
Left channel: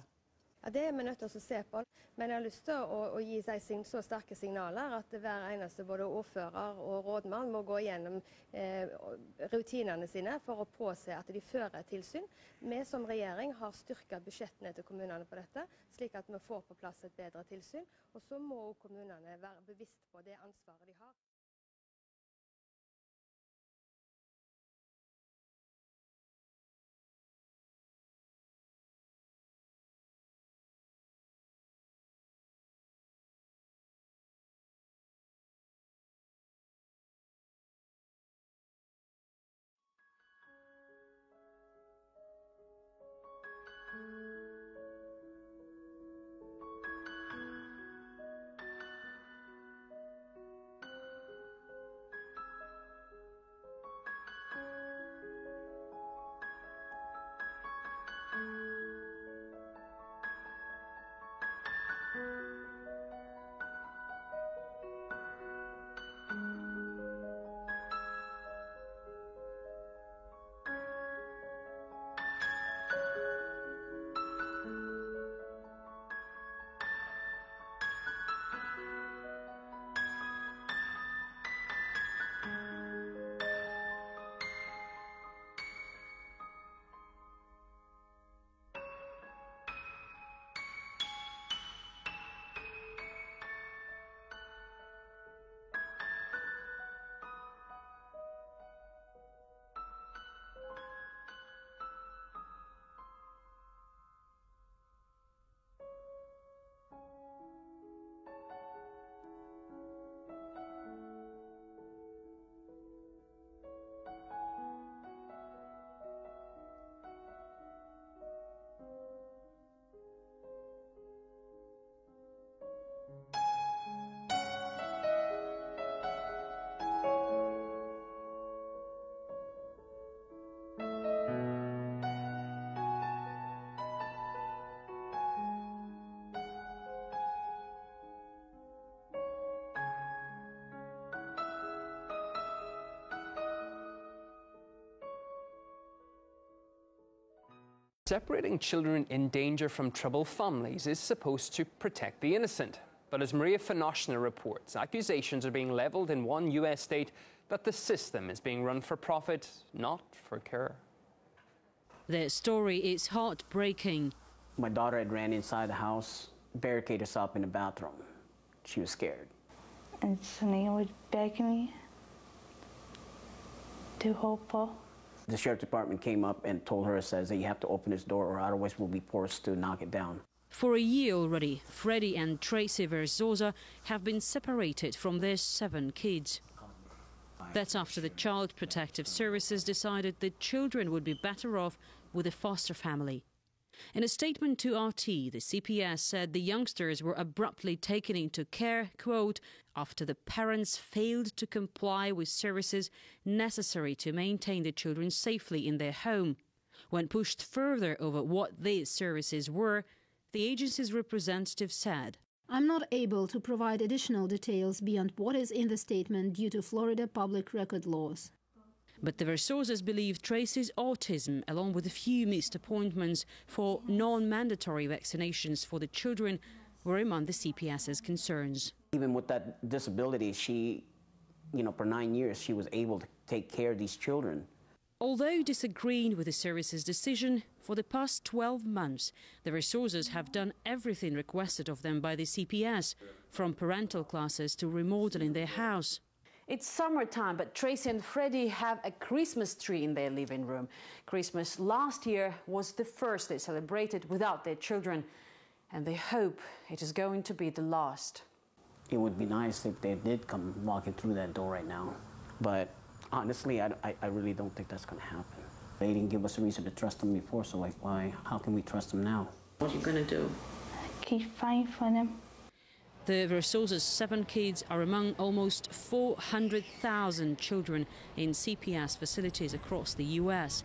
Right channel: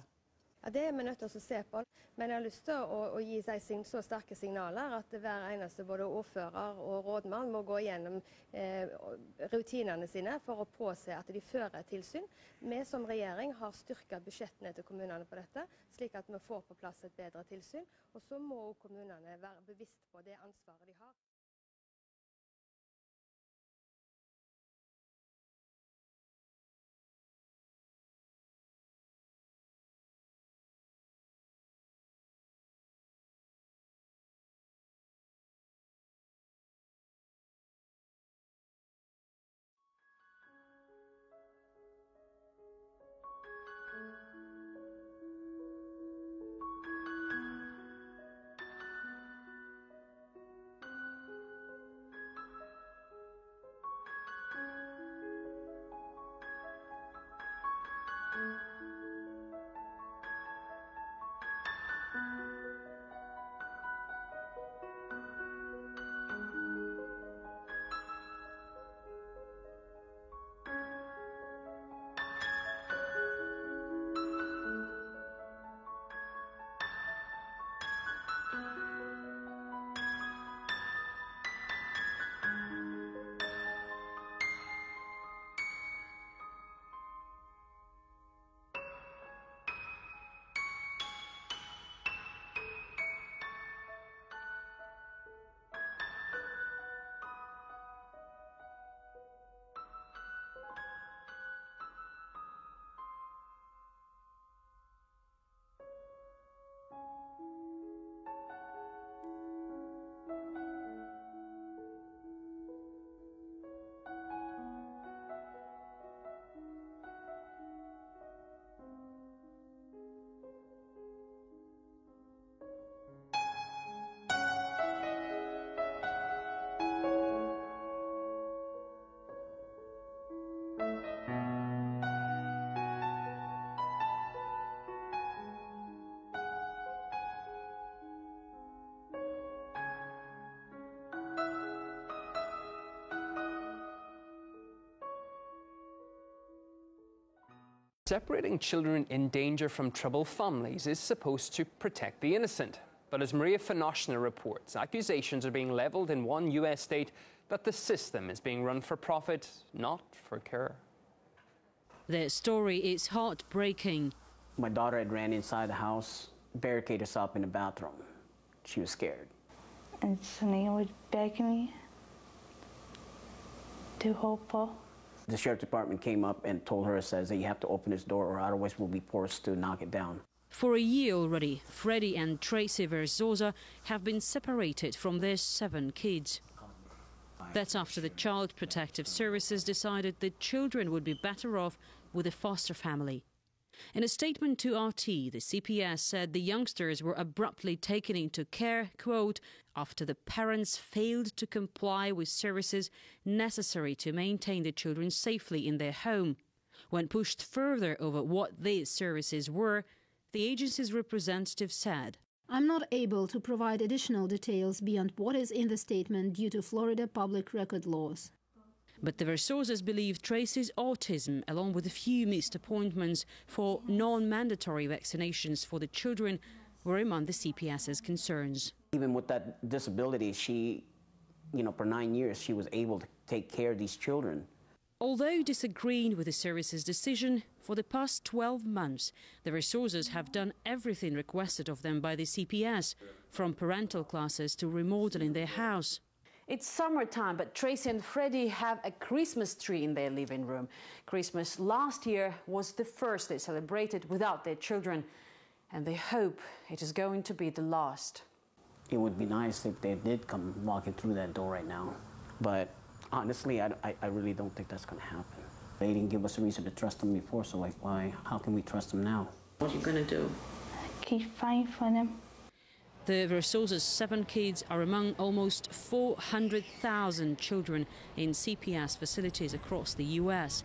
Ja, det er vi nødt til å se på, men jeg har lyst til å gi så sterke signaler at hver eneste både ordfører og rådmann må gå gjennom rutinene sine for å påse at de fører tilsyn. Vi som regjering har styrket budsjettene til kommunene på dette, slik at vi får på plass et bedre tilsyn, og så må kommunene være bevisst på det ansvaret de har. Separating children in danger from troubled families is supposed to protect the innocent. But as Maria Finoshna reports, accusations are being leveled in one US state that the system is being run for profit, not for care. Their story is heartbreaking. My daughter had ran inside the house, barricaded herself in the bathroom. She was scared. And Sunil would beg me to help her. The sheriff's department came up and told her, says that you have to open this door or otherwise we'll be forced to knock it down. For a year already, Freddie and Tracy Verzosa have been separated from their 7 kids. That's after the Child Protective Services decided the children would be better off with a foster family. In a statement to RT, the CPS said the youngsters were abruptly taken into care, quote, after the parents failed to comply with services necessary to maintain the children safely in their home. When pushed further over what these services were, the agency's representative said, I'm not able to provide additional details beyond what is in the statement due to Florida public record laws. But the Versosas believe Tracy's autism, along with a few missed appointments for non-mandatory vaccinations for the children, were among the CPS's concerns. Even with that disability, she, for 9 years, she was able to take care of these children. Although disagreeing with the service's decision, for the past 12 months, the Versosas have done everything requested of them by the CPS, from parental classes to remodeling their house. It's summertime, but Tracy and Freddie have a Christmas tree in their living room. Christmas last year was the first they celebrated without their children, and they hope it is going to be the last. It would be nice if they did come walking through that door right now, but honestly, I really don't think that's going to happen. They didn't give us a reason to trust them before, so how can we trust them now? What are you going to do? Keep fighting for them. The Versosas' 7 kids are among almost 400,000 children in CPS facilities across the US,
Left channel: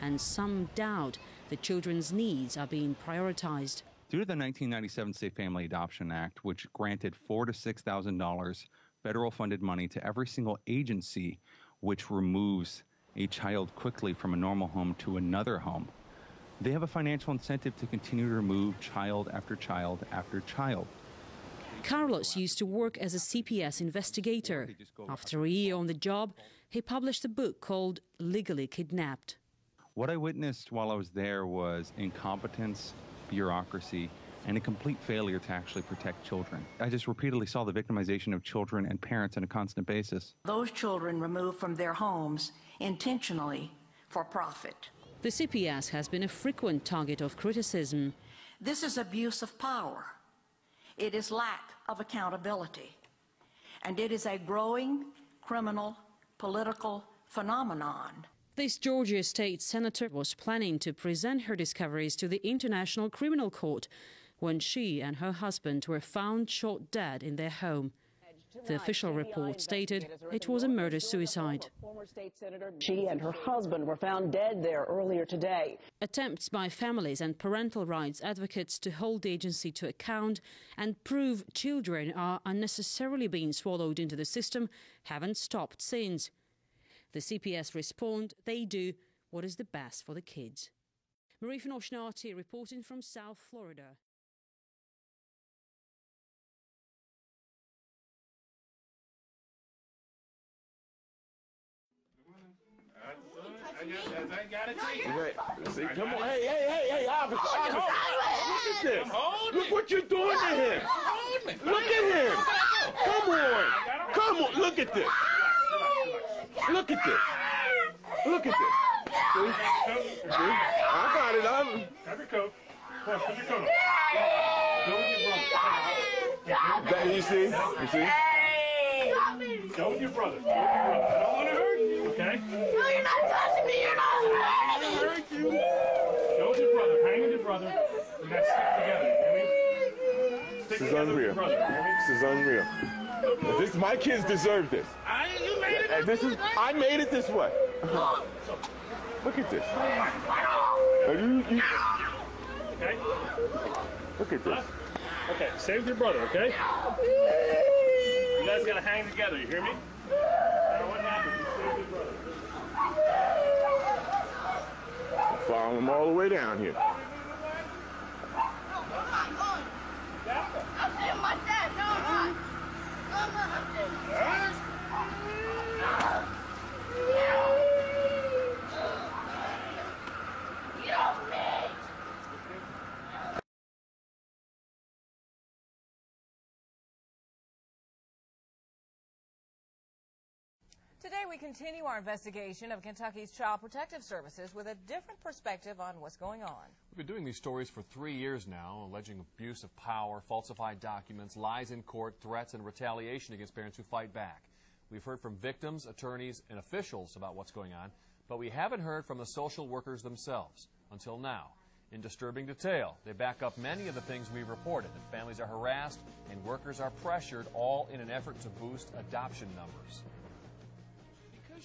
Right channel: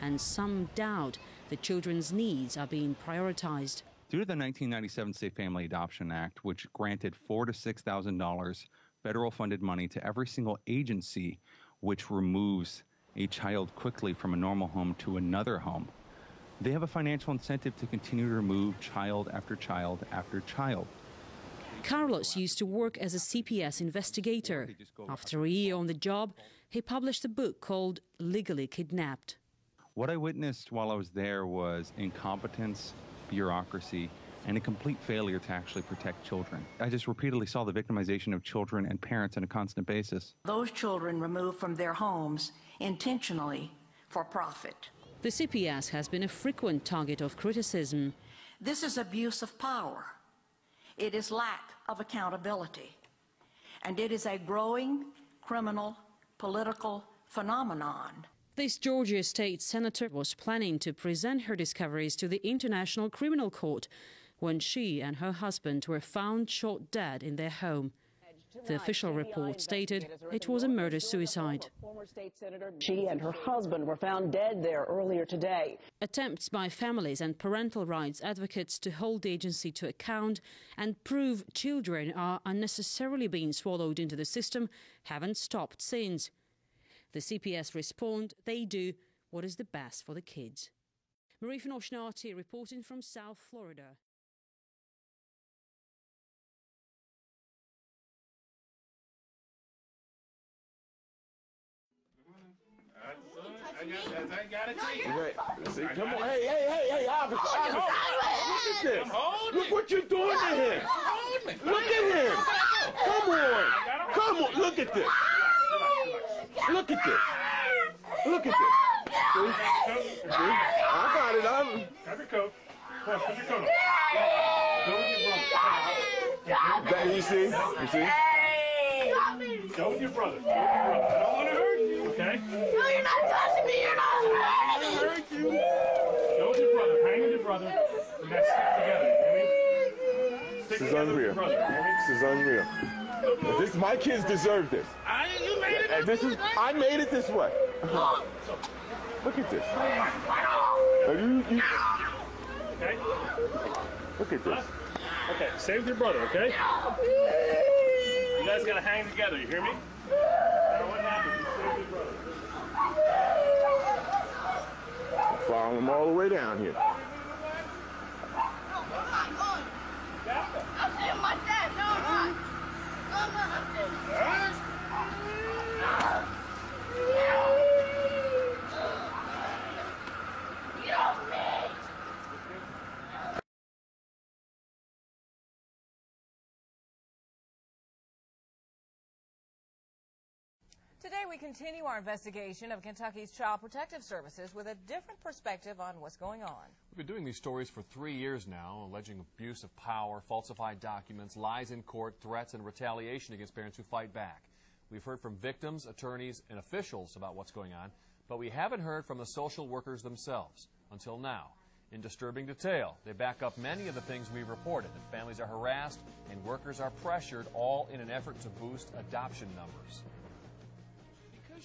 and some doubt the children's needs are being prioritized. Due to the 1997 Safe Family Adoption Act, which granted $4,000 to $6,000 federal-funded money to every single agency which removes a child quickly from a normal home to another home, they have a financial incentive to continue to remove child after child after child. Carlos used to work as a CPS investigator. After a year on the job, he published a book called Legally Kidnapped. What I witnessed while I was there was incompetence, bureaucracy, and a complete failure to actually protect children. I just repeatedly saw the victimization of children and parents on a constant basis. Those children removed from their homes intentionally for profit. The CPS has been a frequent target of criticism. This is abuse of power. It is lack of accountability. And it is a growing criminal political phenomenon. This Georgia state senator was planning to present her discoveries to the International Criminal Court when she and her husband were found shot dead in their home. The official report stated it was a murder-suicide. She and her husband were found dead there earlier today. Attempts by families and parental rights advocates to hold the agency to account and prove children are unnecessarily being swallowed into the system haven't stopped since. The CPS respond they do what is the best for the kids. Maria Finoshna reporting from South Florida. See, come on, hey, officer. Look at this. Look what you're doing to him. Look at him. Come on, look at this. Look at this. Look at this. See? I got it. Have your coat. Put your coat on. Go with your brother. You see? Go with your brother. I don't want to hurt you, okay? No, you're not touching me. You're not hurting me. Hurt you. Go with your brother. Hang with your brother. And let's stick together. This is unreal. This is unreal. My kids deserve this. You made it. I made it this way. Look at this. Okay. Look at this. Okay, stay with your brother, okay? You guys gotta hang together, you hear me? No matter what happens, you stay with your brother. Follow him all the way down here. Today we continue our investigation of Kentucky's Child Protective Services with a different perspective on what's going on. We've been doing these stories for 3 years now, alleging abuse of power, falsified documents, lies in court, threats, and retaliation against parents who fight back. We've heard from victims, attorneys, and officials about what's going on, but we haven't heard from the social workers themselves until now. In disturbing detail, they back up many of the things we reported, that families are harassed and workers are pressured, all in an effort to boost adoption numbers.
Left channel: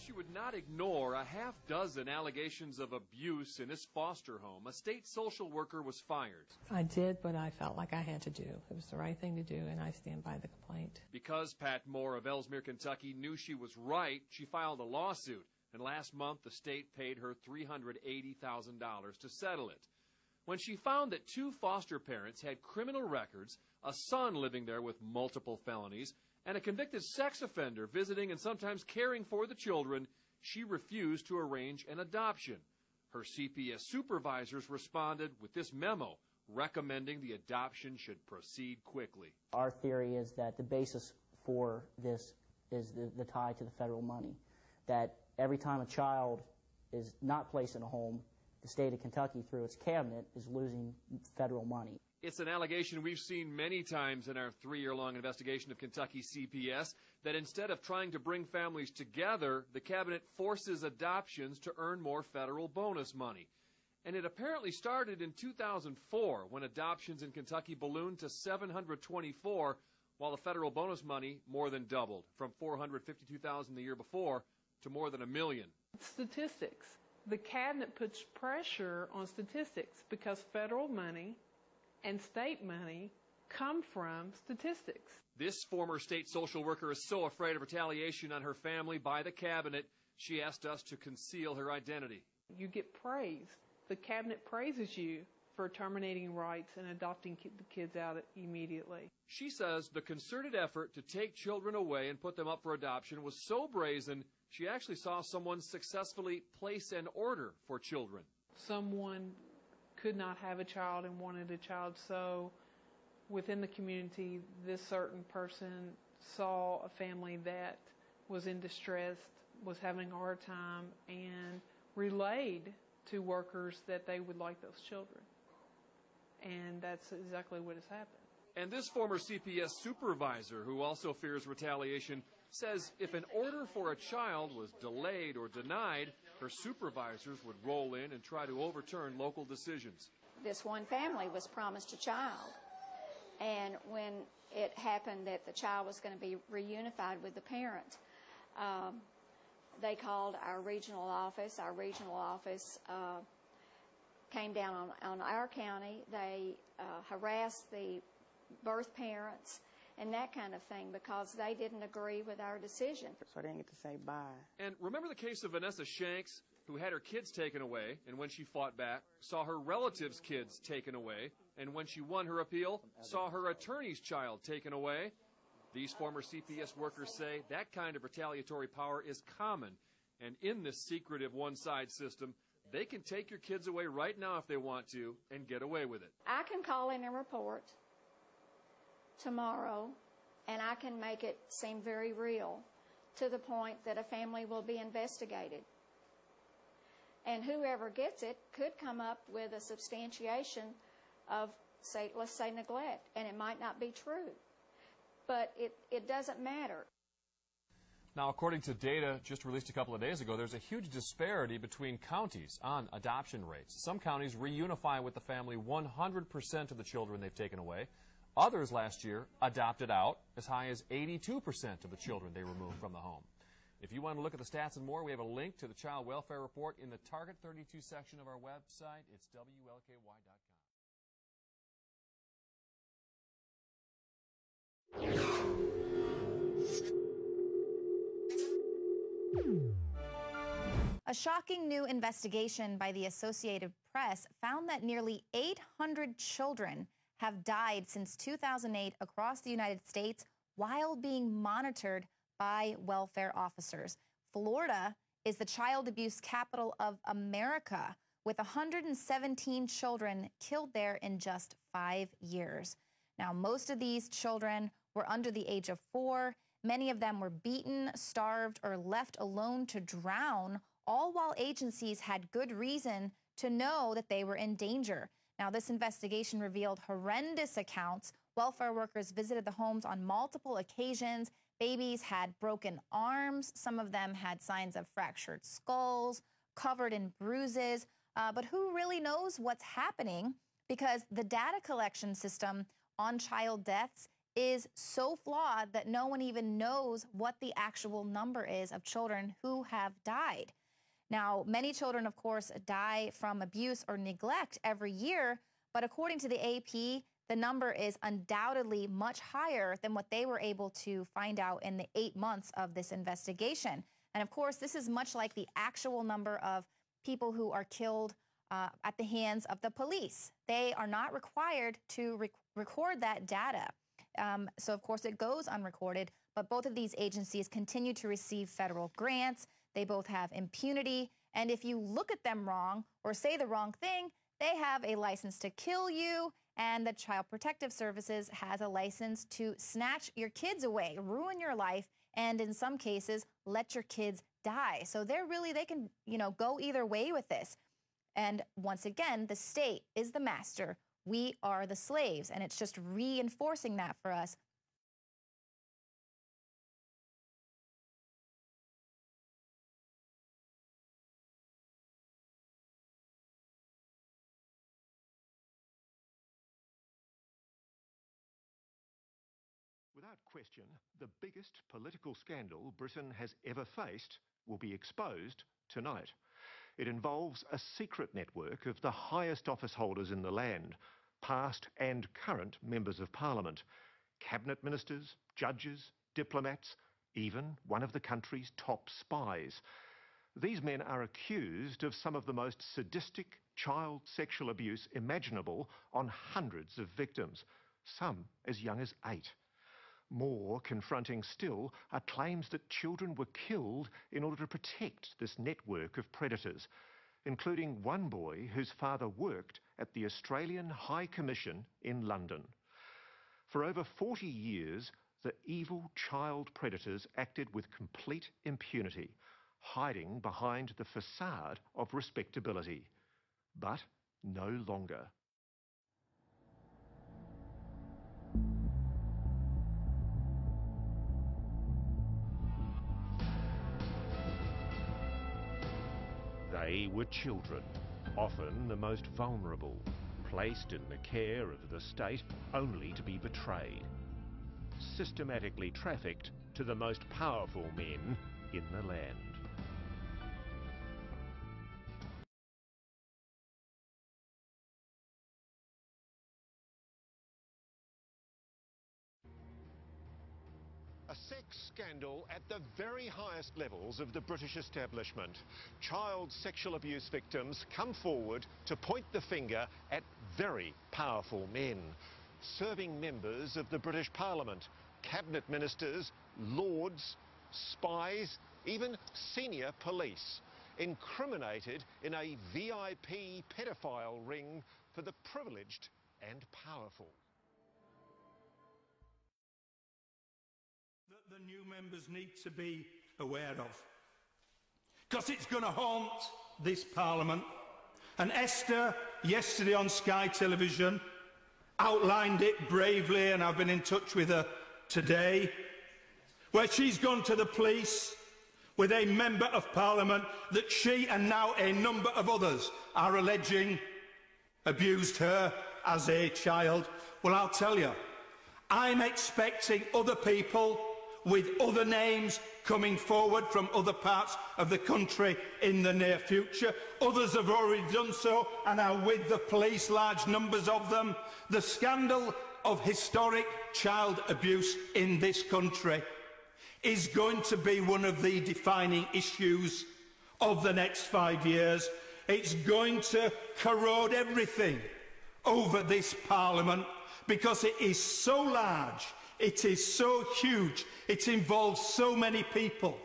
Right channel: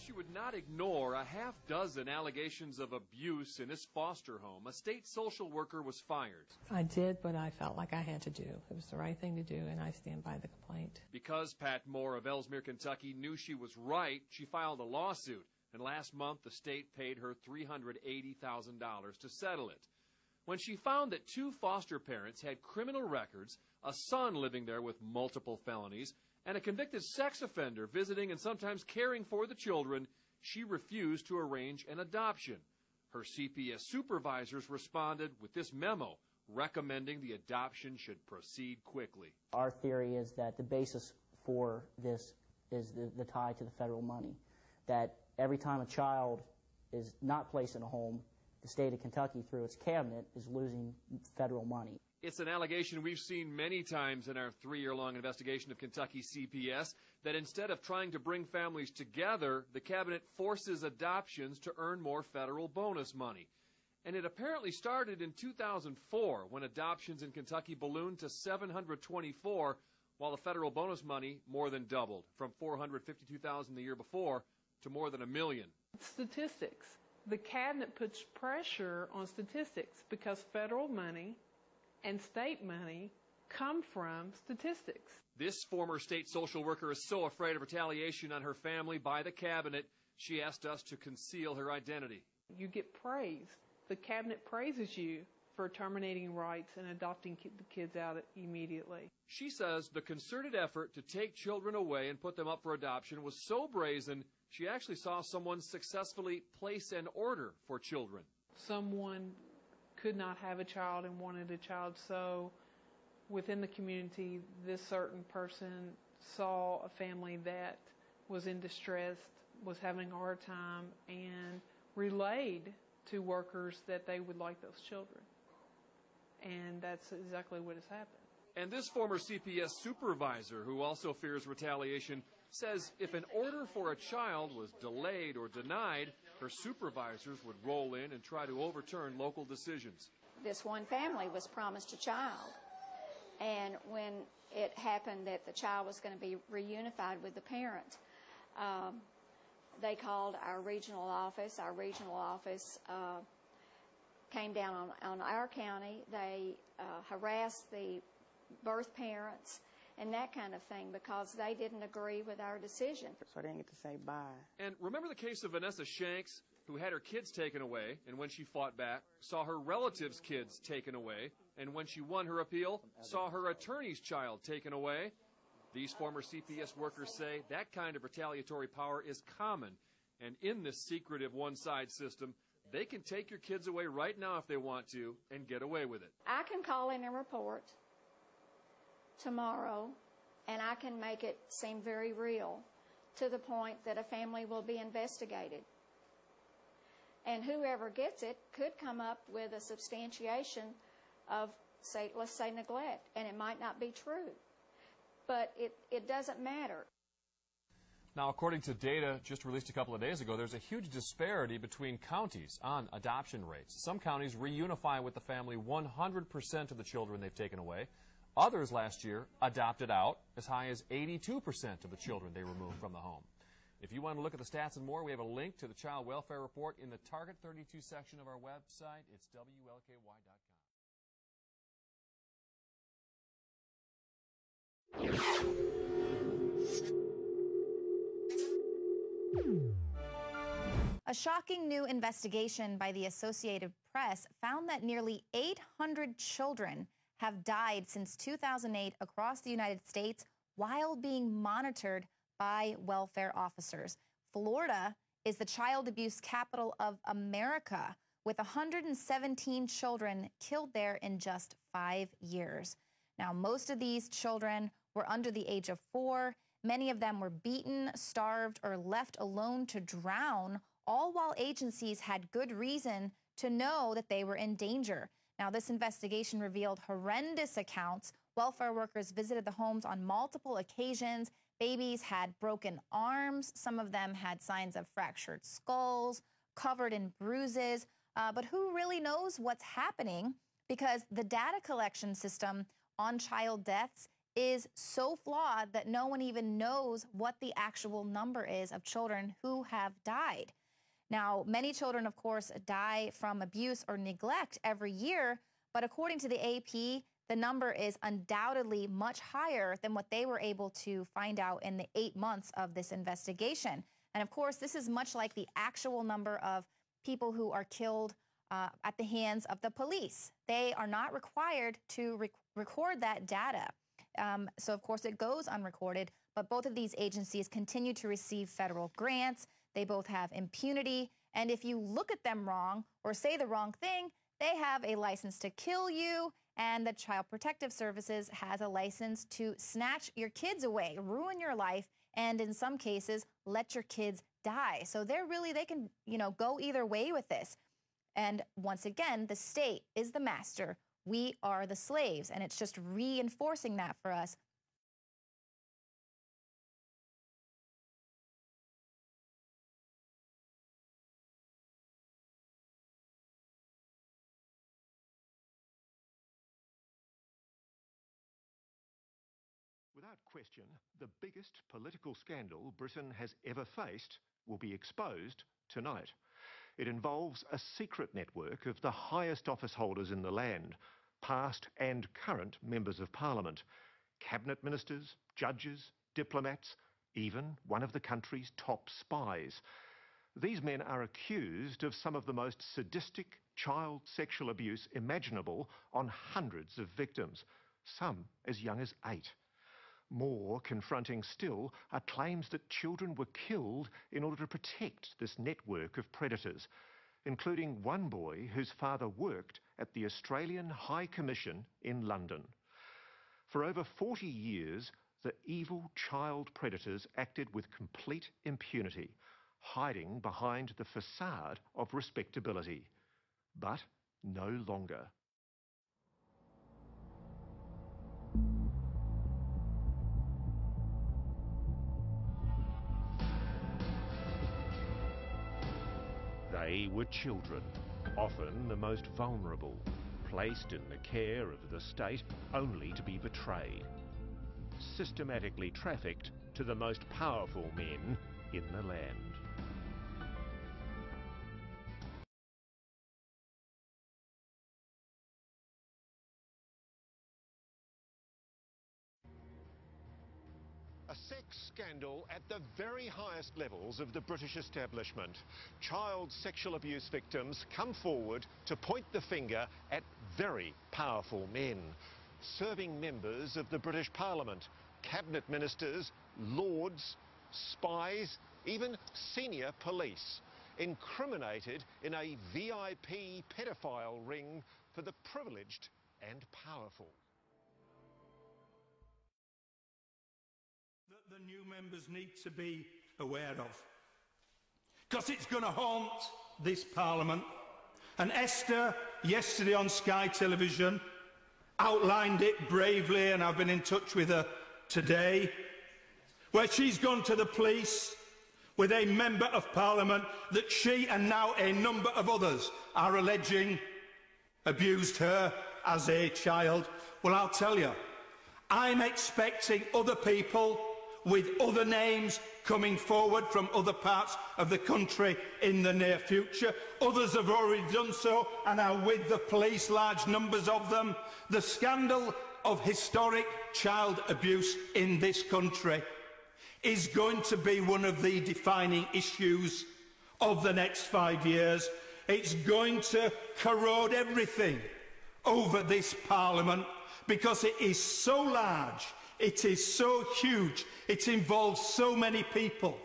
She would not ignore a half-dozen allegations of abuse in this foster home. A state social worker was fired. I did what I felt like I had to do. It was the right thing to do, and I stand by the complaint. Because Pat Moore of Ellesmere, Kentucky knew she was right, she filed a lawsuit. And last month, the state paid her $380,000 to settle it. When she found that 2 foster parents had criminal records, a son living there with multiple felonies, and a convicted sex offender visiting and sometimes caring for the children, she refused to arrange an adoption. Her CPS supervisors responded with this memo recommending the adoption should proceed quickly. Our theory is that the basis for this is the tie to the federal money, that every time a child is not placed in a home, the state of Kentucky, through its cabinet, is losing federal money. It's an allegation we've seen many times in our 3-year-long investigation of Kentucky CPS, that instead of trying to bring families together, the cabinet forces adoptions to earn more federal bonus money. And it apparently started in 2004, when adoptions in Kentucky ballooned to 724, while the federal bonus money more than doubled, from $452,000 the year before to more than $1 million. Statistics. The cabinet puts pressure on statistics because federal money and state money come from statistics. This former state social worker is so afraid of retaliation on her family by the cabinet, she asked us to conceal her identity. You get praised. The cabinet praises you for terminating rights and adopting the kids out immediately. She says the concerted effort to take children away and put them up for adoption was so brazen, she actually saw someone successfully place an order for children. Someone could not have a child and wanted a child, so within the community, this certain person saw a family that was in distress, was having a hard time, and relayed to workers that they would like those children. And that's exactly what has happened. And this former CPS supervisor, who also fears retaliation, says if an order for a child was delayed or denied, her supervisors would roll in and try to overturn local decisions. This one family was promised a child, and when it happened that the child was going to be reunified with the parent, they called our regional office. Our regional office came down on our county. They harassed the birth parents and that kind of thing because they didn't agree with our decision. So I didn't get to say bye. And remember the case of Vanessa Shanks, who had her kids taken away, and when she fought back, saw her relatives' kids taken away, and when she won her appeal, saw her attorney's child taken away? These former CPS workers say that kind of retaliatory power is common, and in this secretive one-side system, they can take your kids away right now if they want to and get away with it. I can call in a report tomorrow, and I can make it seem very real to the point that a family will be investigated. And whoever gets it could come up with a substantiation of, say, let's say neglect, and it might not be true. But it doesn't matter. Now, according to data just released a couple of days ago, there's a huge disparity between counties on adoption rates. Some counties reunify with the family 100% of the children they've taken away. Others last year adopted out as high as 82% of the children they removed from the home. If you want to look at the stats and more, we have a link to the Child Welfare Report in the Target 32 section of our website. It's WLKY.com. A shocking new investigation by the Associated Press found that nearly 800 children have died since 2008 across the United States while being monitored by welfare officers. Florida is the child abuse capital of America, with 117 children killed there in just 5 years. Now, most of these children were under the age of 4. Many of them were beaten, starved, or left alone to drown, all while agencies had good reason to know that they were in danger. Now, this investigation revealed horrendous accounts. Welfare workers visited the homes on multiple occasions. Babies had broken arms. Some of them had signs of fractured skulls, covered in bruises. But who really knows what's happening? Because the data collection system on child deaths is so flawed that no one even knows what the actual number is of children who have died. Now, many children, of course, die from abuse or neglect every year, but according to the AP, the number is undoubtedly much higher than what they were able to find out in the 8 months of this investigation. And of course, this is much like the actual number of people who are killed at the hands of the police. They are not required to record that data. So, of course, it goes unrecorded, but both of these agencies continue to receive federal grants. They both have impunity, and if you look at them wrong or say the wrong thing, they have a license to kill you, and the Child Protective Services has a license to snatch your kids away, ruin your life, and in some cases, let your kids die. So they can, go either way with this. And once again, the state is the master. We are the slaves, and it's just reinforcing that for us. Without question, the biggest political scandal Britain has ever faced will be exposed tonight. It involves a secret network of the highest office holders in the land, past and current members of Parliament, cabinet ministers, judges, diplomats, even one of the country's top spies. These men are accused of some of the most sadistic child sexual abuse imaginable on hundreds of victims, some as young as 8. More confronting still are claims that children were killed in order to protect this network of predators, including one boy whose father worked at the Australian High Commission in London. For over 40 years, the evil child predators acted with complete impunity, hiding behind the facade of respectability. But no longer. They were children, often the most vulnerable, placed in the care of the state only to be betrayed, systematically trafficked to the most powerful men in the land. A sex scandal at the very highest levels of the British establishment. Child sexual abuse victims come forward to point the finger at very powerful men, serving members of the British Parliament, cabinet ministers, lords, spies, even senior police, incriminated in a VIP pedophile ring for the privileged and powerful. The new members need to be aware of, because it's going to haunt this Parliament. And Esther, yesterday on Sky Television, outlined it bravely, and I've been in touch with her today, where she's gone to the police with a member of Parliament that she and now a number of others are alleging abused her as a child. Well, I'll tell you, I'm expecting other people with other names coming forward from other parts of the country in the near future. Others have already done so and are with the police, large numbers of them. The scandal of historic child abuse in this country is going to be one of the defining issues of the next 5 years, it's going to corrode everything over this Parliament because it is so large, it is so huge, it involves so many people.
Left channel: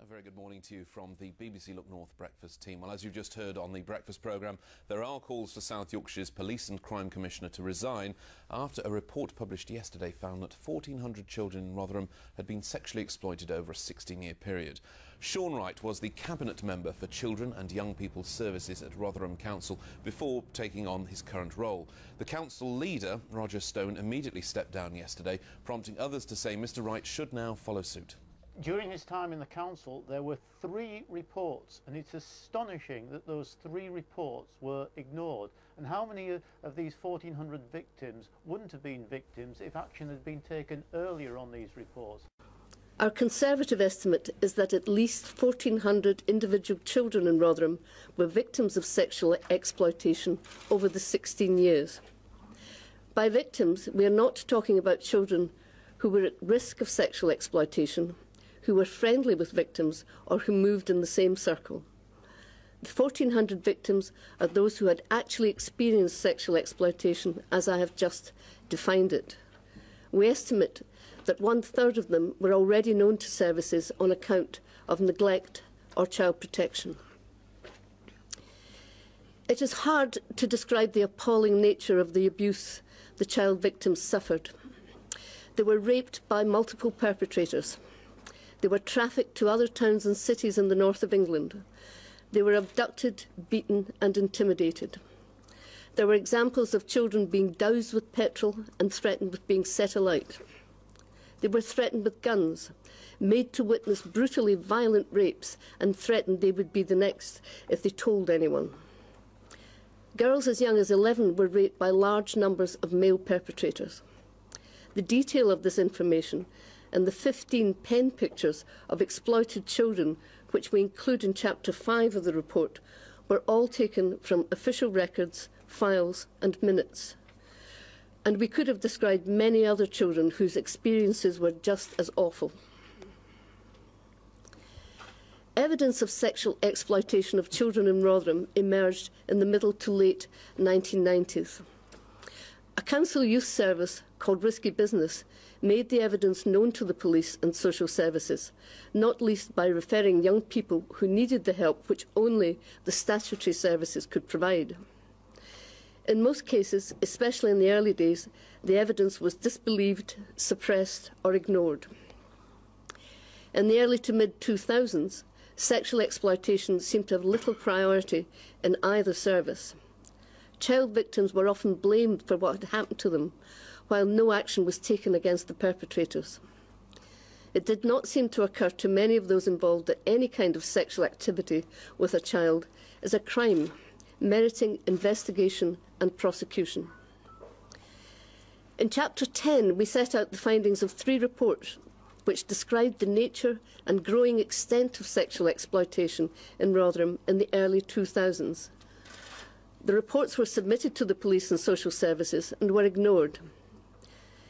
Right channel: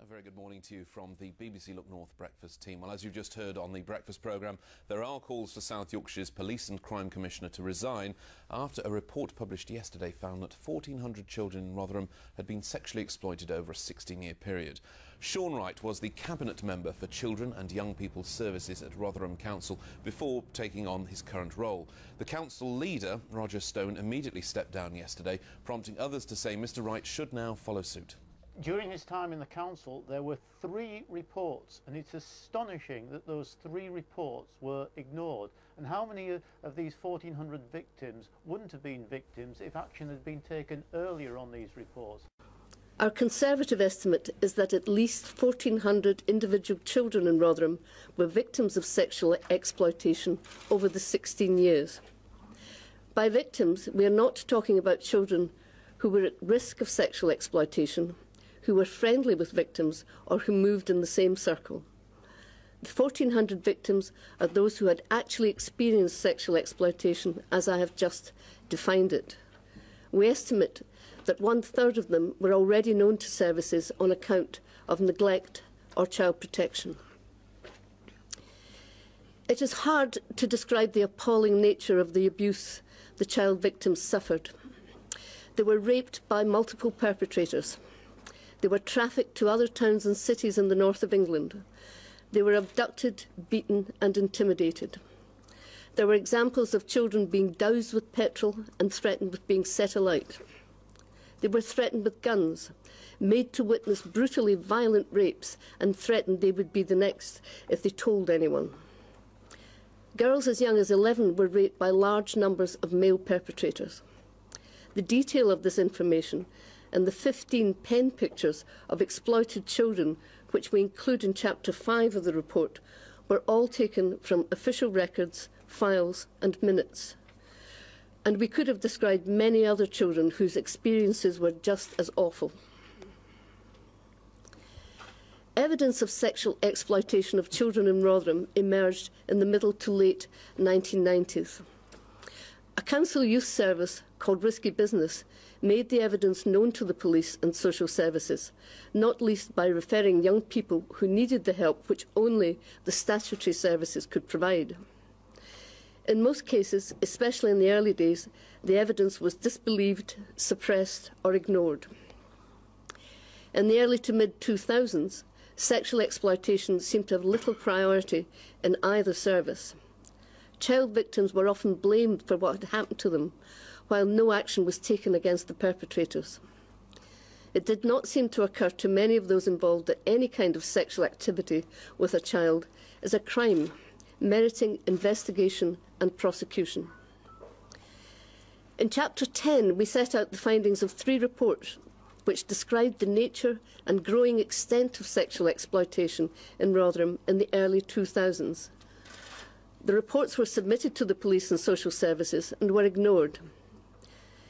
A very good morning to you from the BBC Look North breakfast team. Well, as you've just heard on the breakfast programme, there are calls for South Yorkshire's Police and Crime Commissioner to resign after a report published yesterday found that 1,400 children in Rotherham had been sexually exploited over a 16-year period. Sean Wright was the Cabinet Member for Children and Young People's Services at Rotherham Council before taking on his current role. The council leader, Roger Stone, immediately stepped down yesterday, prompting others to say Mr Wright should now follow suit. During his time in the council, there were 3 reports, and it's astonishing that those 3 reports were ignored. And how many of these 1,400 victims wouldn't have been victims if action had been taken earlier on these reports? Our Conservative estimate is that at least 1,400 individual children in Rotherham were victims of sexual exploitation over the 16 years. By victims, we are not talking about children who were at risk of sexual exploitation, who were friendly with victims, or who moved in the same circle. The 1,400 victims are those who had actually experienced sexual exploitation, as I have just defined it. We estimate that 1/3 of them were already known to services on account of neglect or child protection. It is hard to describe the appalling nature of the abuse the child victims suffered. They were raped by multiple perpetrators. They were trafficked to other towns and cities in the north of England. They were abducted, beaten and intimidated. There were examples of children being doused with petrol and threatened with being set alight. They were threatened with guns, made to witness brutally violent rapes, and threatened they would be the next if they told anyone. Girls as young as 11 were raped by large numbers of male perpetrators. The detail of this information and the 15 pen pictures of exploited children, which we include in Chapter 5 of the report, were all taken from official records, files and minutes. And we could have described many other children whose experiences were just as awful. Evidence of sexual exploitation of children in Rotherham emerged in the middle to late 1990s. A council youth service called Risky Business made the evidence known to the police and social services, not least by referring young people who needed the help which only the statutory services could provide. In most cases, especially in the early days, the evidence was disbelieved, suppressed or ignored. In the early to mid-2000s, sexual exploitation seemed to have little priority in either service. Child victims were often blamed for what had happened to them, while no action was taken against the perpetrators. It did not seem to occur to many of those involved that any kind of sexual activity with a child is a crime, meriting investigation and prosecution. In Chapter 10, we set out the findings of 3 reports which described the nature and growing extent of sexual exploitation in Rotherham in the early 2000s. The reports were submitted to the police and social services and were ignored.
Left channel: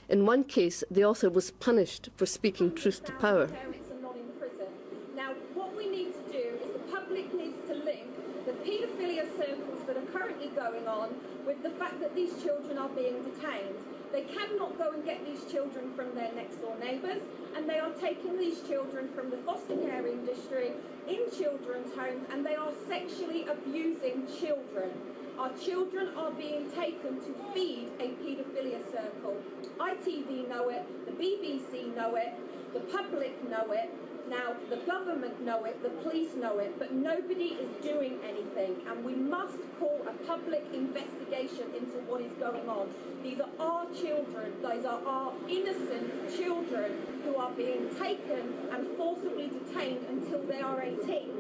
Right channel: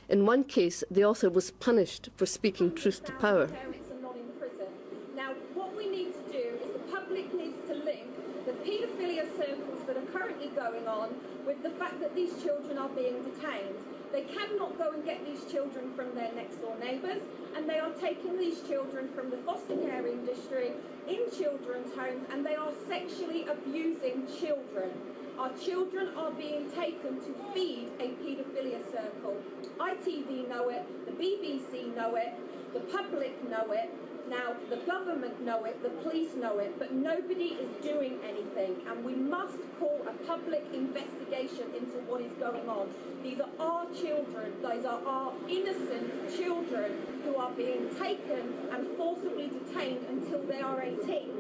In one case, the author was punished for speaking truth to power. Parents are not in prison. Now, what we need to do is the public needs to link the paedophilia circles that are currently going on with the fact that these children are being detained. They cannot go and get these children from their next-door neighbours, and they are taking these children from the foster care industry in children's homes, and they are sexually abusing children. Our children are being taken to feed a paedophilia circle. ITV know it, the BBC know it, the public know it, now the government know it, the police know it, but nobody is doing anything, and we must call a public investigation into what is going on. These are our children, these are our innocent children who are being taken and forcibly detained until they are 18.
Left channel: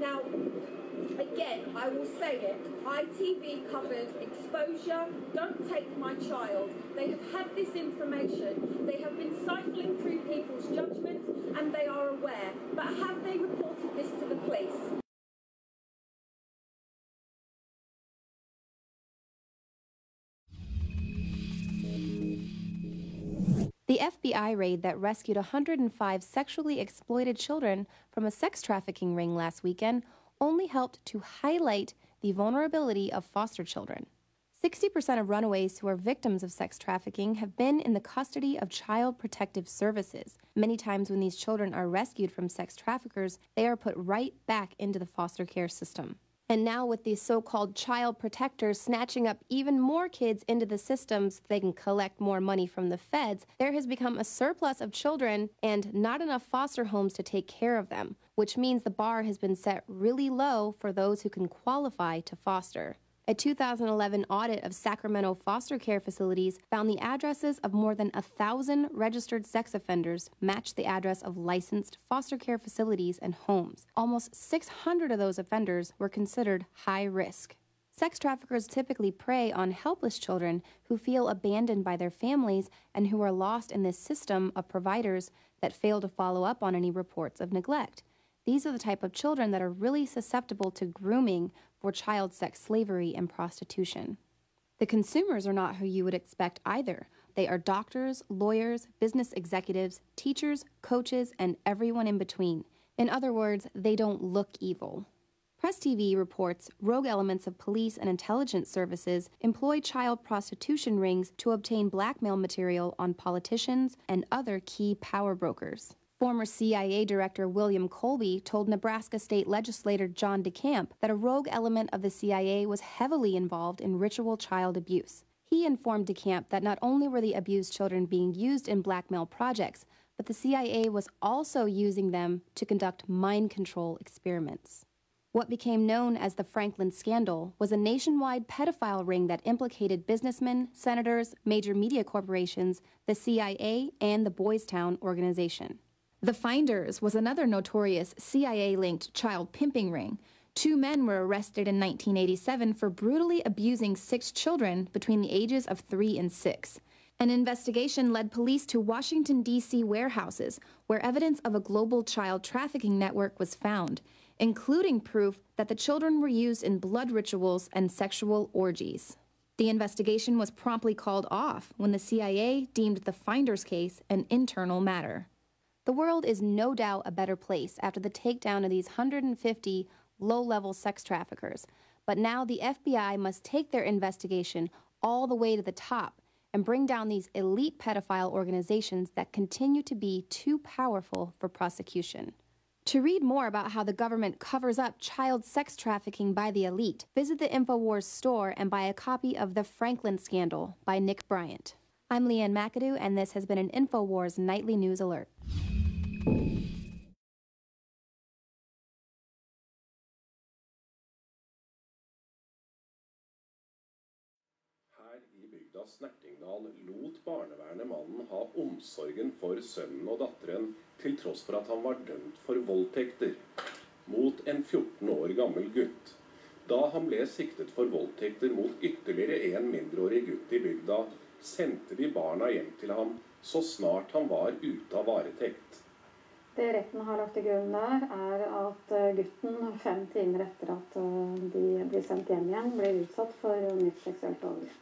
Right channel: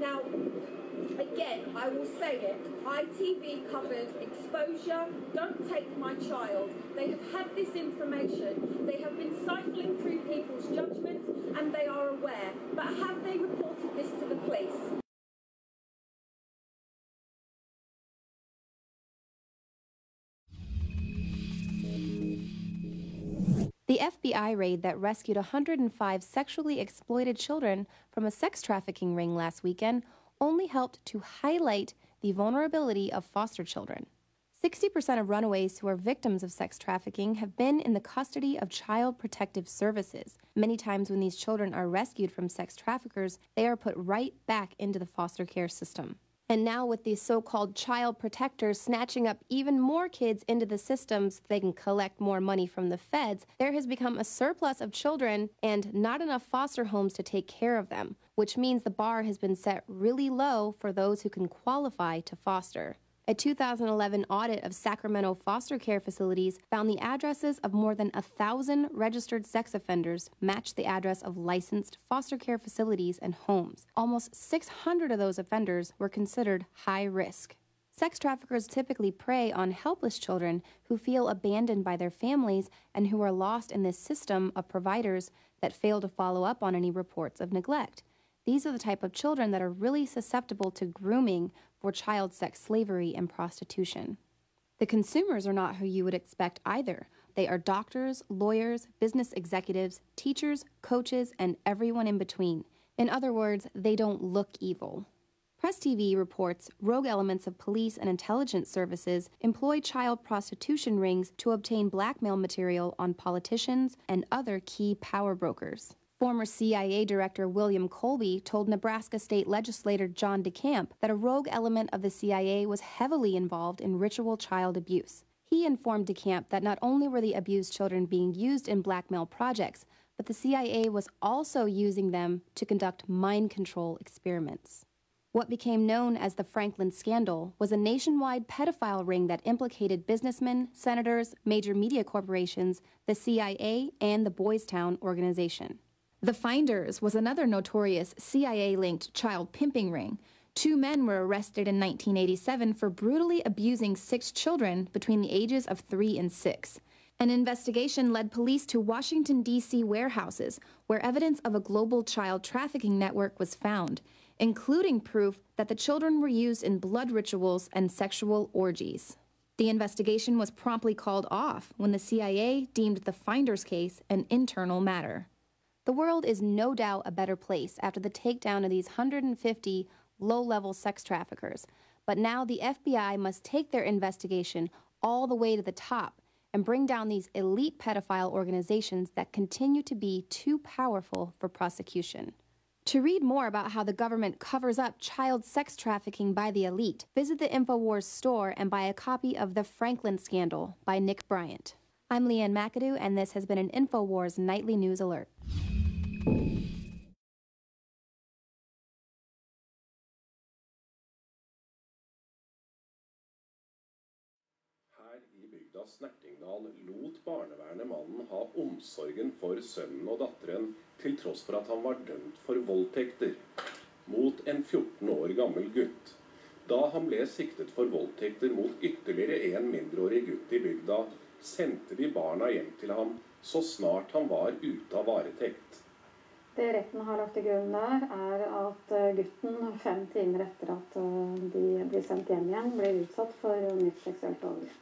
Now, Again, I will say it, ITV covered exposure, don't take my child. They have had this information, they have been siphoning through people's judgments, and they are aware. But have they reported this to the police? The FBI raid that rescued 105 sexually exploited children from a sex trafficking ring last weekend only helped to highlight the vulnerability of foster children. 60% of runaways who are victims of sex trafficking have been in the custody of Child Protective Services. Many times when these children are rescued from sex traffickers, they are put right back into the foster care system. And now with these so-called child protectors snatching up even more kids into the systems so they can collect more money from the feds, there has become a surplus of children and not enough foster homes to take care of them, which means the bar has been set really low for those who can qualify to foster. A 2011 audit of Sacramento foster care facilities found the addresses of more than 1,000 registered sex offenders matched the address of licensed foster care facilities and homes. Almost 600 of those offenders were considered high risk. Sex traffickers typically prey on helpless children who feel abandoned by their families and who are lost in this system of providers that fail to follow up on any reports of neglect. These are the type of children that are really susceptible to grooming for child sex slavery and prostitution. The consumers are not who you would expect either. They are doctors, lawyers, business executives, teachers, coaches, and everyone in between. In other words, they don't look evil. Press TV reports rogue elements of police and intelligence services employ child prostitution rings to obtain blackmail material on politicians and other key power brokers. Former CIA Director William Colby told Nebraska State Legislator John DeCamp that a rogue element of the CIA was heavily involved in ritual child abuse. He informed DeCamp that not only were the abused children being used in blackmail projects, but the CIA was also using them to conduct mind control experiments. What became known as the Franklin Scandal was a nationwide pedophile ring that implicated businessmen, senators, major media corporations, the CIA, and the Boys Town organization. The Finders was another notorious CIA-linked child pimping ring. 2 men were arrested in 1987 for brutally abusing 6 children between the ages of 3 and 6. An investigation led police to Washington, D.C. warehouses, where evidence of a global child trafficking network was found, including proof that the children were used in blood rituals and sexual orgies. The investigation was promptly called off when the CIA deemed the Finders case an internal matter. The world is no doubt a better place after the takedown of these 150 low-level sex traffickers, but now the FBI must take their investigation all the way to the top and bring down these elite pedophile organizations that continue to be too powerful for prosecution. To read more about how the government covers up child sex trafficking by the elite, visit the InfoWars store and buy a copy of The Franklin Scandal by Nick Bryant. I'm Leanne McAdoo, and this has been an InfoWars Nightly News Alert. Her i bygda Snertingdal lot barnevernet mannen ha omsorgen for sønnen og datteren, til tross for at han var dømt for voldtekter mot en 14 år gammel gutt. Da han ble siktet for voldtekter mot ytterligere en mindreårig gutt i bygda, sendte de barna hjem til ham så snart han var ute av varetekt. Det retten har lagt til grunn der, er at gutten 5 timer etter at de blir sendt hjem igjen, blir utsatt for nytt seksuelt overgrep.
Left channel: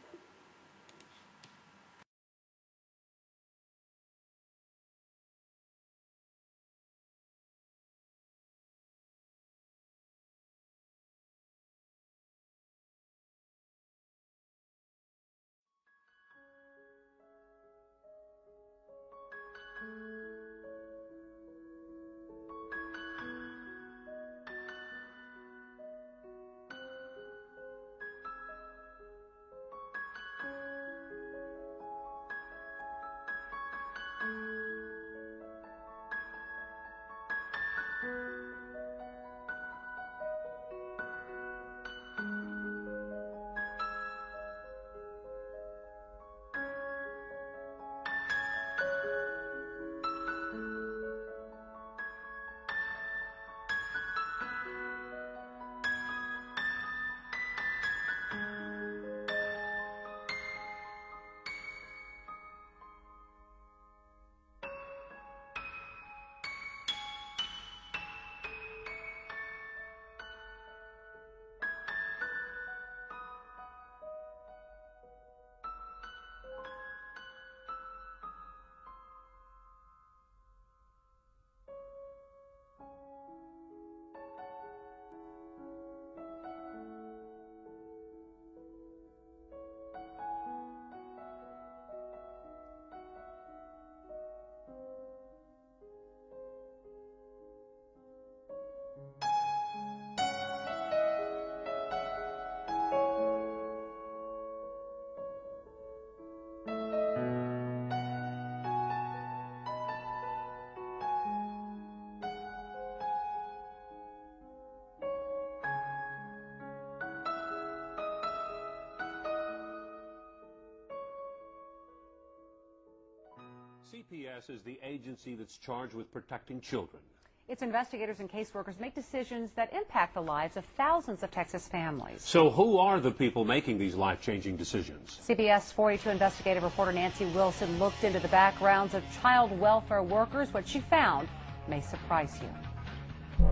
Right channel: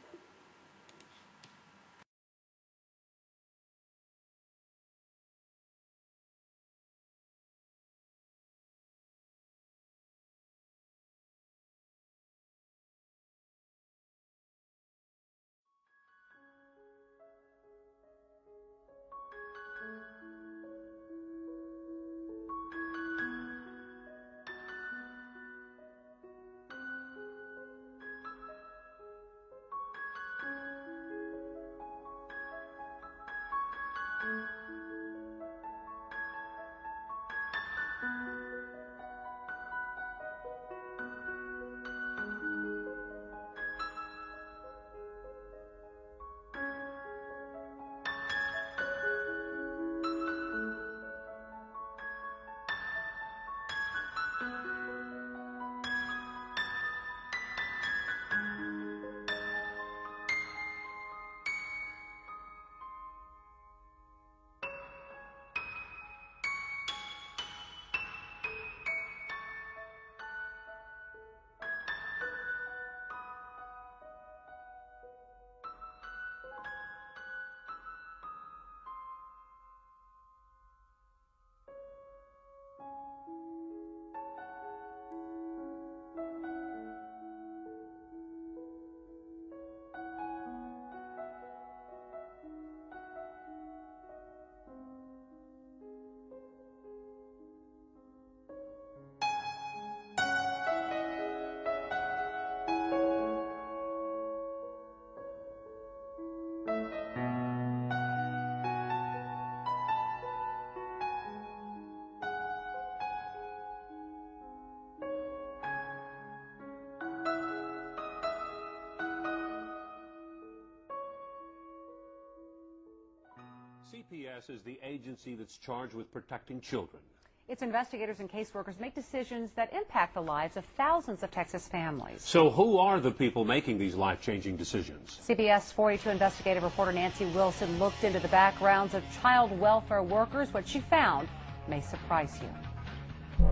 CPS is the agency that's charged with protecting children. Its investigators and caseworkers make decisions that impact the lives of thousands of Texas families. So who are the people making these life-changing decisions? CBS 42 investigative reporter Nancy Wilson looked into the backgrounds of child welfare workers. What she found may surprise you.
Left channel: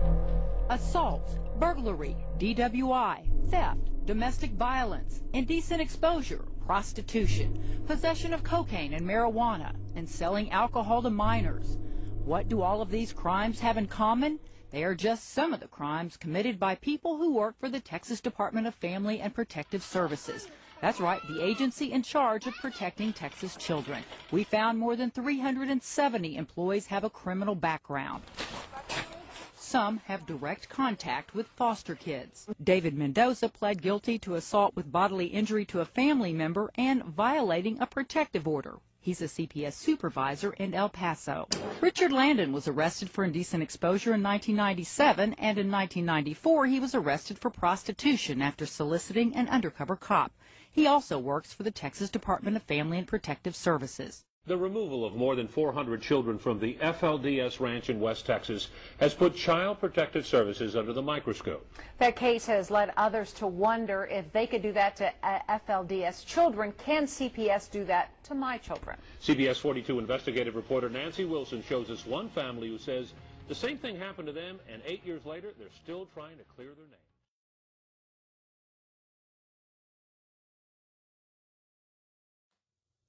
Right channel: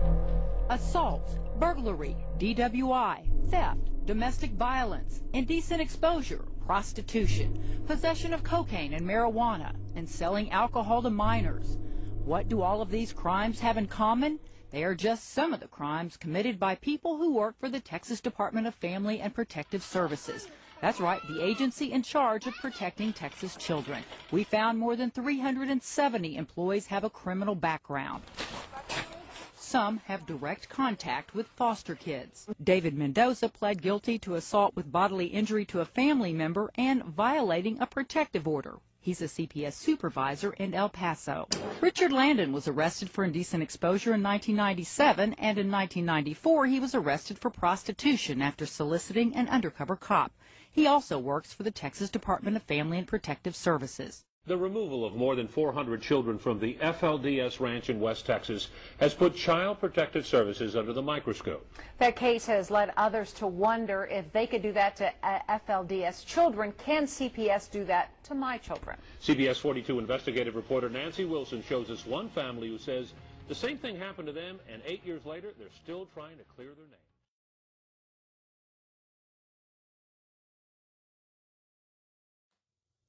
Assault, burglary, DWI, theft, domestic violence, indecent exposure, prostitution, possession of cocaine and marijuana, and selling alcohol to minors. What do all of these crimes have in common? They are just some of the crimes committed by people who work for the Texas Department of Family and Protective Services. That's right, the agency in charge of protecting Texas children. We found more than 370 employees have a criminal background. Some have direct contact with foster kids. David Mendoza pled guilty to assault with bodily injury to a family member and violating a protective order. He's a CPS supervisor in El Paso. Richard Landon was arrested for indecent exposure in 1997, and in 1994 he was arrested for prostitution after soliciting an undercover cop. He also works for the Texas Department of Family and Protective Services. The removal of more than 400 children from the FLDS ranch in West Texas has put Child Protective Services under the microscope. That case has led others to wonder if they could do that to FLDS children. Can CPS do that to my children? CBS 42 investigative reporter Nancy Wilson shows us one family who says the same thing happened to them, and 8 years later, they're still trying to clear their name.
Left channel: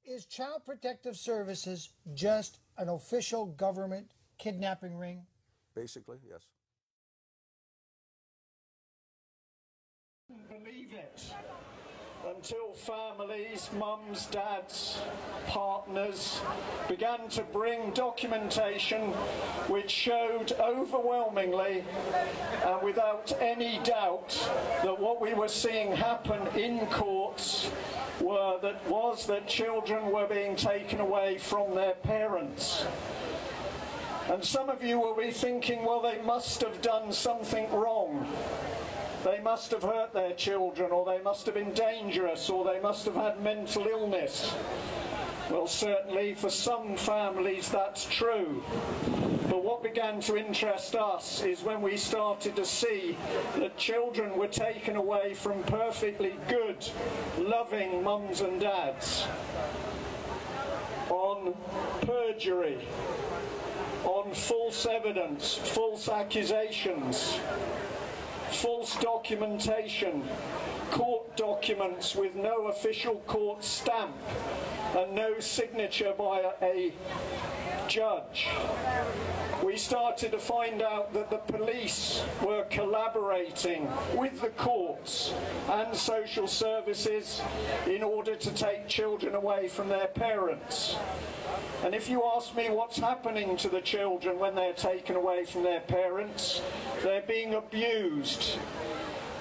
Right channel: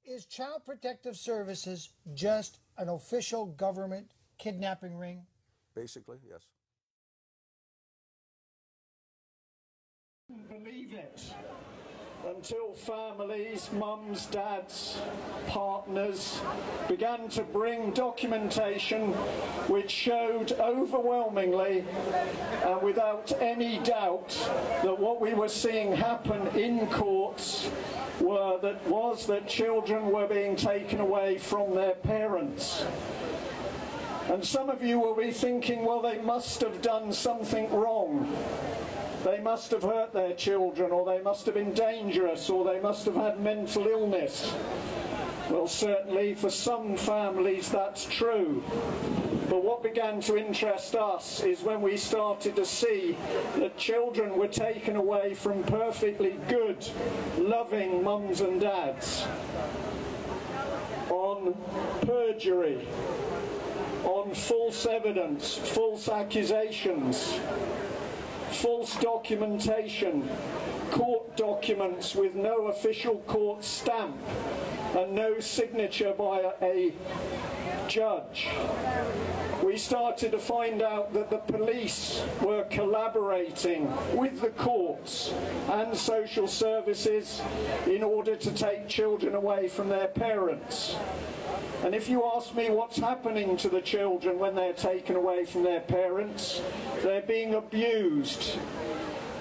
Is Child Protective Services just an official government kidnapping ring? Basically, yes. Believe it until families, mums, dads, partners began to bring documentation which showed overwhelmingly and without any doubt that what we were seeing happen in courts was that children were being taken away from their parents. And some of you will be thinking, well, they must have done something wrong. They must have hurt their children, or they must have been dangerous, or they must have had mental illness. Well, certainly for some families that's true. But what began to interest us is when we started to see that children were taken away from perfectly good, loving mums and dads on perjury, on false evidence, false accusations, false documentation, court documents with no official court stamp and no signature by a judge. We started to find out that the police were collaborating with the courts and social services in order to take children away from their parents. And if you ask me what's happening to the children when they're taken away from their parents, they're being abused.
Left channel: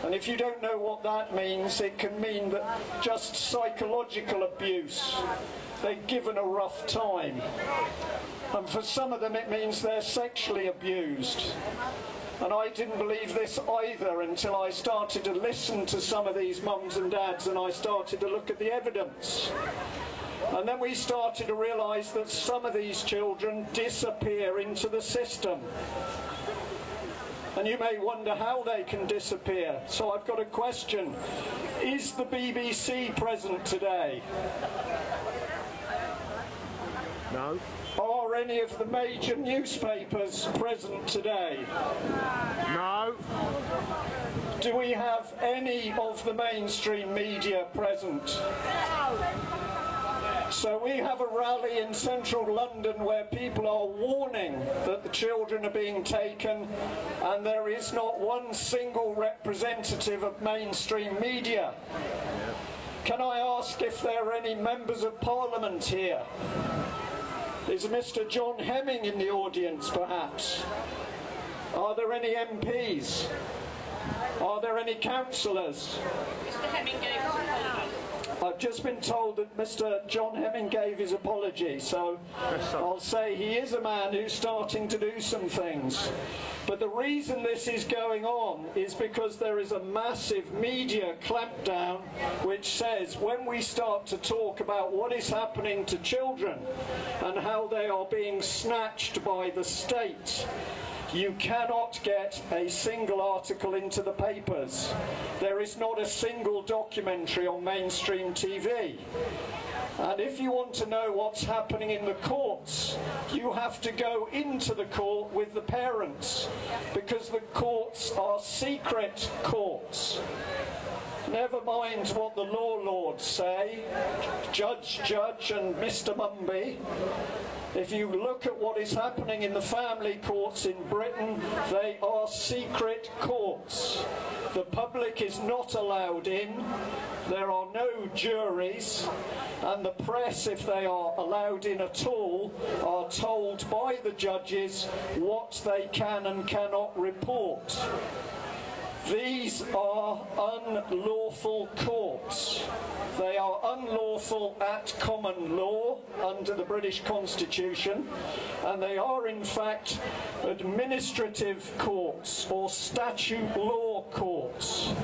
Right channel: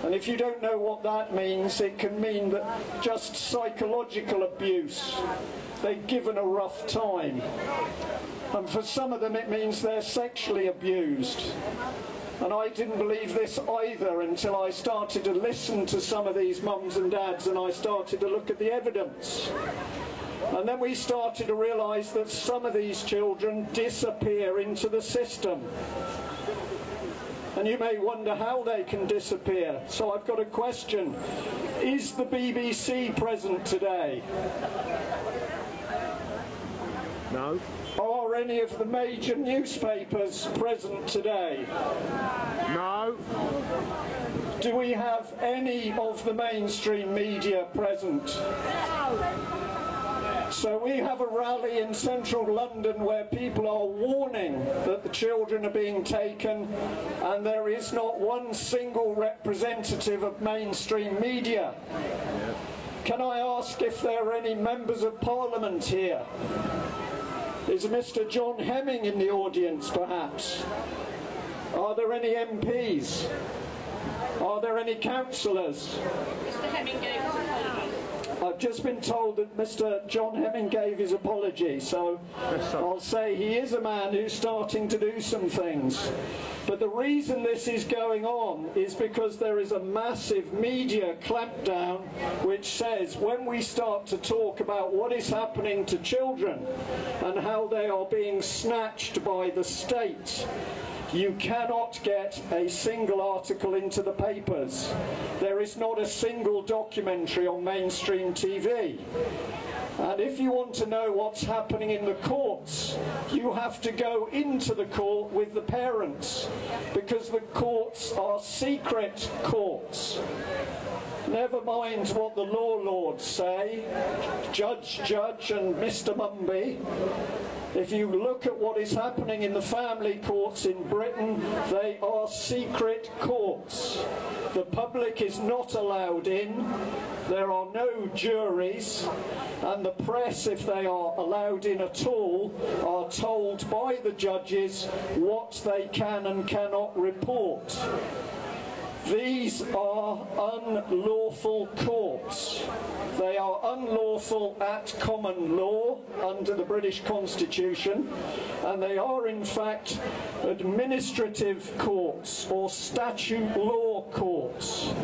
And if you don't know what that means, it can mean that just psychological abuse. They're given a rough time. And for some of them it means they're sexually abused. And I didn't believe this either until I started to listen to some of these mums and dads and I started to look at the evidence. And then we started to realise that some of these children disappear into the system. And you may wonder how they can disappear. So I've got a question. Is the BBC present today? No. Are any of the major newspapers present today? No. Do we have any of the mainstream media present? No. So we have a rally in central London where people are warning that the children are being taken, and there is not one single representative of mainstream media. Can I ask if there are any members of Parliament here? Is Mr. John Hemming in the audience, perhaps? Are there any MPs? Are there any councillors? Mr. Hemming gave us apologies. I've just been told that Mr. John Hemming gave his apology, so I'll say he is a man who's starting to do some things. But the reason this is going on is because there is a massive media clampdown which says when we start to talk about what is happening to children and how they are being snatched by the state, you cannot get a single article into the papers. There is not a single documentary on mainstream TV. And if you want to know what's happening in the courts, you have to go into the court with the parents, because the courts are secret courts. Never mind what the law lords say, Judge and Mr. Mumby. If you look at what is happening in the family courts in Britain, they are secret courts. The public is not allowed in, there are no juries, and the press, if they are allowed in at all, are told by the judges what they can and cannot report. These are unlawful courts. They are unlawful at common law under the British Constitution, and they are in fact administrative courts or statute law courts.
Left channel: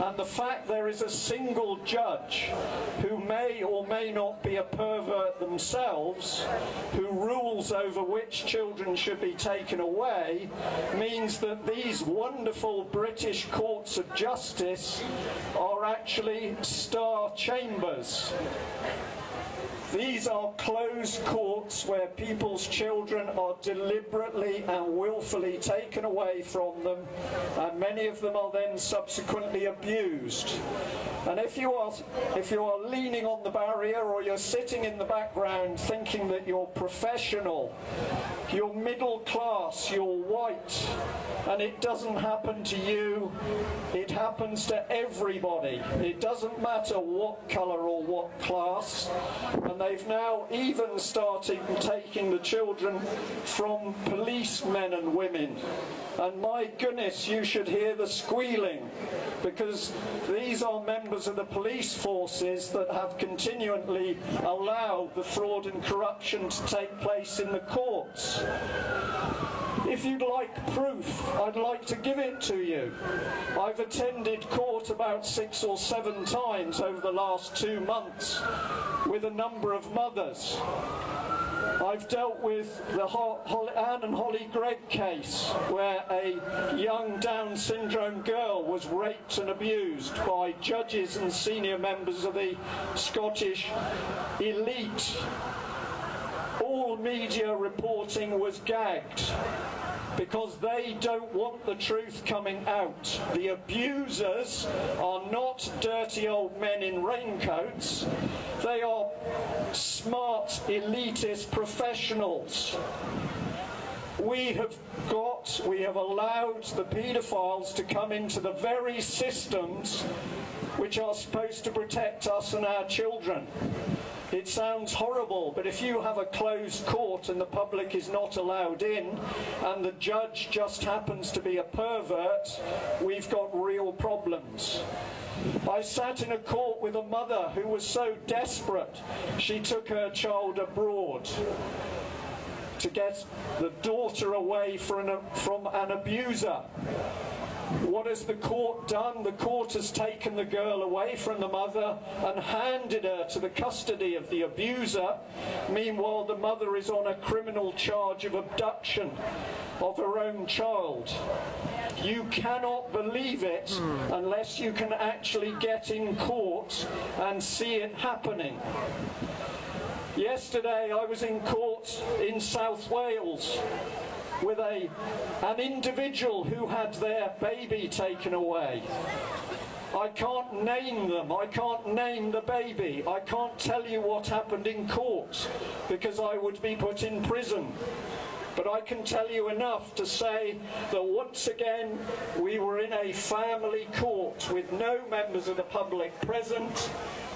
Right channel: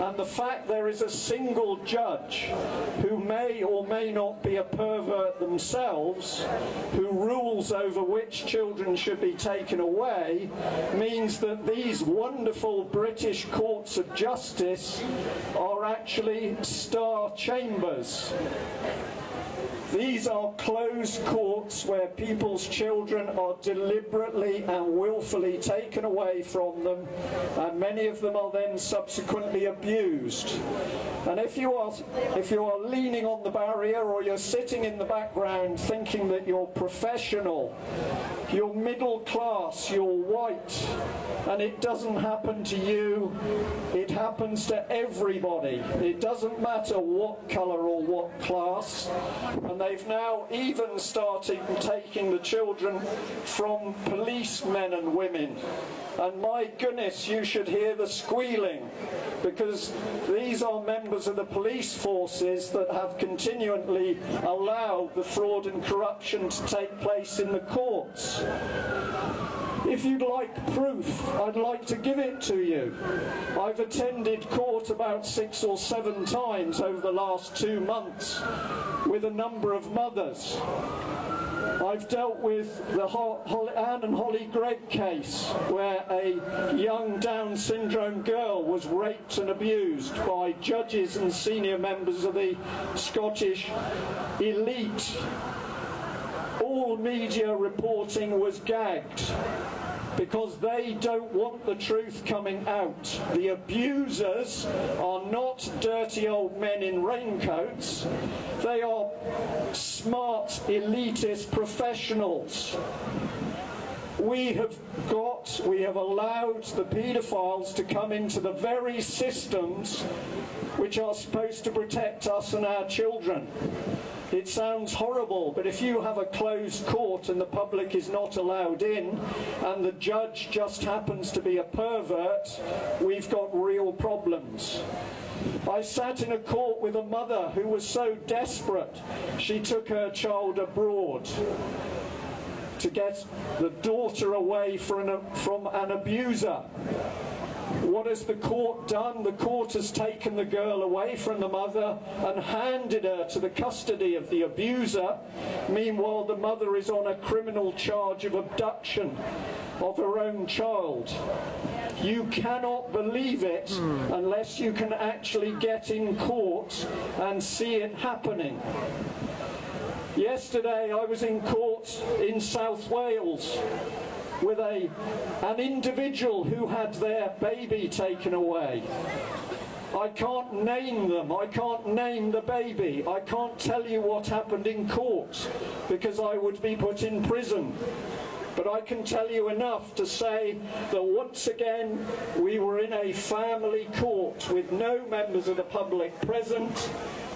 And the fact there is a single judge who may or may not be a pervert themselves, who rules over which children should be taken away, means that these wonderful British courts of justice are actually star chambers. These are closed courts where people's children are deliberately and willfully taken away from them, and many of them are then subsequently abused. And if you are leaning on the barrier, or you're sitting in the background thinking that you're professional, you're middle class, you're white, and it doesn't happen to you, it happens to everybody. It doesn't matter what colour or what class. And they've now even started taking the children from policemen and women. And my goodness, you should hear the squealing, because these are members of the police forces that have continually allowed the fraud and corruption to take place in the courts. If you'd like proof, I'd like to give it to you. I've attended court about 6 or 7 times over the last 2 months with a number of mothers. I've dealt with the Anne and Holly Gregg case, where a young Down syndrome girl was raped and abused by judges and senior members of the Scottish elite. All media reporting was gagged because they don't want the truth coming out. The abusers are not dirty old men in raincoats. They are smart, elitist professionals. We have allowed the paedophiles to come into the very systems which are supposed to protect us and our children. It sounds horrible, but if you have a closed court and the public is not allowed in, and the judge just happens to be a pervert, we've got real problems. I sat in a court with a mother who was so desperate, she took her child abroad to get the daughter away from an abuser. What has the court done? The court has taken the girl away from the mother and handed her to the custody of the abuser. Meanwhile, the mother is on a criminal charge of abduction of her own child. You cannot believe it unless you can actually get in court and see it happening. Yesterday I was in court in South Wales with an individual who had their baby taken away. I can't name them, I can't name the baby, I can't tell you what happened in court because I would be put in prison. But I can tell you enough to say that once again we were in a family court with no members of the public present,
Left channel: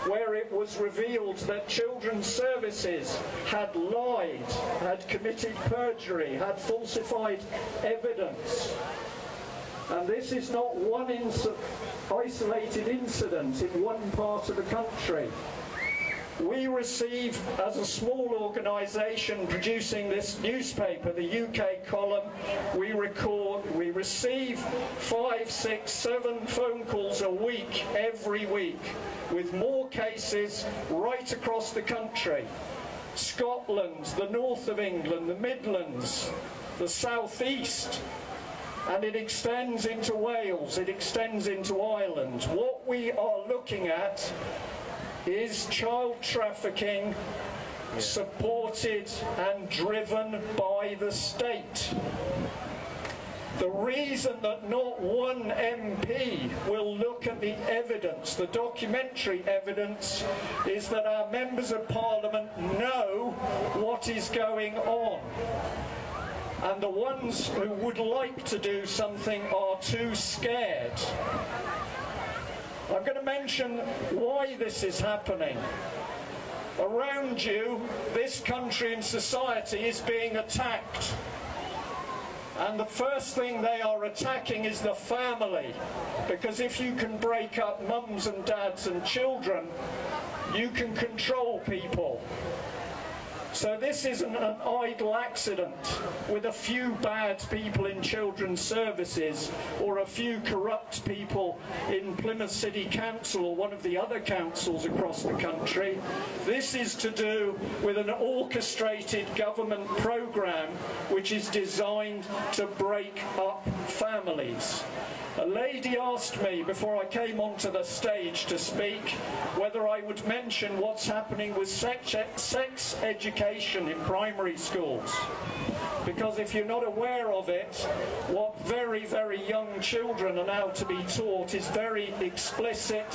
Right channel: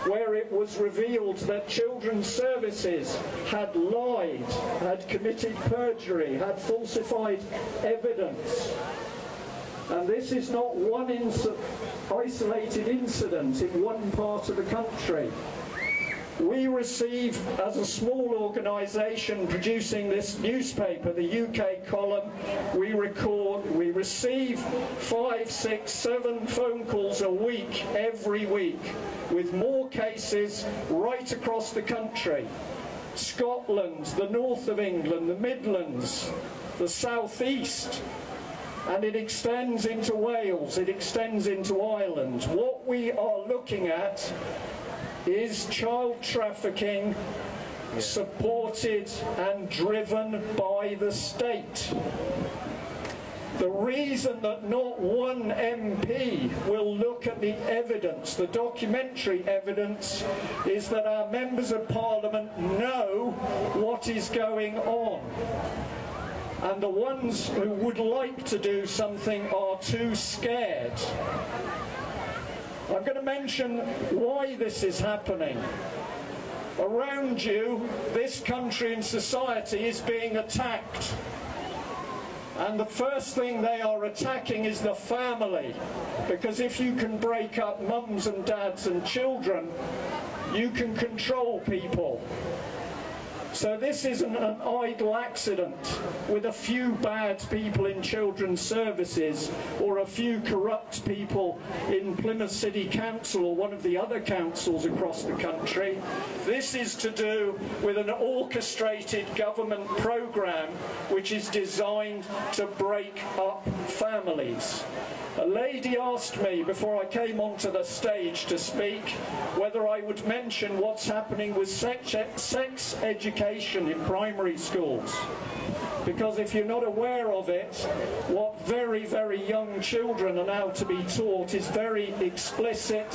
where it was revealed that Children's Services had lied, had committed perjury, had falsified evidence. And this is not one isolated incident in one part of the country. We receive, as a small organisation producing this newspaper, the UK column, we receive 5, 6, 7 phone calls a week, every week, with more cases right across the country. Scotland, the north of England, the Midlands, the South East, and it extends into Wales, it extends into Ireland. What we are looking at is child trafficking supported and driven by the state. The reason that not one MP will look at the evidence, the documentary evidence, is that our members of Parliament know what is going on. And the ones who would like to do something are too scared. I'm going to mention why this is happening. Around you, this country and society is being attacked. And the first thing they are attacking is the family. Because if you can break up mums and dads and children, you can control people. So this isn't an idle accident with a few bad people in children's services or a few corrupt people in Plymouth City Council or one of the other councils across the country. This is to do with an orchestrated government programme which is designed to break up families. A lady asked me before I came onto the stage to speak whether I would mention what's happening with sex education in primary schools. Because if you're not aware of it, what very, very young children are now to be taught is very explicit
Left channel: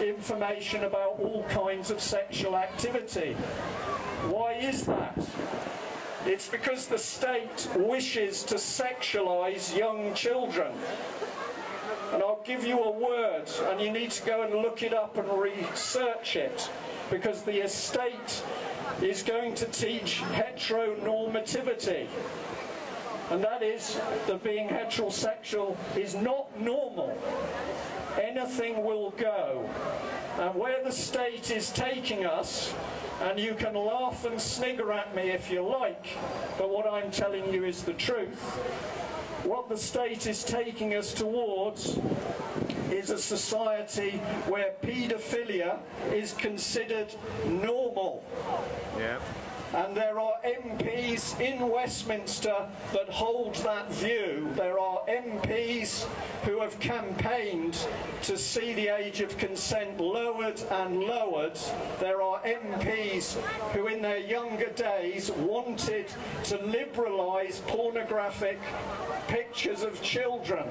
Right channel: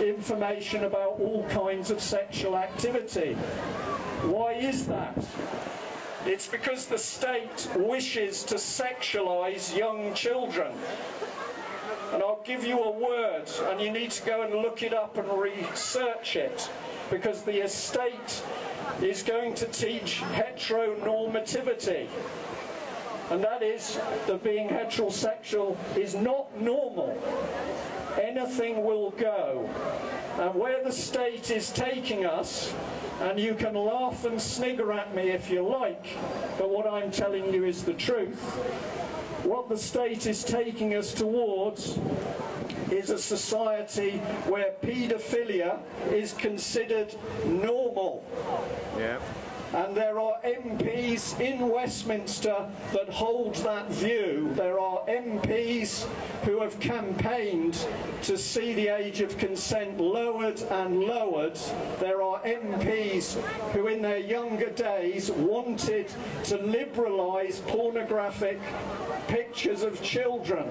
information about all kinds of sexual activity. Why is that? It's because the state wishes to sexualize young children. And I'll give you a word, and you need to go and look it up and research it, because the estate is going to teach heteronormativity. And that is that being heterosexual is not normal. Anything will go. And where the state is taking us, and you can laugh and snigger at me if you like, but what I'm telling you is the truth. What the state is taking us towards is a society where paedophilia is considered normal. Yeah. And there are MPs in Westminster that hold that view. There are MPs who have campaigned to see the age of consent lowered and lowered. There are MPs who in their younger days wanted to liberalise pornographic pictures of children.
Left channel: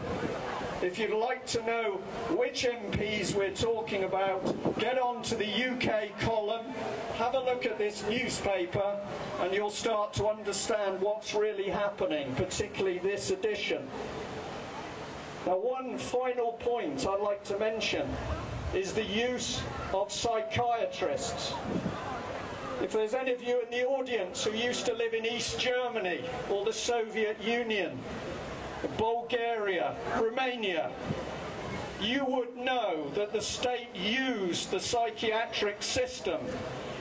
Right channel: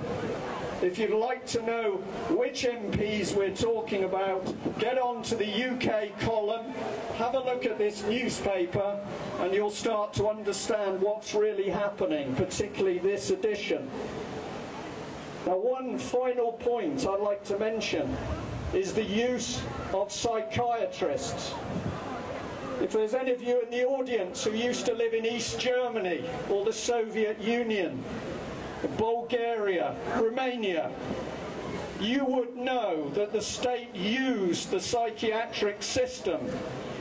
If you'd like to know which MPs we're talking about, get on to the UK column, have a look at this newspaper, and you'll start to understand what's really happening, particularly this edition. Now, one final point I'd like to mention is the use of psychiatrists. If there's any of you in the audience who used to live in East Germany or the Soviet Union, Bulgaria, Romania, you would know that the state used the psychiatric system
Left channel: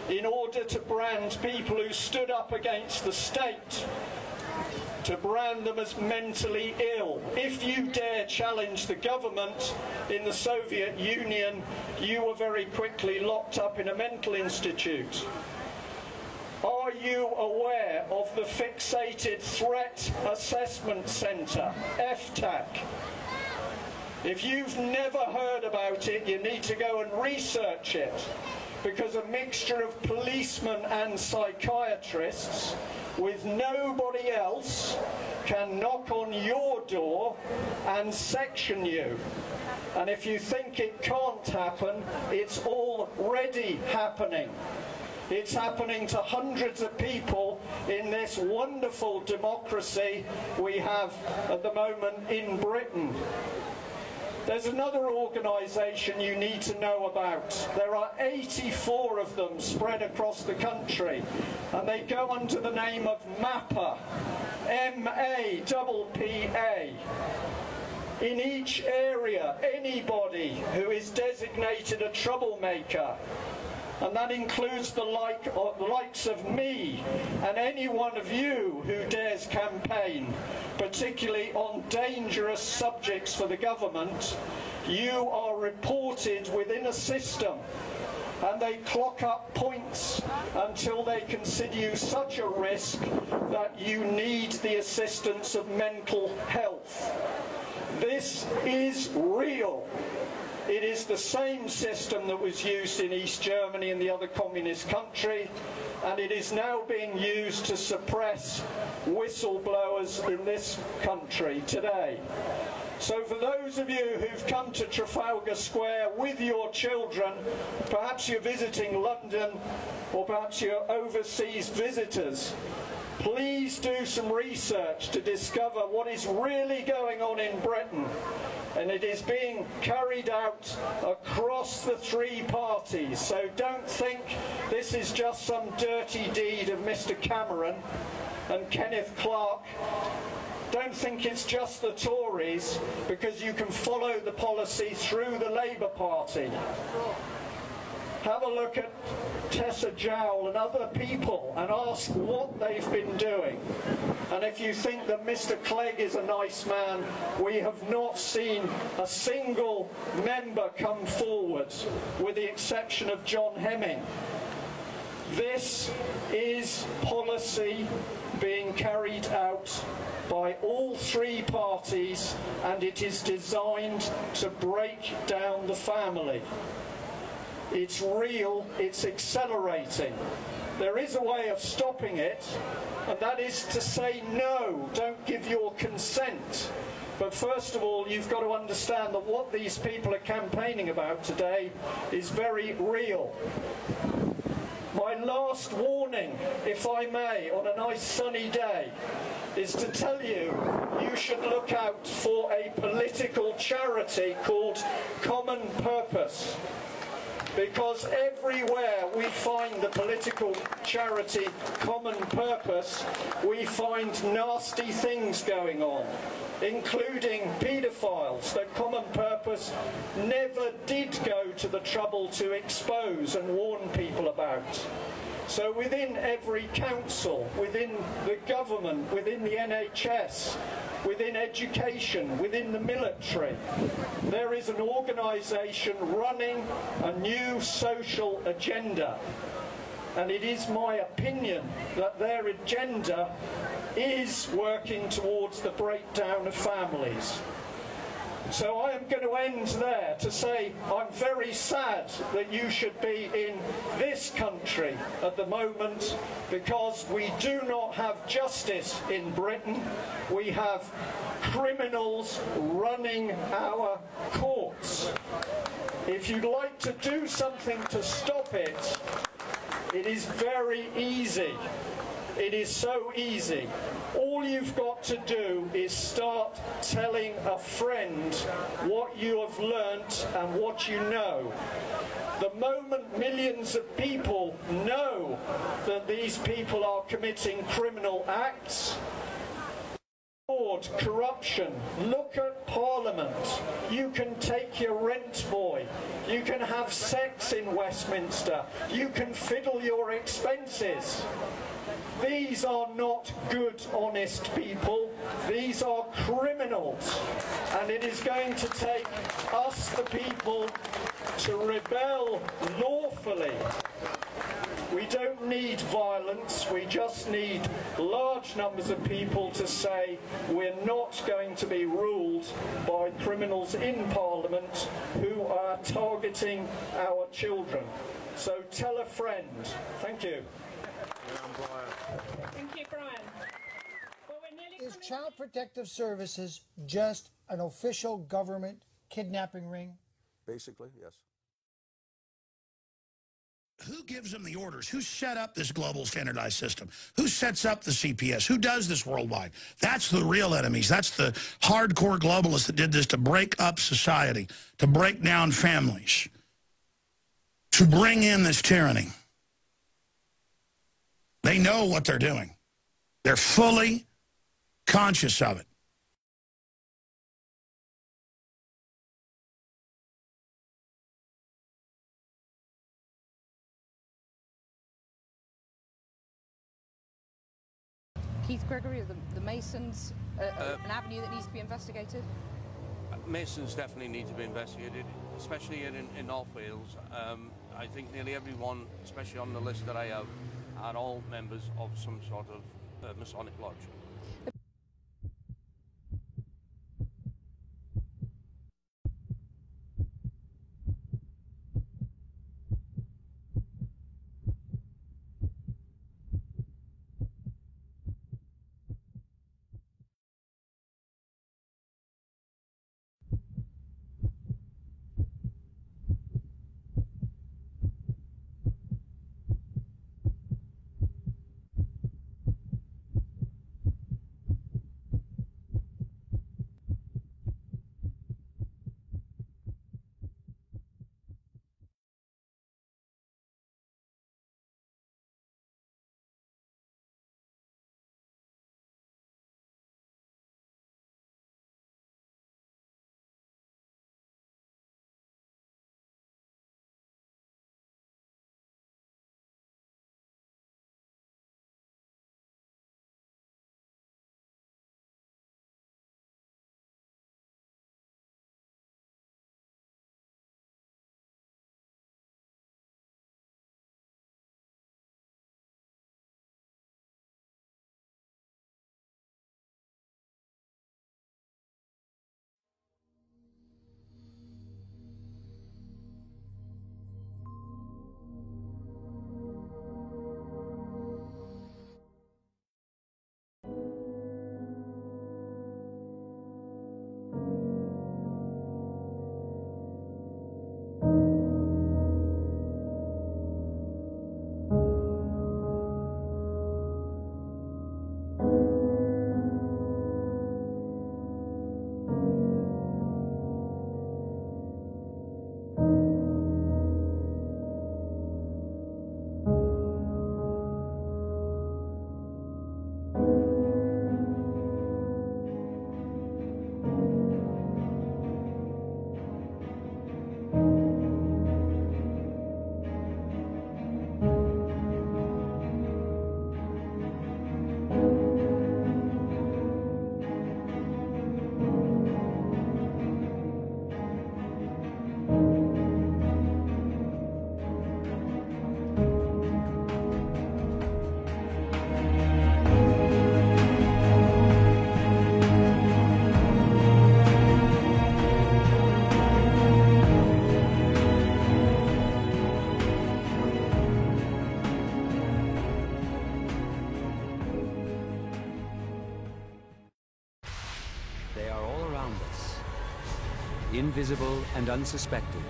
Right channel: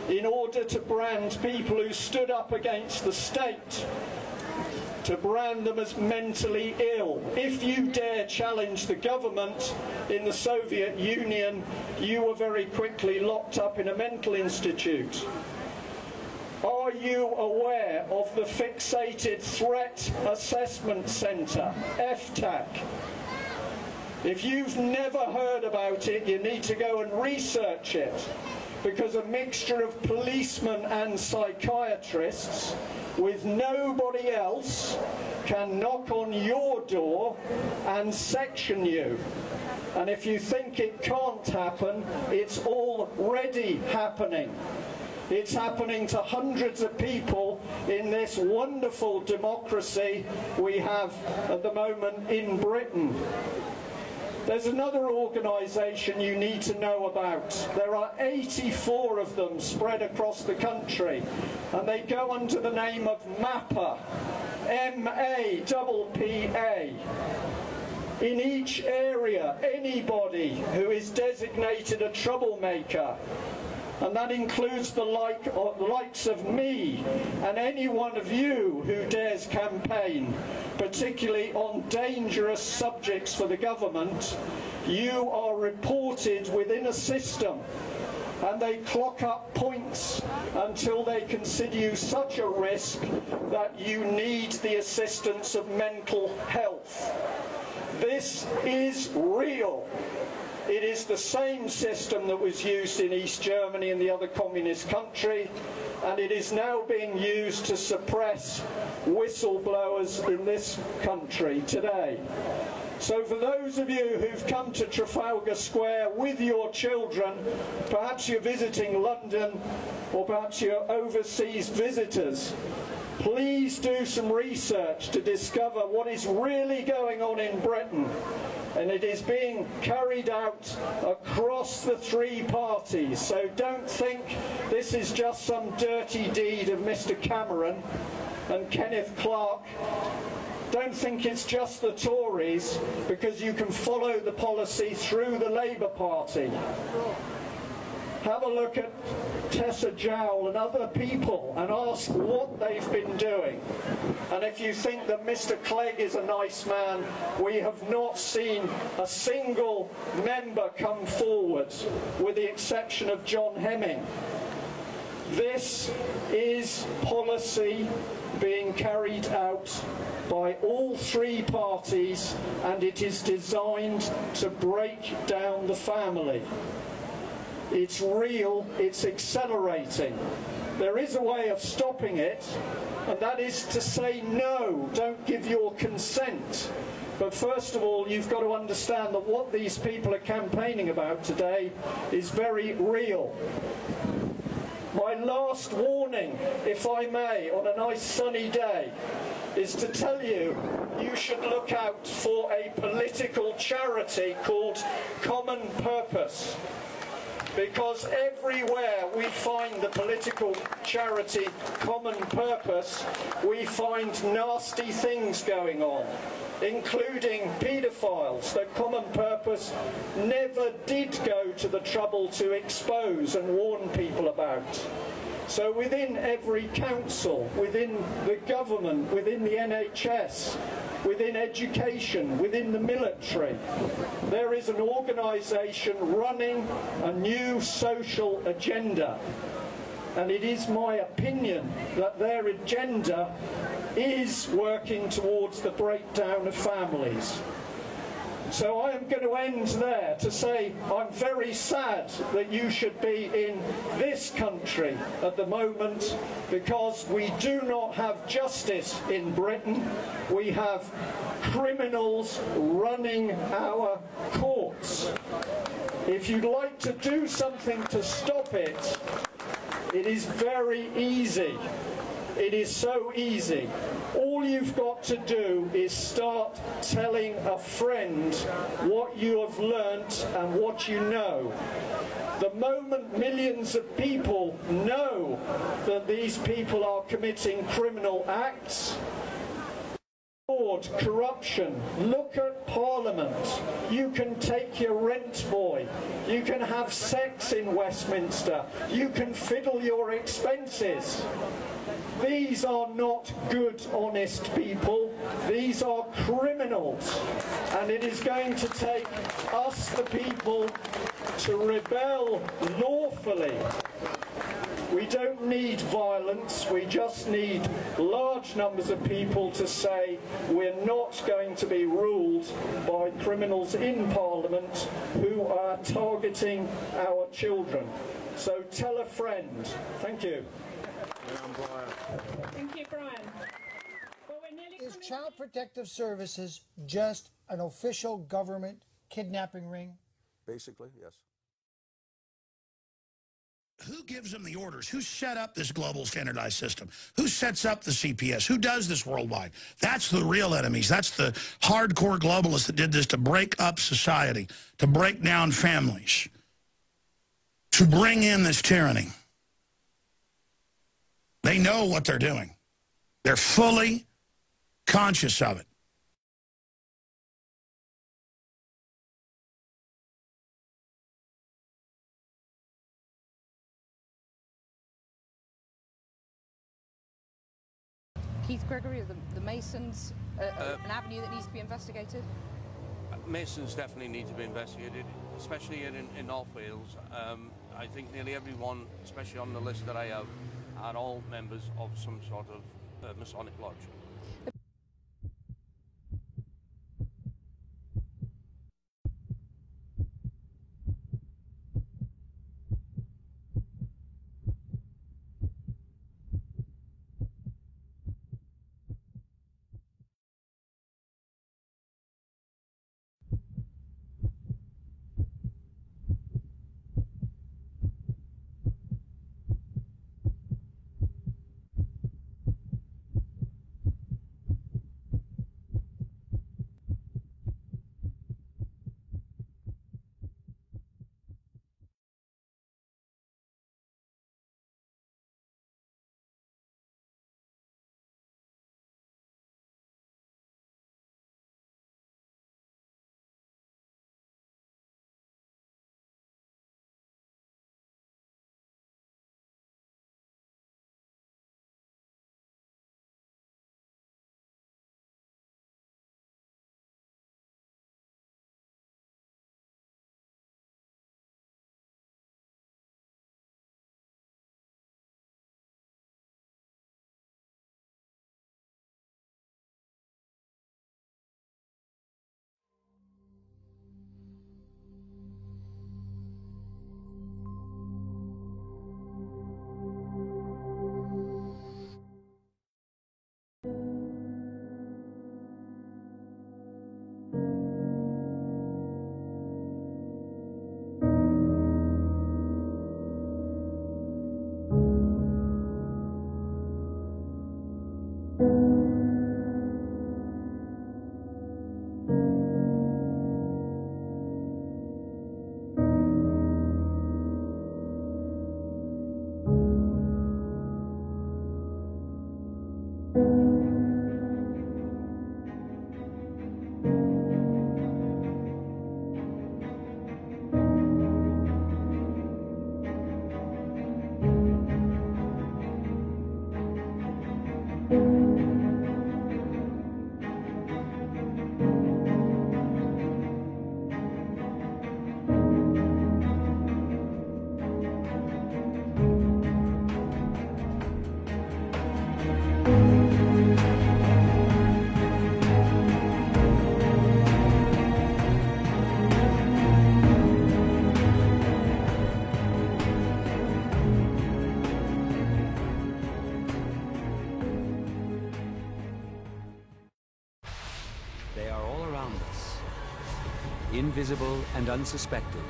in order to brand people who stood up against the state, to brand them as mentally ill. If you dare challenge the government in the Soviet Union, you were very quickly locked up in a mental institute. Are you aware of the Fixated Threat Assessment Centre, FTAC? If you've never heard about it, you need to go and research it, because a mixture of policemen and psychiatrists with nobody else can knock on your door and section you. And if you think it can't happen, it's already happening. It's happening to hundreds of people in this wonderful democracy we have at the moment in Britain. There's another organisation you need to know about. There are 84 of them spread across the country, and they go under the name of MAPPA, M-A-P-P-A. In each area, anybody who is designated a troublemaker, and that includes the likes of me and any one of you who dares campaign, particularly on dangerous subjects for the government, you are reported within a system, and they clock up points until they consider you such a risk that you need the assistance of mental health. This is real. It is the same system that was used in East Germany and the other communist country, and it is now being used to suppress whistleblowers in this country today. So for those of you who've come to Trafalgar Square with your children, perhaps you're visiting London or perhaps you're overseas visitors, please do some research to discover what is really going on in Britain. And it is being carried out across the three parties. So don't think this is just some dirty deed of Mr. Cameron and Kenneth Clarke. Don't think it's just the Tories, because you can follow the policy through the Labour Party. Have a look at Tessa Jowell and other people and ask what they've been doing. And if you think that Mr. Clegg is a nice man, we have not seen a single member come forward, with the exception of John Hemming. This is policy being carried out by all three parties, and it is designed to break down the family. It's real, it's accelerating. There is a way of stopping it, and that is to say no, don't give your consent. But first of all, you've got to understand that what these people are campaigning about today is very real. My last warning, if I may, on a nice sunny day, is to tell you, you should look out for a political charity called Common Purpose. Because everywhere we find the political charity Common Purpose, we find nasty things going on, including paedophiles that Common Purpose never did go to the trouble to expose and warn people about. So within every council, within the government, within the NHS, within education, within the military, there is an organisation running a new social agenda. And it is my opinion that their agenda is working towards the breakdown of families. So I am going to end there to say I'm very sad that you should be in this country at the moment, because we do not have justice in Britain. We have criminals running our courts. If you'd like to do something to stop it, it is very easy. It is so easy. All you've got to do is start telling a friend what you have learnt and what you know. The moment millions of people know that these people are committing criminal acts, fraud, corruption, look at Parliament. You can take your rent boy. You can have sex in Westminster. You can fiddle your expenses. These are not good, honest people. These are criminals. And it is going to take us, the people, to rebel lawfully. We don't need violence. We just need large numbers of people to say we're not going to be ruled by criminals in Parliament who are targeting our children. So tell a friend. Thank you. Thank you, Brian. Is Child Protective Services just an official government kidnapping ring? Basically, yes. Who gives them the orders? Who set up this global standardized system? Who sets up the CPS? Who does this worldwide? That's the real enemies. That's the hardcore globalists that did this to break up society, to break down families, to bring in this tyranny. They know what they're doing. They're fully conscious of it. Keith Gregory, are the Masons an avenue that needs to be investigated? Masons definitely need to be investigated, especially in North Wales. I think nearly everyone, especially on the list that I have, are all members of some sort of Masonic lodge. They are all around us, invisible and unsuspected.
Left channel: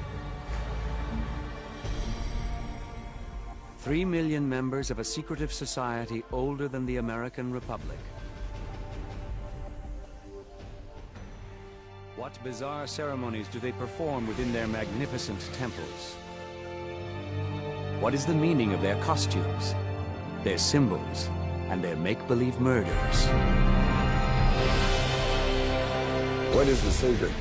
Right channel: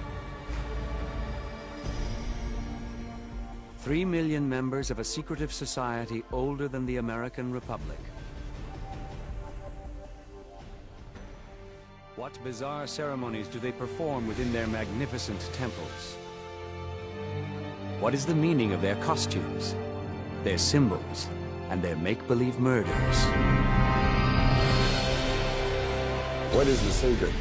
3 million members of a secretive society older than the American Republic. What bizarre ceremonies do they perform within their magnificent temples? What is the meaning of their costumes, their symbols, and their make-believe murders? What is the secret?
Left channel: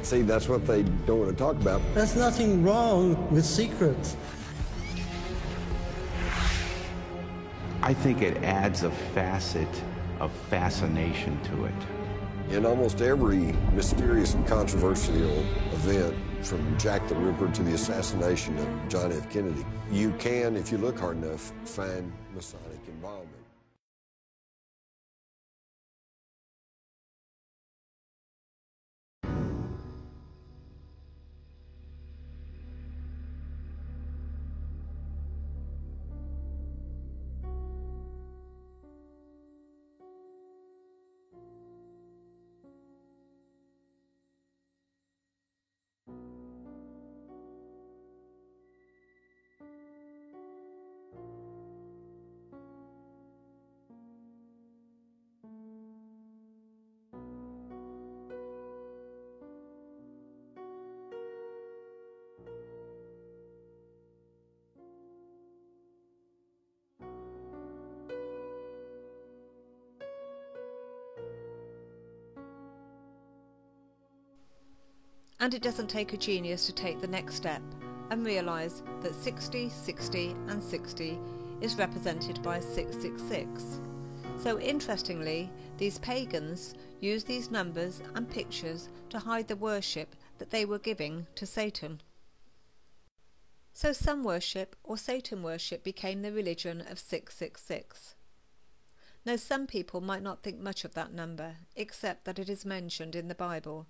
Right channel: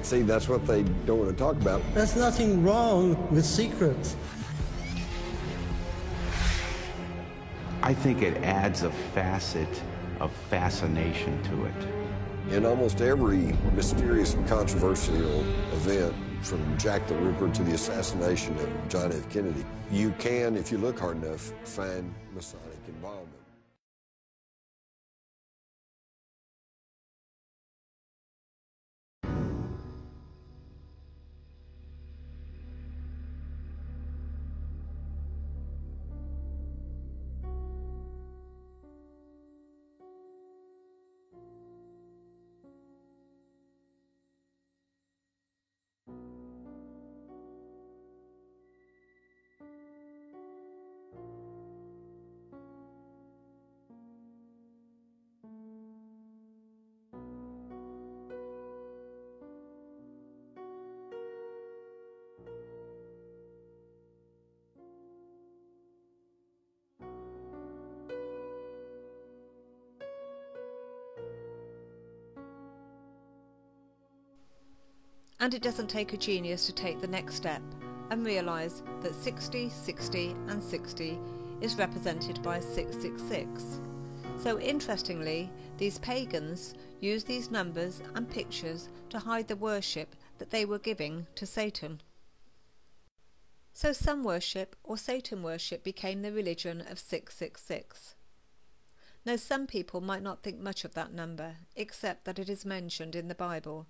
See, that's what they don't want to talk about. There's nothing wrong with secrets. I think it adds a facet of fascination to it. In almost every mysterious and controversial event, from Jack the Ripper to the assassination of John F. Kennedy, you can, if you look hard enough, find Masonic involvement. And it doesn't take a genius to take the next step and realise that 60, 60 and 60 is represented by 666. So interestingly, these pagans used these numbers and pictures to hide the worship that they were giving to Satan. So sun worship or Satan worship became the religion of 666. Now some people might not think much of that number, except that it is mentioned in the Bible.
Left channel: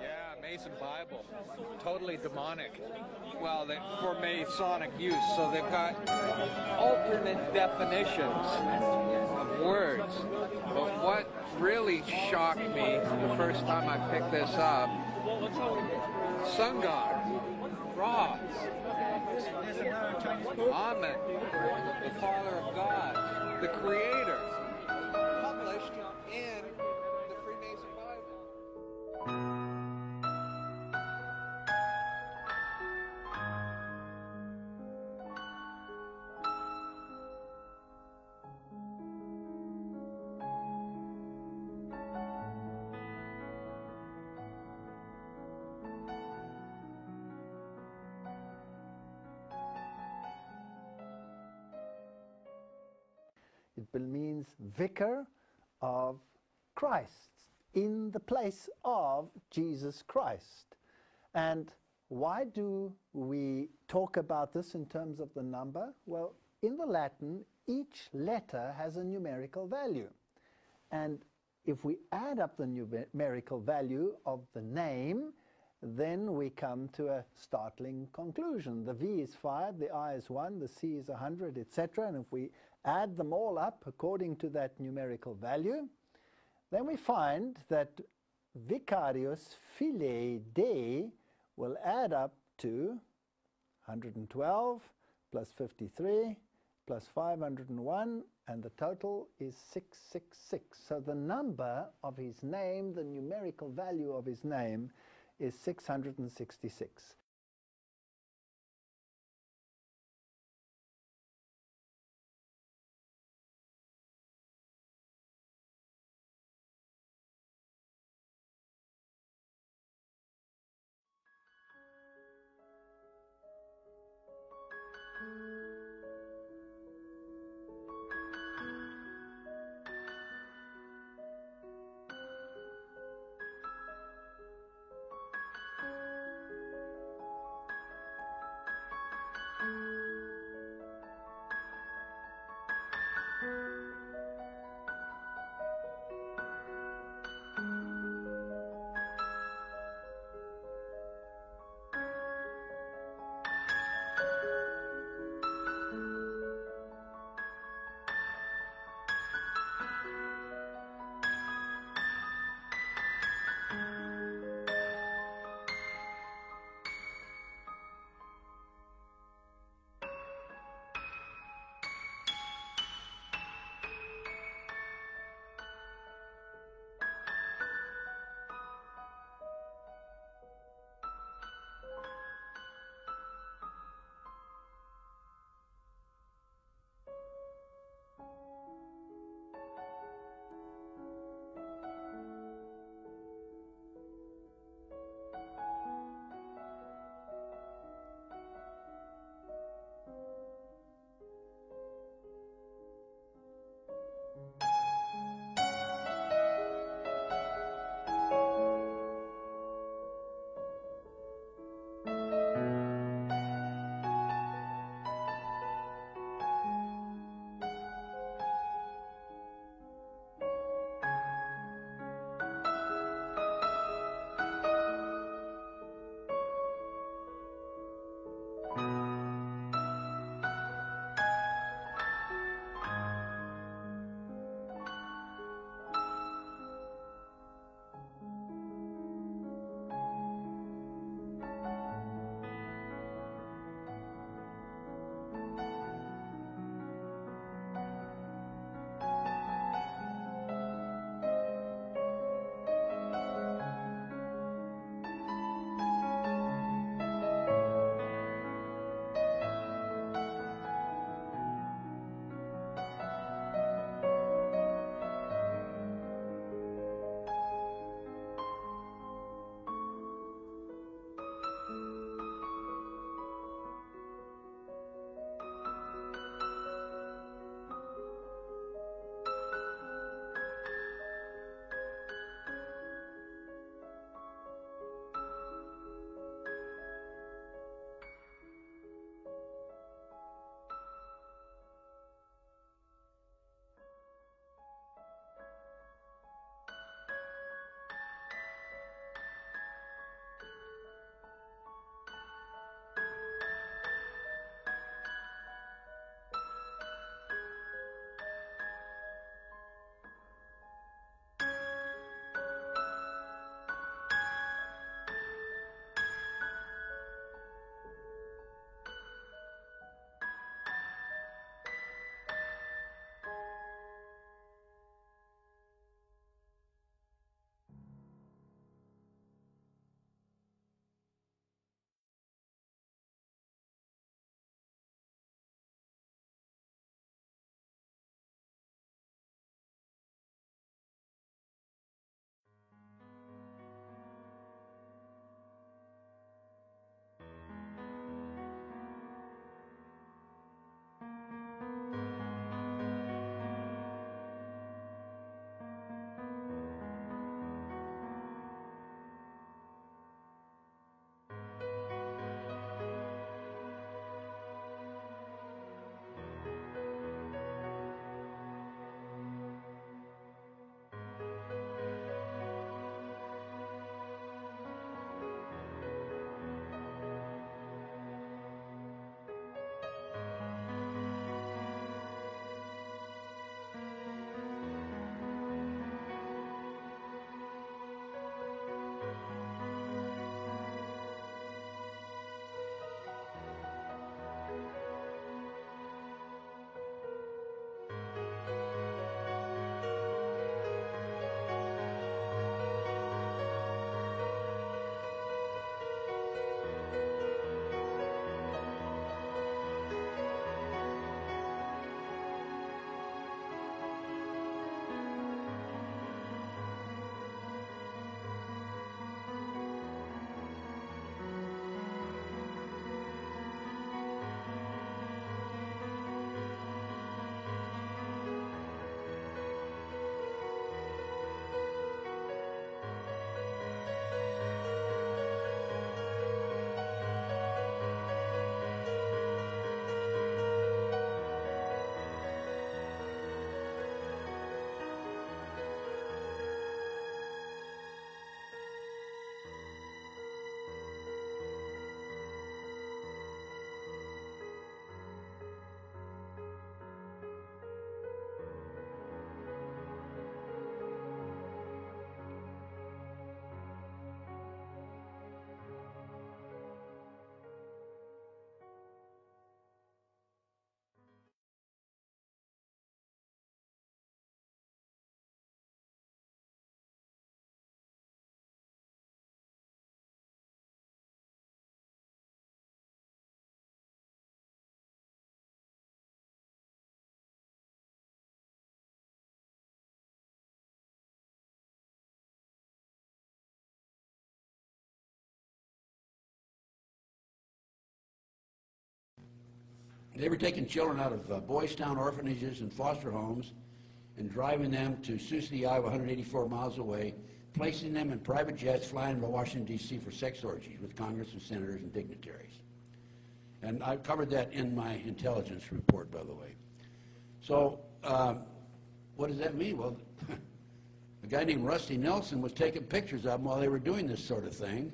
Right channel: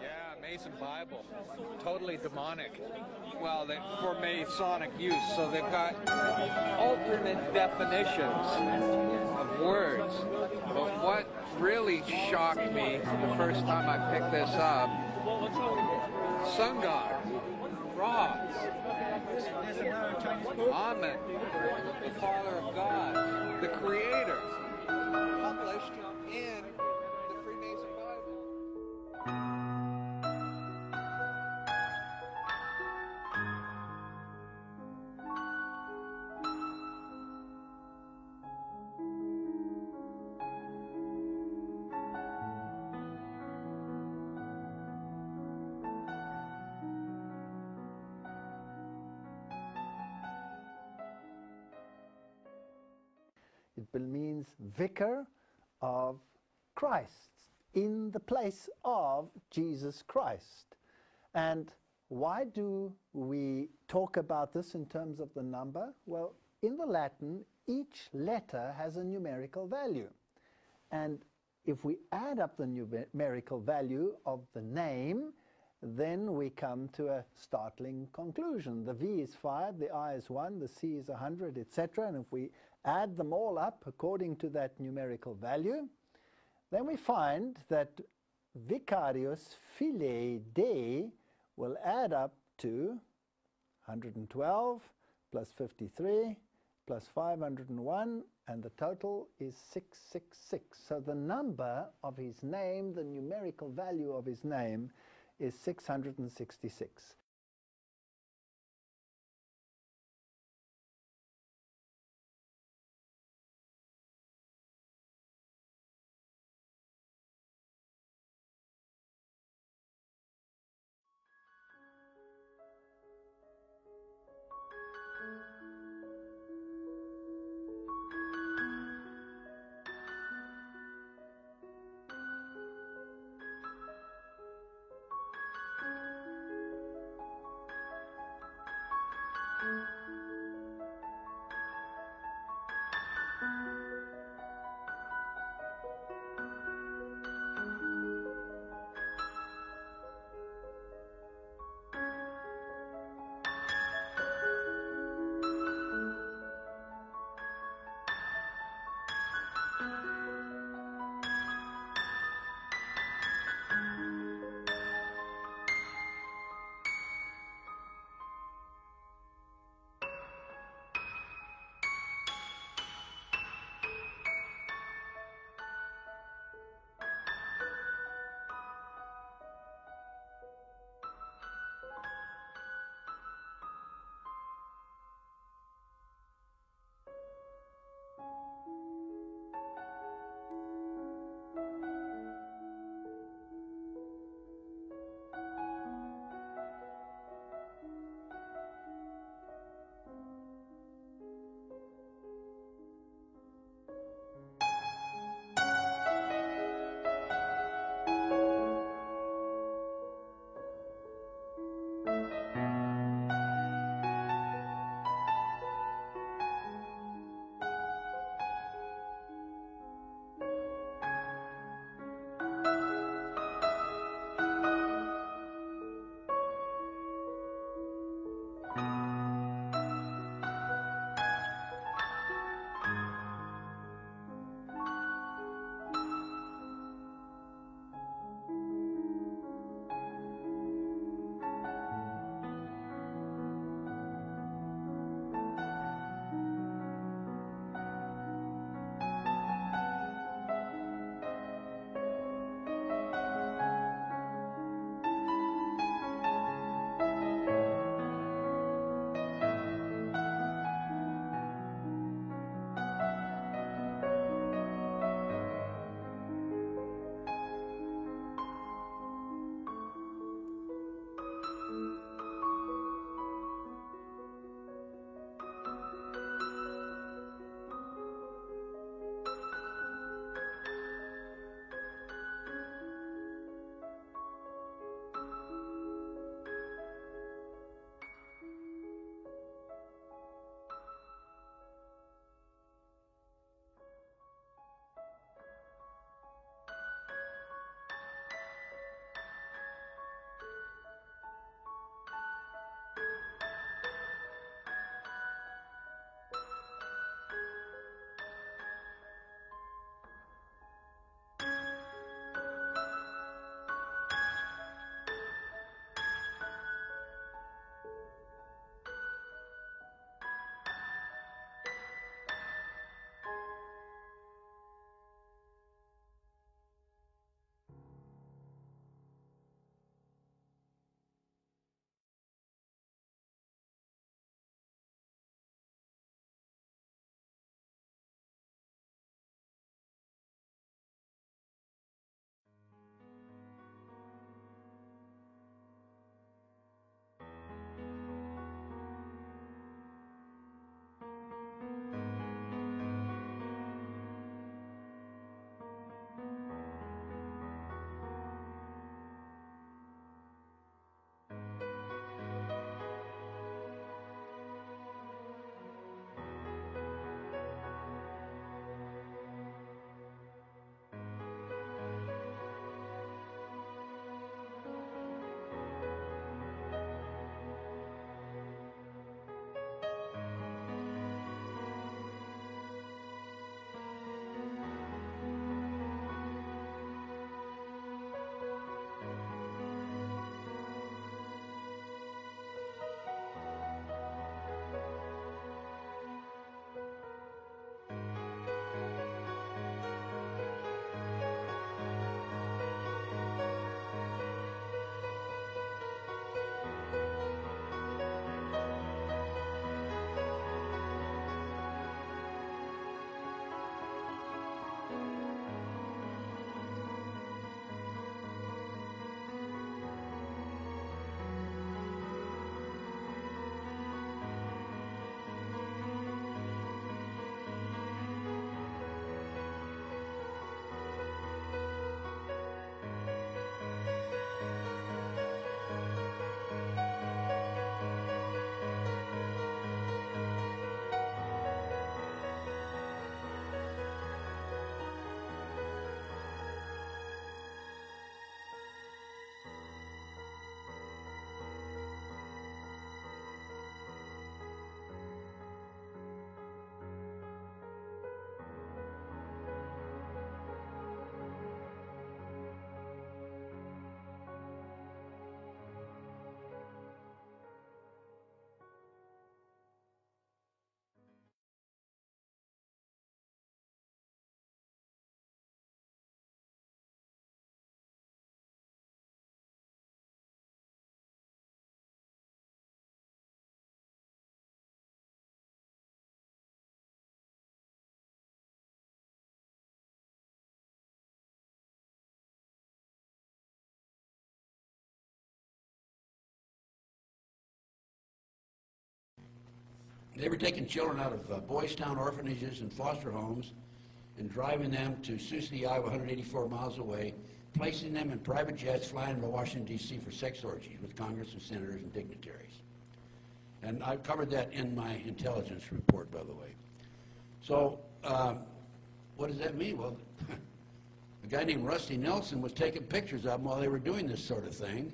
Yeah, Mason Bible, totally demonic. Well, for Masonic use, so they've got alternate definitions of words. But what really shocked me the first time I picked this up, sun god, Ra, Amen, the Father of God, the Creator, published in the Freemason Bible. means vicar of Christ, in the place of Jesus Christ. And why do we talk about this in terms of the number? Well, in the Latin, each letter has a numerical value. And if we add up the numerical value of the name, then we come to a startling conclusion. The V is 5, the I is 1, the C is 100, etc. And if we add them all up according to that numerical value, then we find that Vicarius Filii Dei will add up to 112 plus 53 plus 501, and the total is 666. So the number of his name, the numerical value of his name, is 666. They were taking children out of Boys Town orphanages and foster homes and driving them to Sioux City, Iowa, 184 miles away, placing them in private jets, flying them to Washington, D.C. for sex orgies with Congress and senators and dignitaries. And I've covered that in my intelligence report, by the way. So what does that mean? Well, a guy named Rusty Nelson was taking pictures of them while they were doing this sort of thing.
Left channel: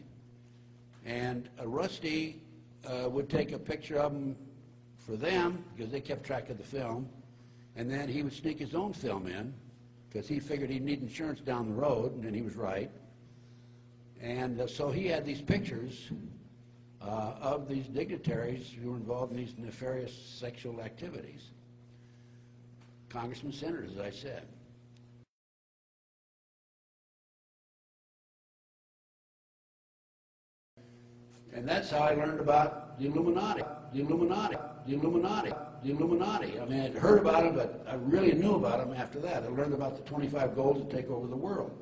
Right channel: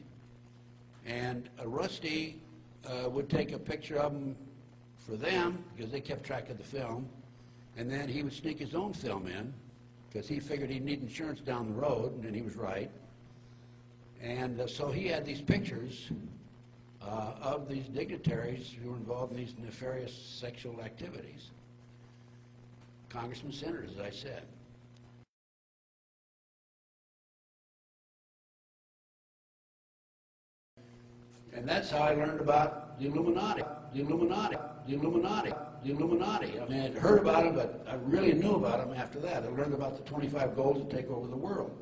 And Rusty would take a picture of them for them, because they kept track of the film, and then he would sneak his own film in, because he figured he'd need insurance down the road, and he was right. And so he had these pictures of these dignitaries who were involved in these nefarious sexual activities. Congressmen, senators, as I said. And that's how I learned about the Illuminati, the Illuminati, the Illuminati, the Illuminati. I mean, I'd heard about them, but I really knew about them after that. I learned about the 25 goals to take over the world.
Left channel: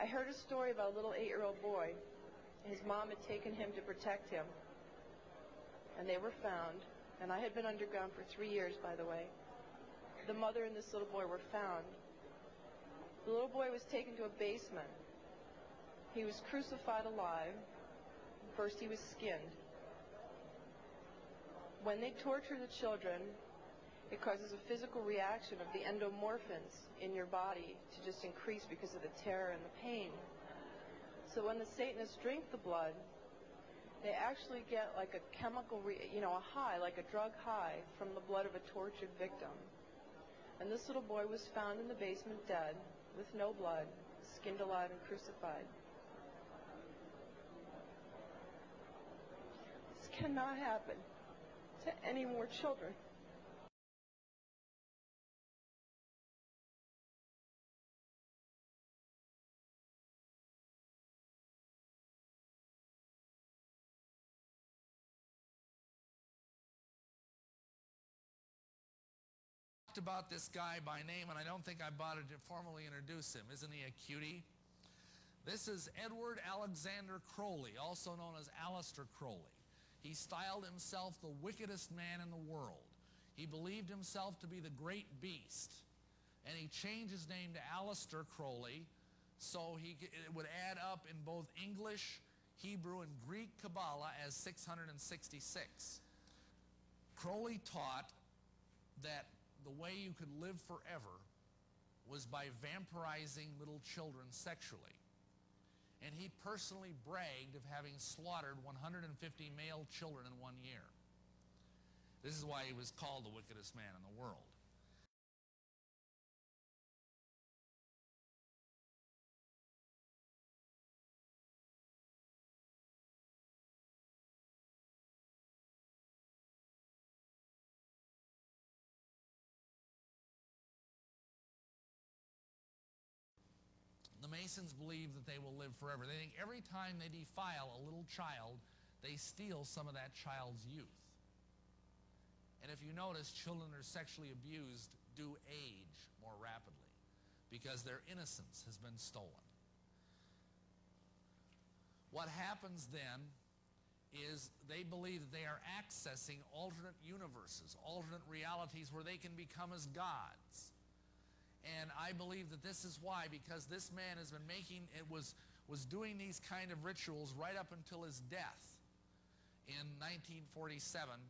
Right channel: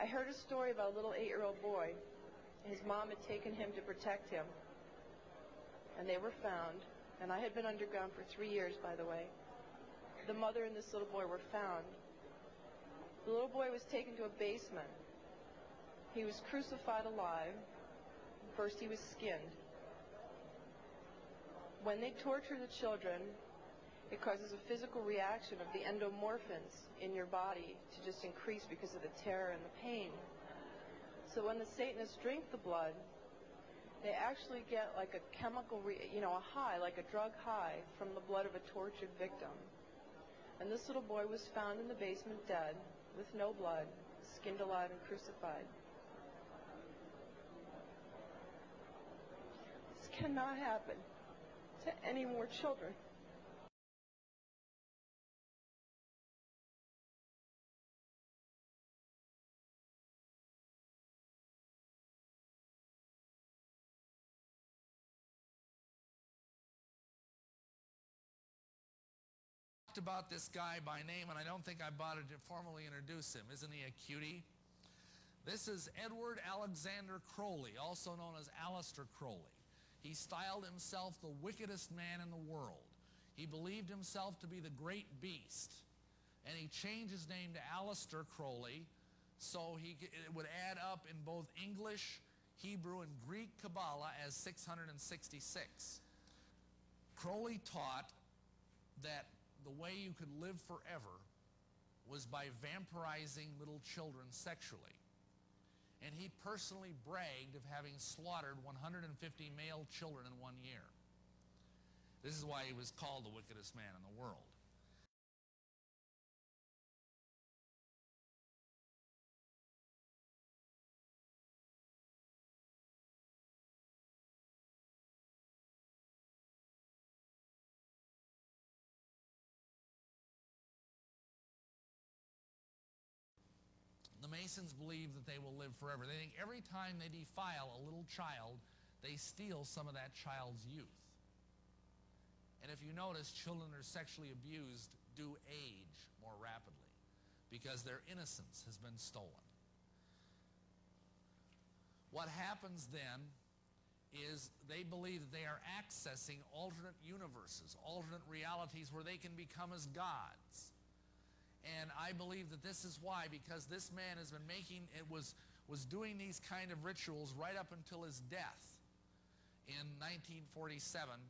I heard a story about a little 8-year-old boy. His mom had taken him to protect him, and they were found. And I had been underground for 3 years, by the way. The mother and this little boy were found. The little boy was taken to a basement. He was crucified alive. First he was skinned. When they torture the children, it causes a physical reaction of the endomorphins in your body to just increase because of the terror and the pain. So when the Satanists drink the blood, they actually get like a chemical, a high, like a drug high from the blood of a tortured victim. And this little boy was found in the basement dead, with no blood, skinned alive and crucified. This cannot happen to any more children. About this guy by name, and I don't think I bothered to formally introduce him. Isn't he a cutie? This is Edward Alexander Crowley, also known as Aleister Crowley. He styled himself the wickedest man in the world. He believed himself to be the great beast, and he changed his name to Aleister Crowley so it would add up in both English, Hebrew, and Greek Kabbalah as 666. Crowley taught that the way you could live forever was by vampirizing little children sexually. And he personally bragged of having slaughtered 150 male children in 1 year. This is why he was called the wickedest man in the world. Masons believe that they will live forever. They think every time they defile a little child, they steal some of that child's youth. And if you notice, children who are sexually abused do age more rapidly because their innocence has been stolen. What happens then is they believe that they are accessing alternate universes, alternate realities where they can become as gods. And I believe that this is why, because this man has been was doing these kind of rituals right up until his death in 1947,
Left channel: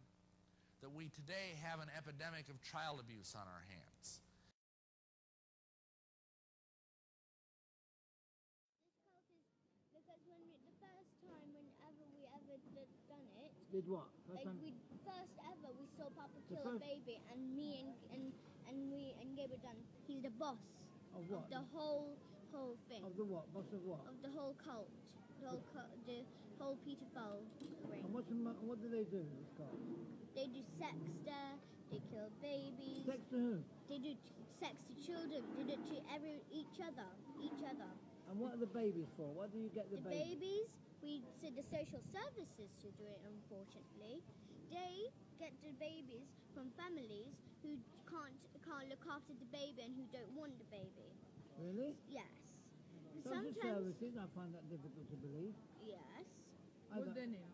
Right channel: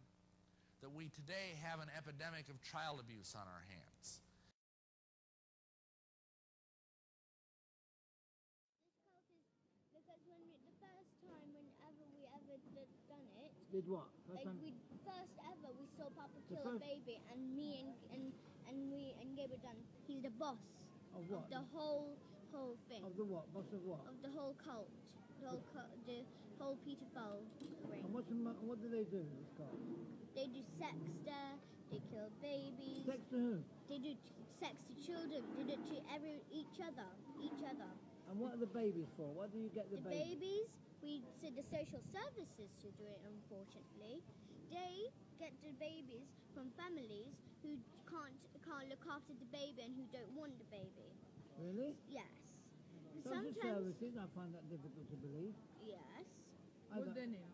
that we today have an epidemic of child abuse on our hands. Because the first time whenever we ever done it, Did what? we saw Papa kill a baby, and me and Gabriel done. He's the boss of what? Of the whole thing. Of the what? Boss of what? Of the whole cult. The whole Peter Fowl ring. And what do they do? This cult? They do sex there. They kill babies. Sex to who? They do sex to children. They do it to each other. And what are the babies for? What do you get the babies? The babies, we said the social services to do it, unfortunately. They get the babies from families who can't look after the baby and who don't want the baby. Really? Yes. Social services, I find that difficult to believe. Yes. What's their name?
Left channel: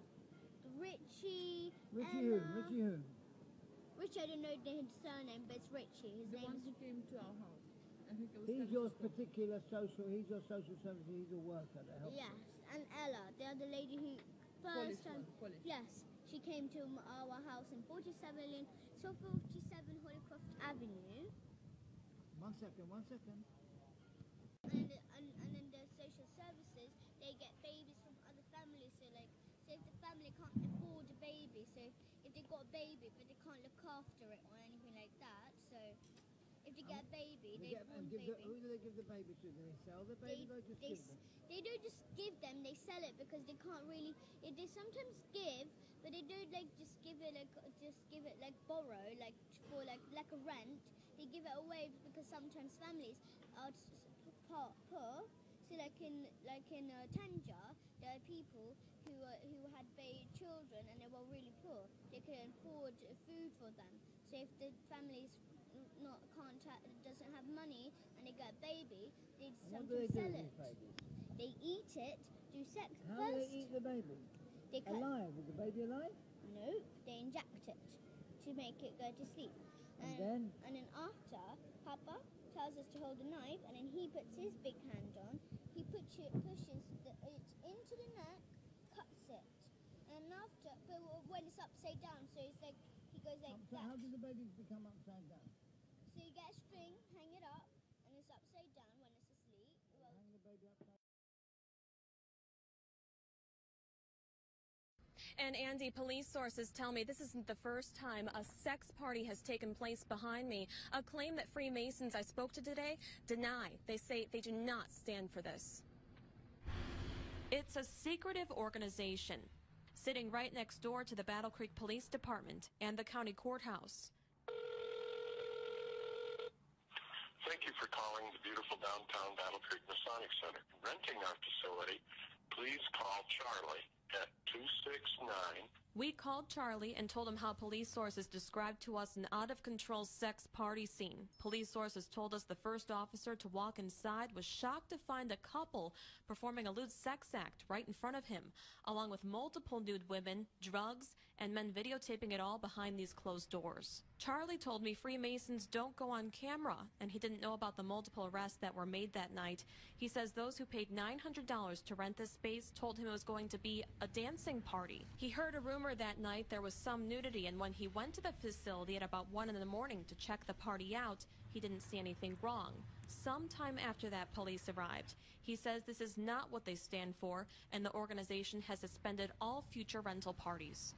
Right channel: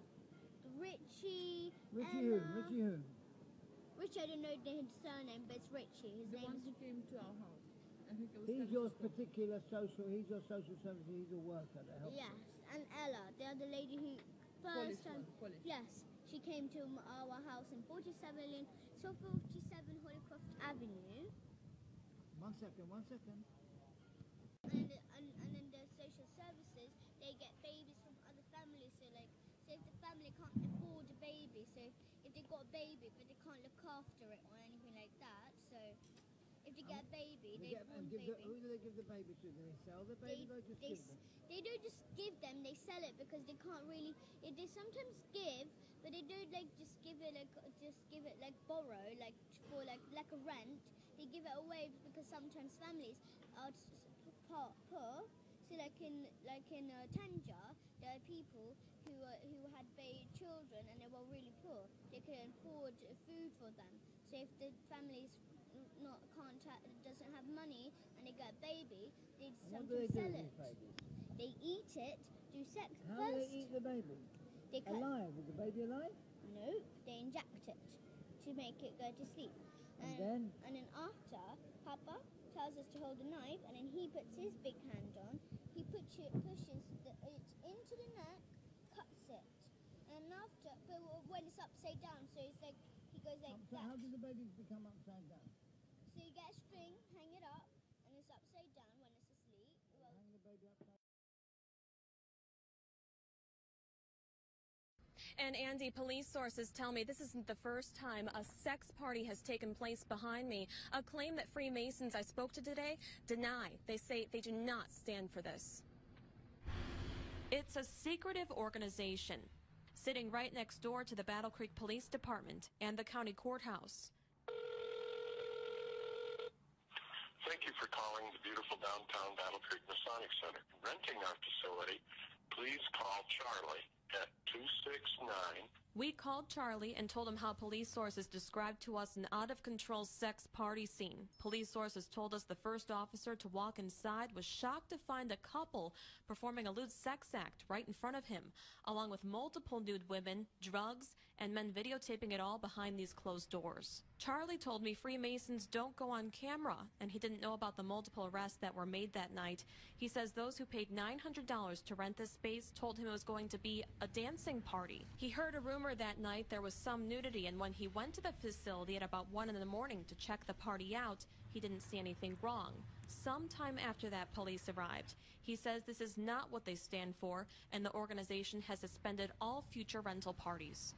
Richie. Richie who? Richie who? Richie, I don't know his surname, but it's Richie. His name. Ones who came to our house. He's your particular social. He's your social service. He's a worker that helps. Yes, and Ella, the other lady who first time. Yes, she came to our house in 47 Holycroft Avenue. One second. And then the social services, they get babies from other families. So like, if the family can't afford a baby, so if they got a baby but they can't look after it or anything like that, so if they get a baby, who do they give the baby to? Do they sell the baby or just give them? They don't just give them, they sell it because they can't really. They sometimes give, but they don't just give it like borrow, like for like a rent. They give it away because sometimes families are poor. So like in Tanger, there are people who had children and they were really poor. They couldn't afford food for them. So if the family's doesn't have money and they get a baby, they sometimes sell it. They eat it, do sex first. How do they eat the baby? Alive? Is the baby alive? No, they inject it to make it go to sleep. And then after, Papa tells us to hold the knife, and then he puts his big hand on. He pushes it into the neck, cuts it, and after, but when it's upside down, so it's like he goes like that. How do the babies become upside down? So you get a string, hang it up, and it's upside down when it's asleep. Hang the baby upside down. And Andy, police sources tell me this isn't the first time a sex party has taken place behind me. A claim that Freemasons I spoke to today deny. They say they do not stand for this. It's a secretive organization sitting right next door to the Battle Creek Police Department and the county courthouse. Thank you for calling the beautiful downtown Battle Creek Masonic Center. Renting our facility, please call Charlie at 269. We called Charlie and told him how police sources described to us an out-of-control sex party scene. Police sources told us the first officer to walk inside was shocked to find a couple performing a lewd sex act right in front of him, along with multiple nude women, drugs, and men videotaping it all behind these closed doors. Charlie told me Freemasons don't go on camera, and he didn't know about the multiple arrests that were made that night. He says those who paid $900 to rent this space told him it was going to be a dancing party. He heard a rumor that night there was some nudity, and when he went to the facility at about 1 in the morning to check the party out, he didn't see anything wrong. Sometime after that, police arrived. He says this is not what they stand for, and the organization has suspended all future rental parties.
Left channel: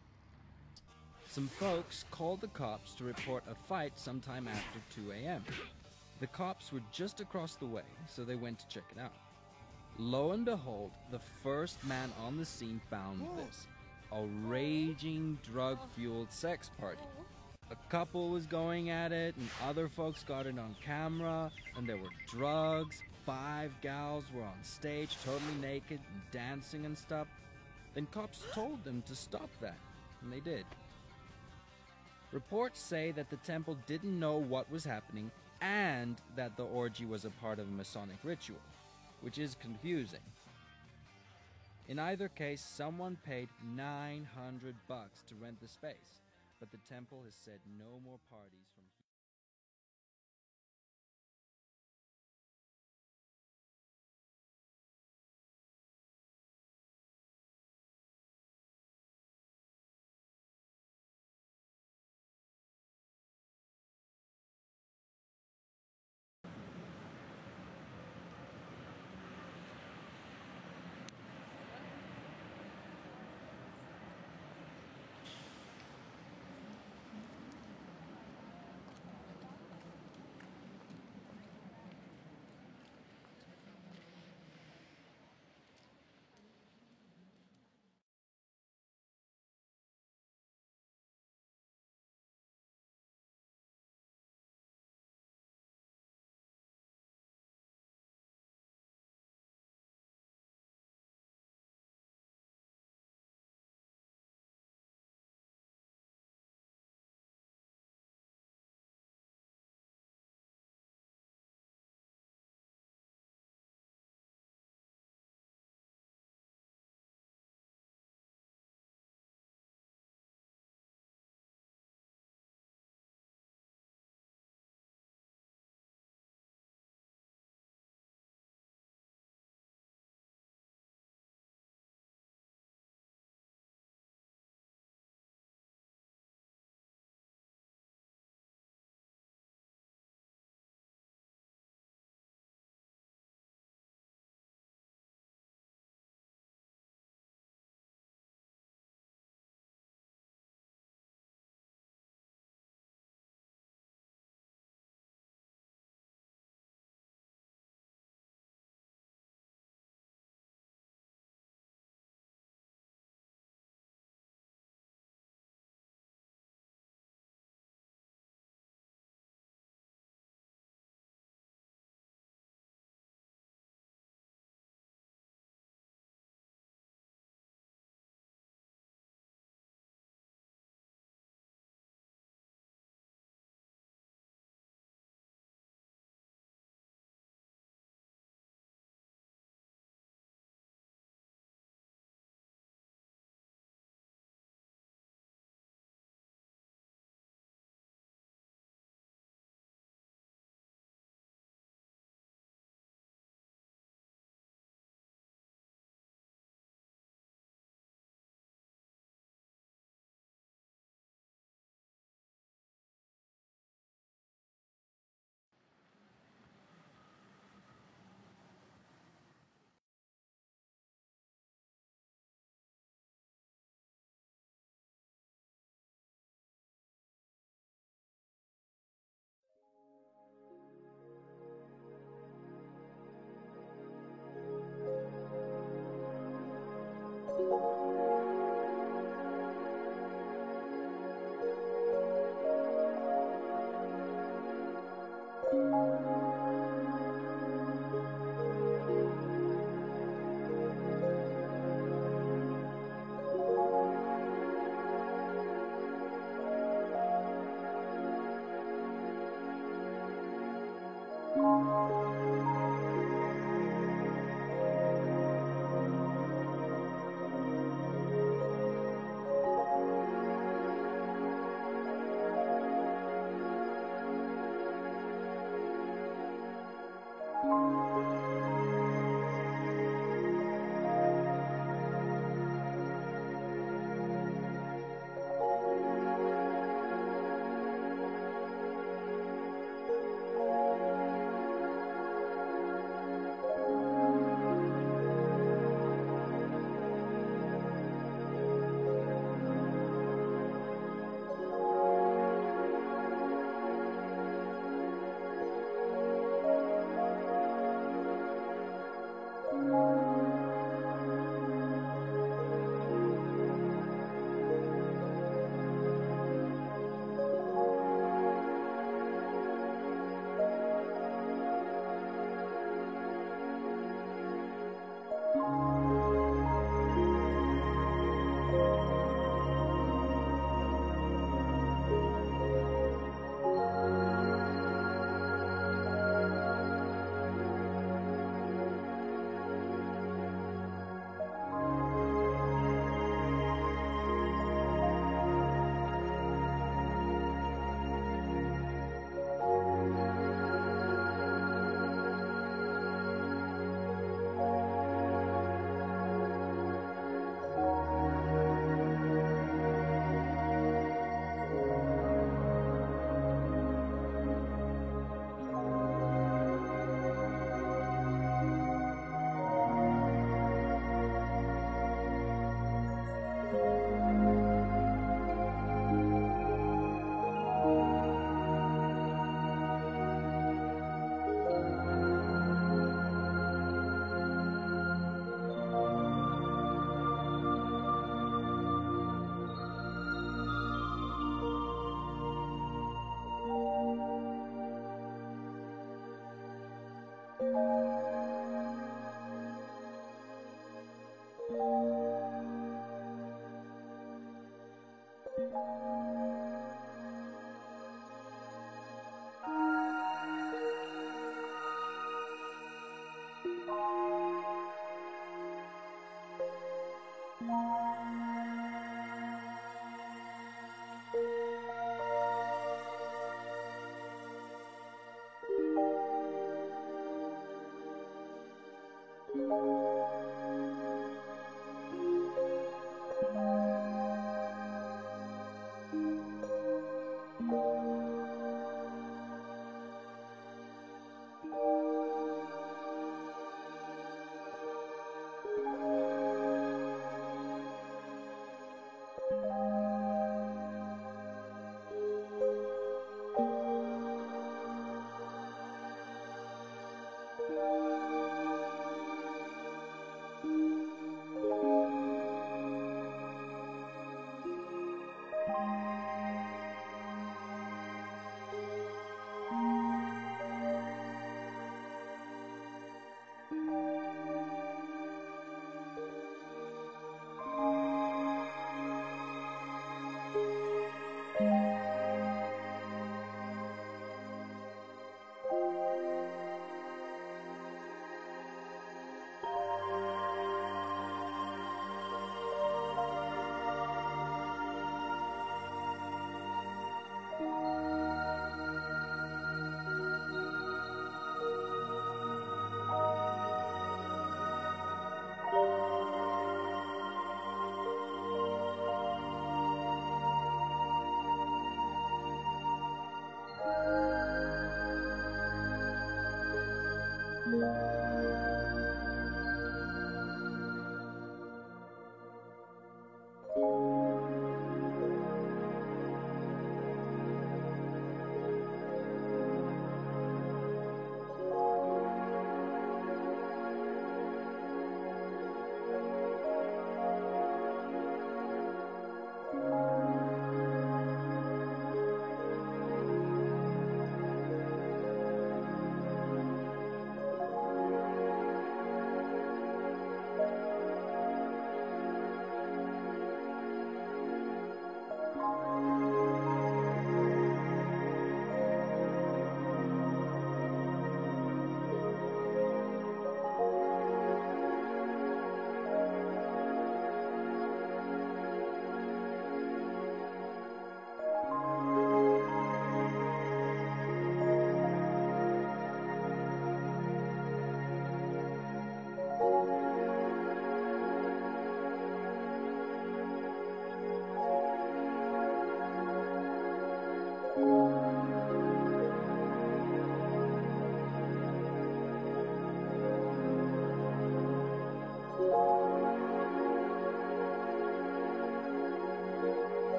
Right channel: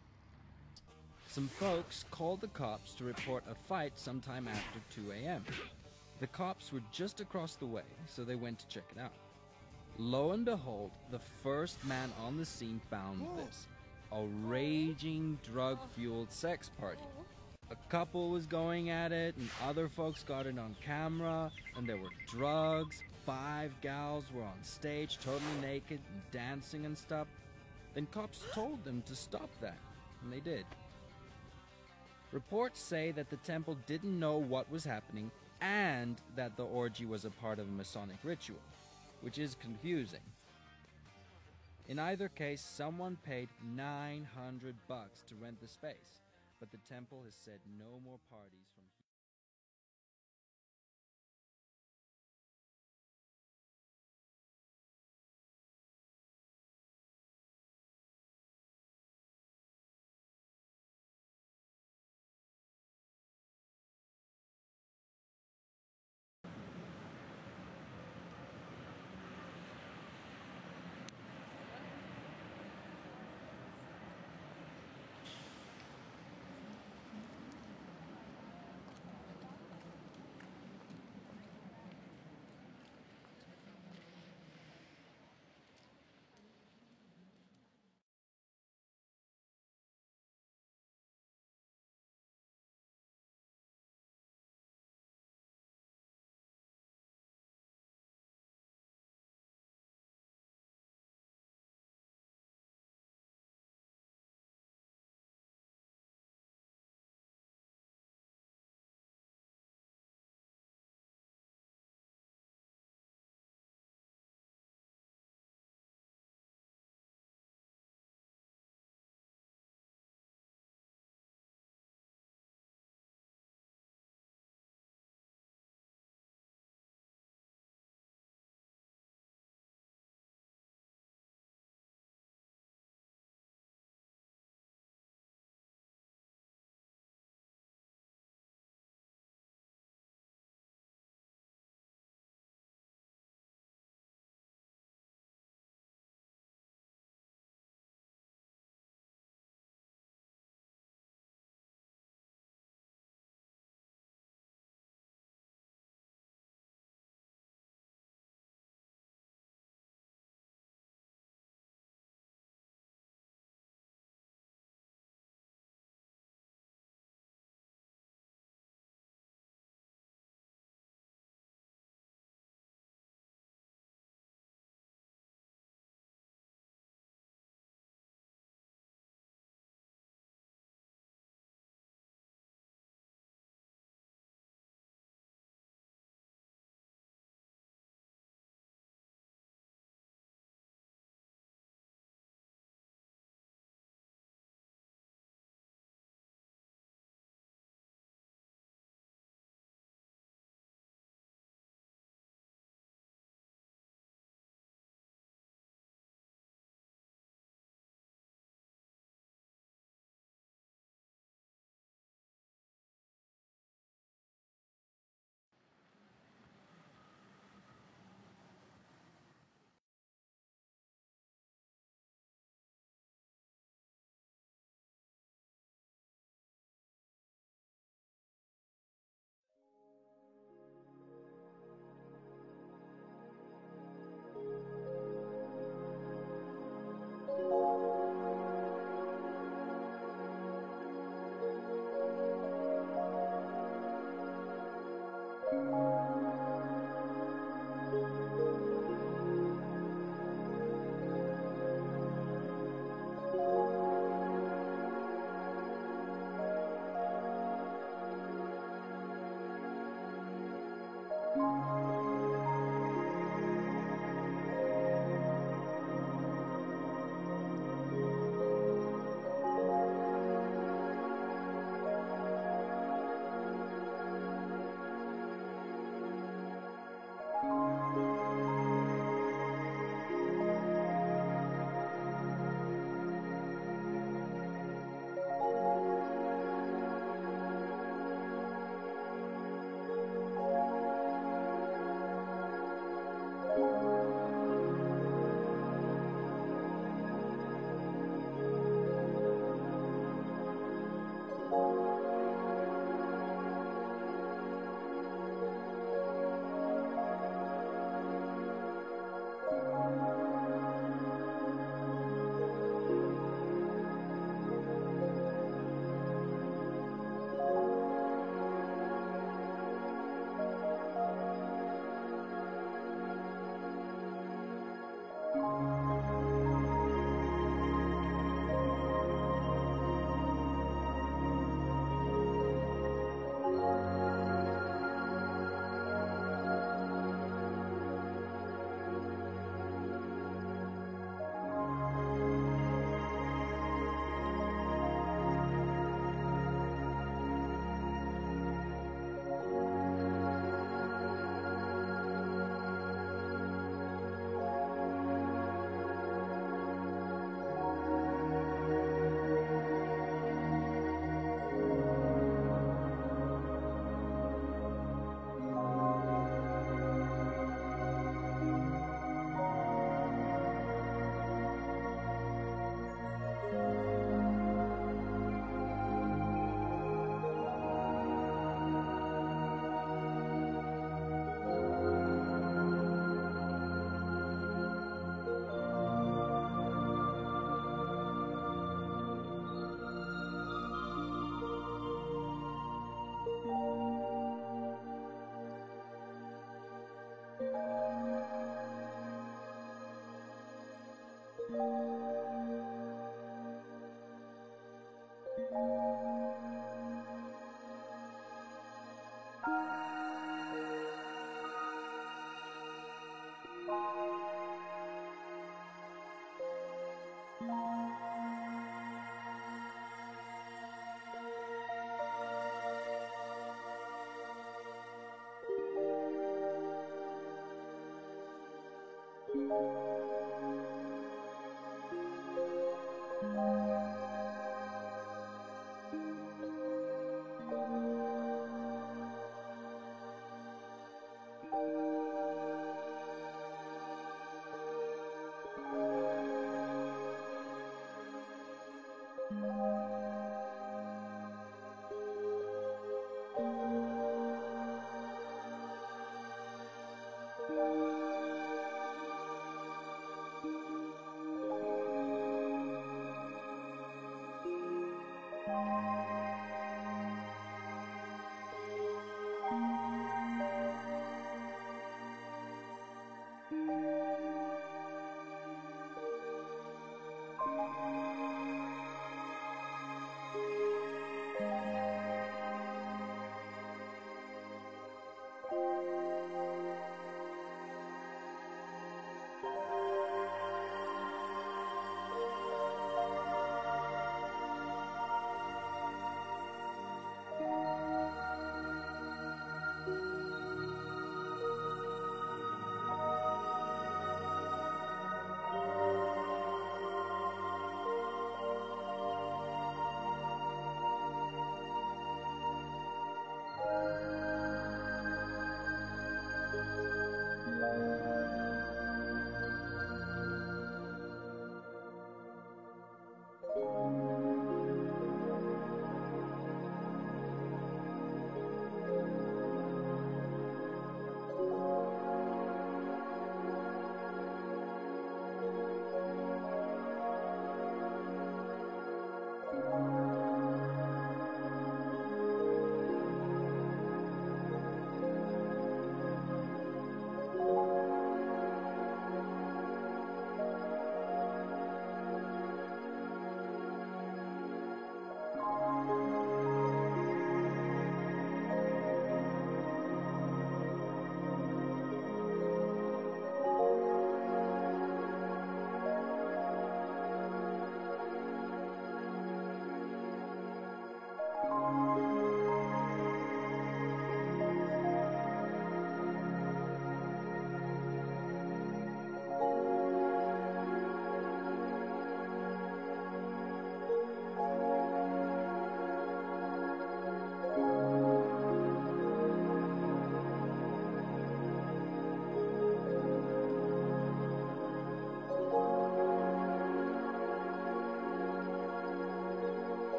Some folks called the cops to report a fight sometime after 2 a.m. The cops were just across the way, so they went to check it out. Lo and behold, the first man on the scene found this. A raging, drug-fueled sex party. A couple was going at it, and other folks got it on camera, and there were drugs, 5 gals were on stage totally naked and dancing and stuff, then cops told them to stop that, and they did. Reports say that the temple didn't know what was happening and that the orgy was a part of a Masonic ritual, which is confusing. In either case, someone paid $900 to rent the space, but the temple has said no more parties from here.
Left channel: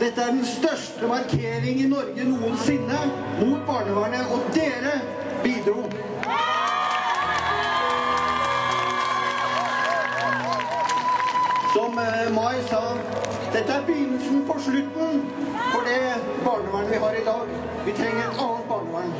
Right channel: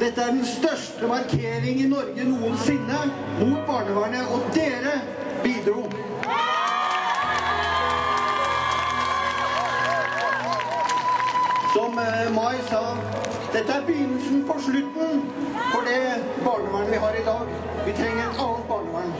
Dette den største markering I Norge noensinne mot barnevernet, og dere bidro. Som Mai sa, dette begynnelsen på slutten for det barnevernet vi har I dag. Vi trenger et annet barnevern.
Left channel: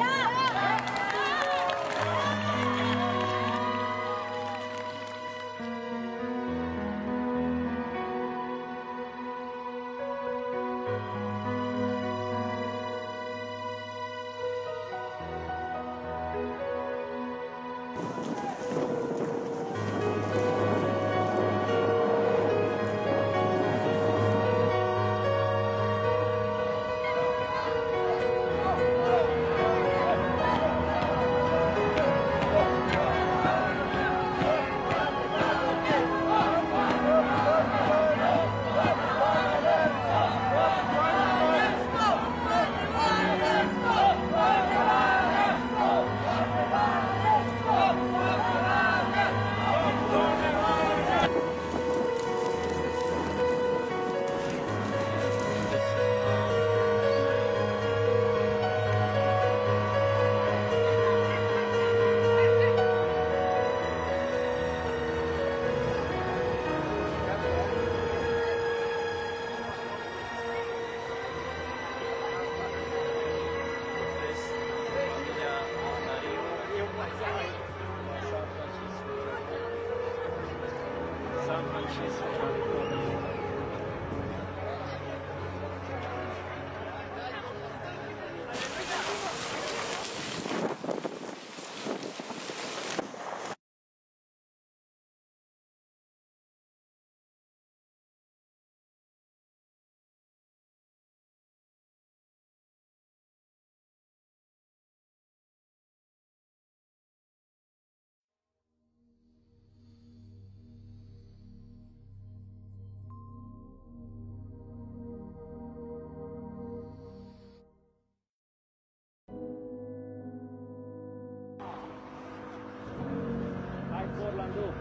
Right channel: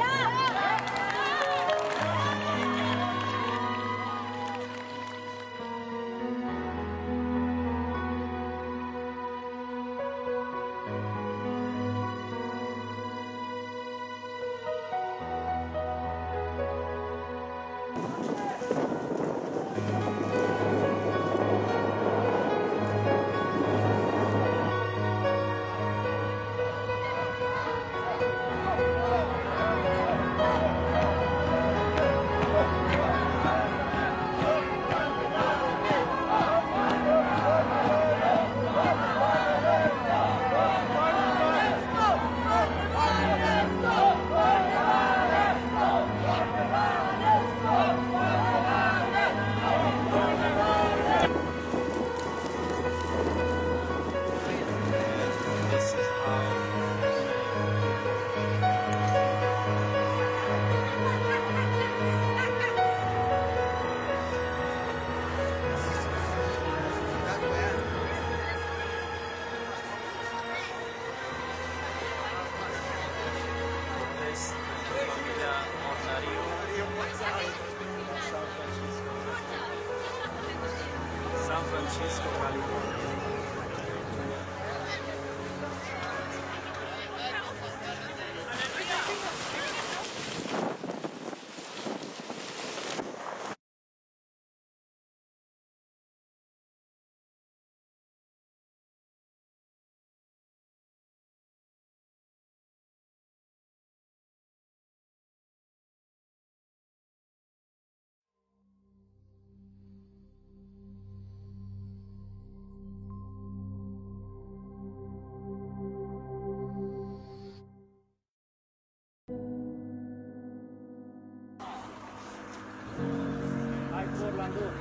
Orlando.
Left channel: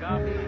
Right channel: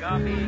Gabi.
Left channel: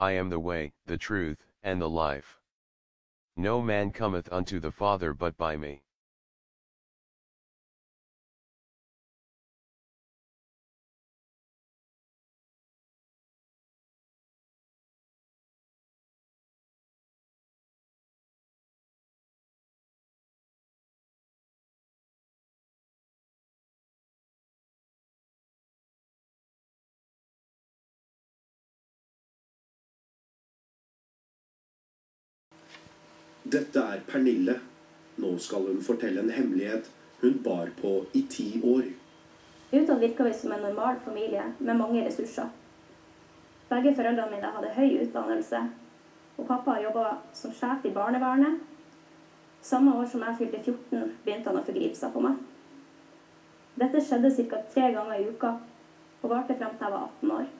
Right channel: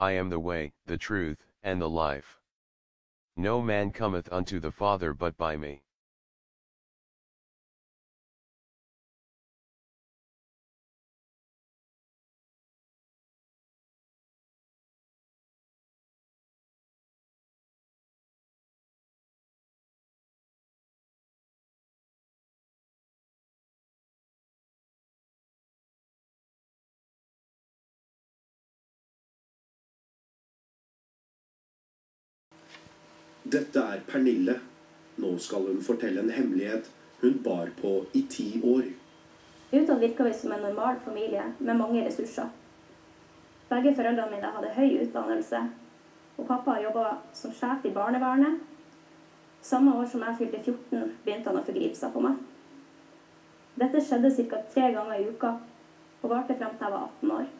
I am the way, the truth, and the life. No man cometh unto the Father but by me. Dette Pernille. Nå skal hun fortelle en hemmelighet hun bar på I 10 år. Utad virker vi som en normal familie med mange ressurser. Begge foreldrene mine hadde høy utdannelse, og pappa jobbet som sjef i barnevernet. Samme år som jeg fylte 14, begynte han å forgripe seg på meg. Dette skjedde ca. 3 ganger i uka, og varte frem til jeg var 18 år.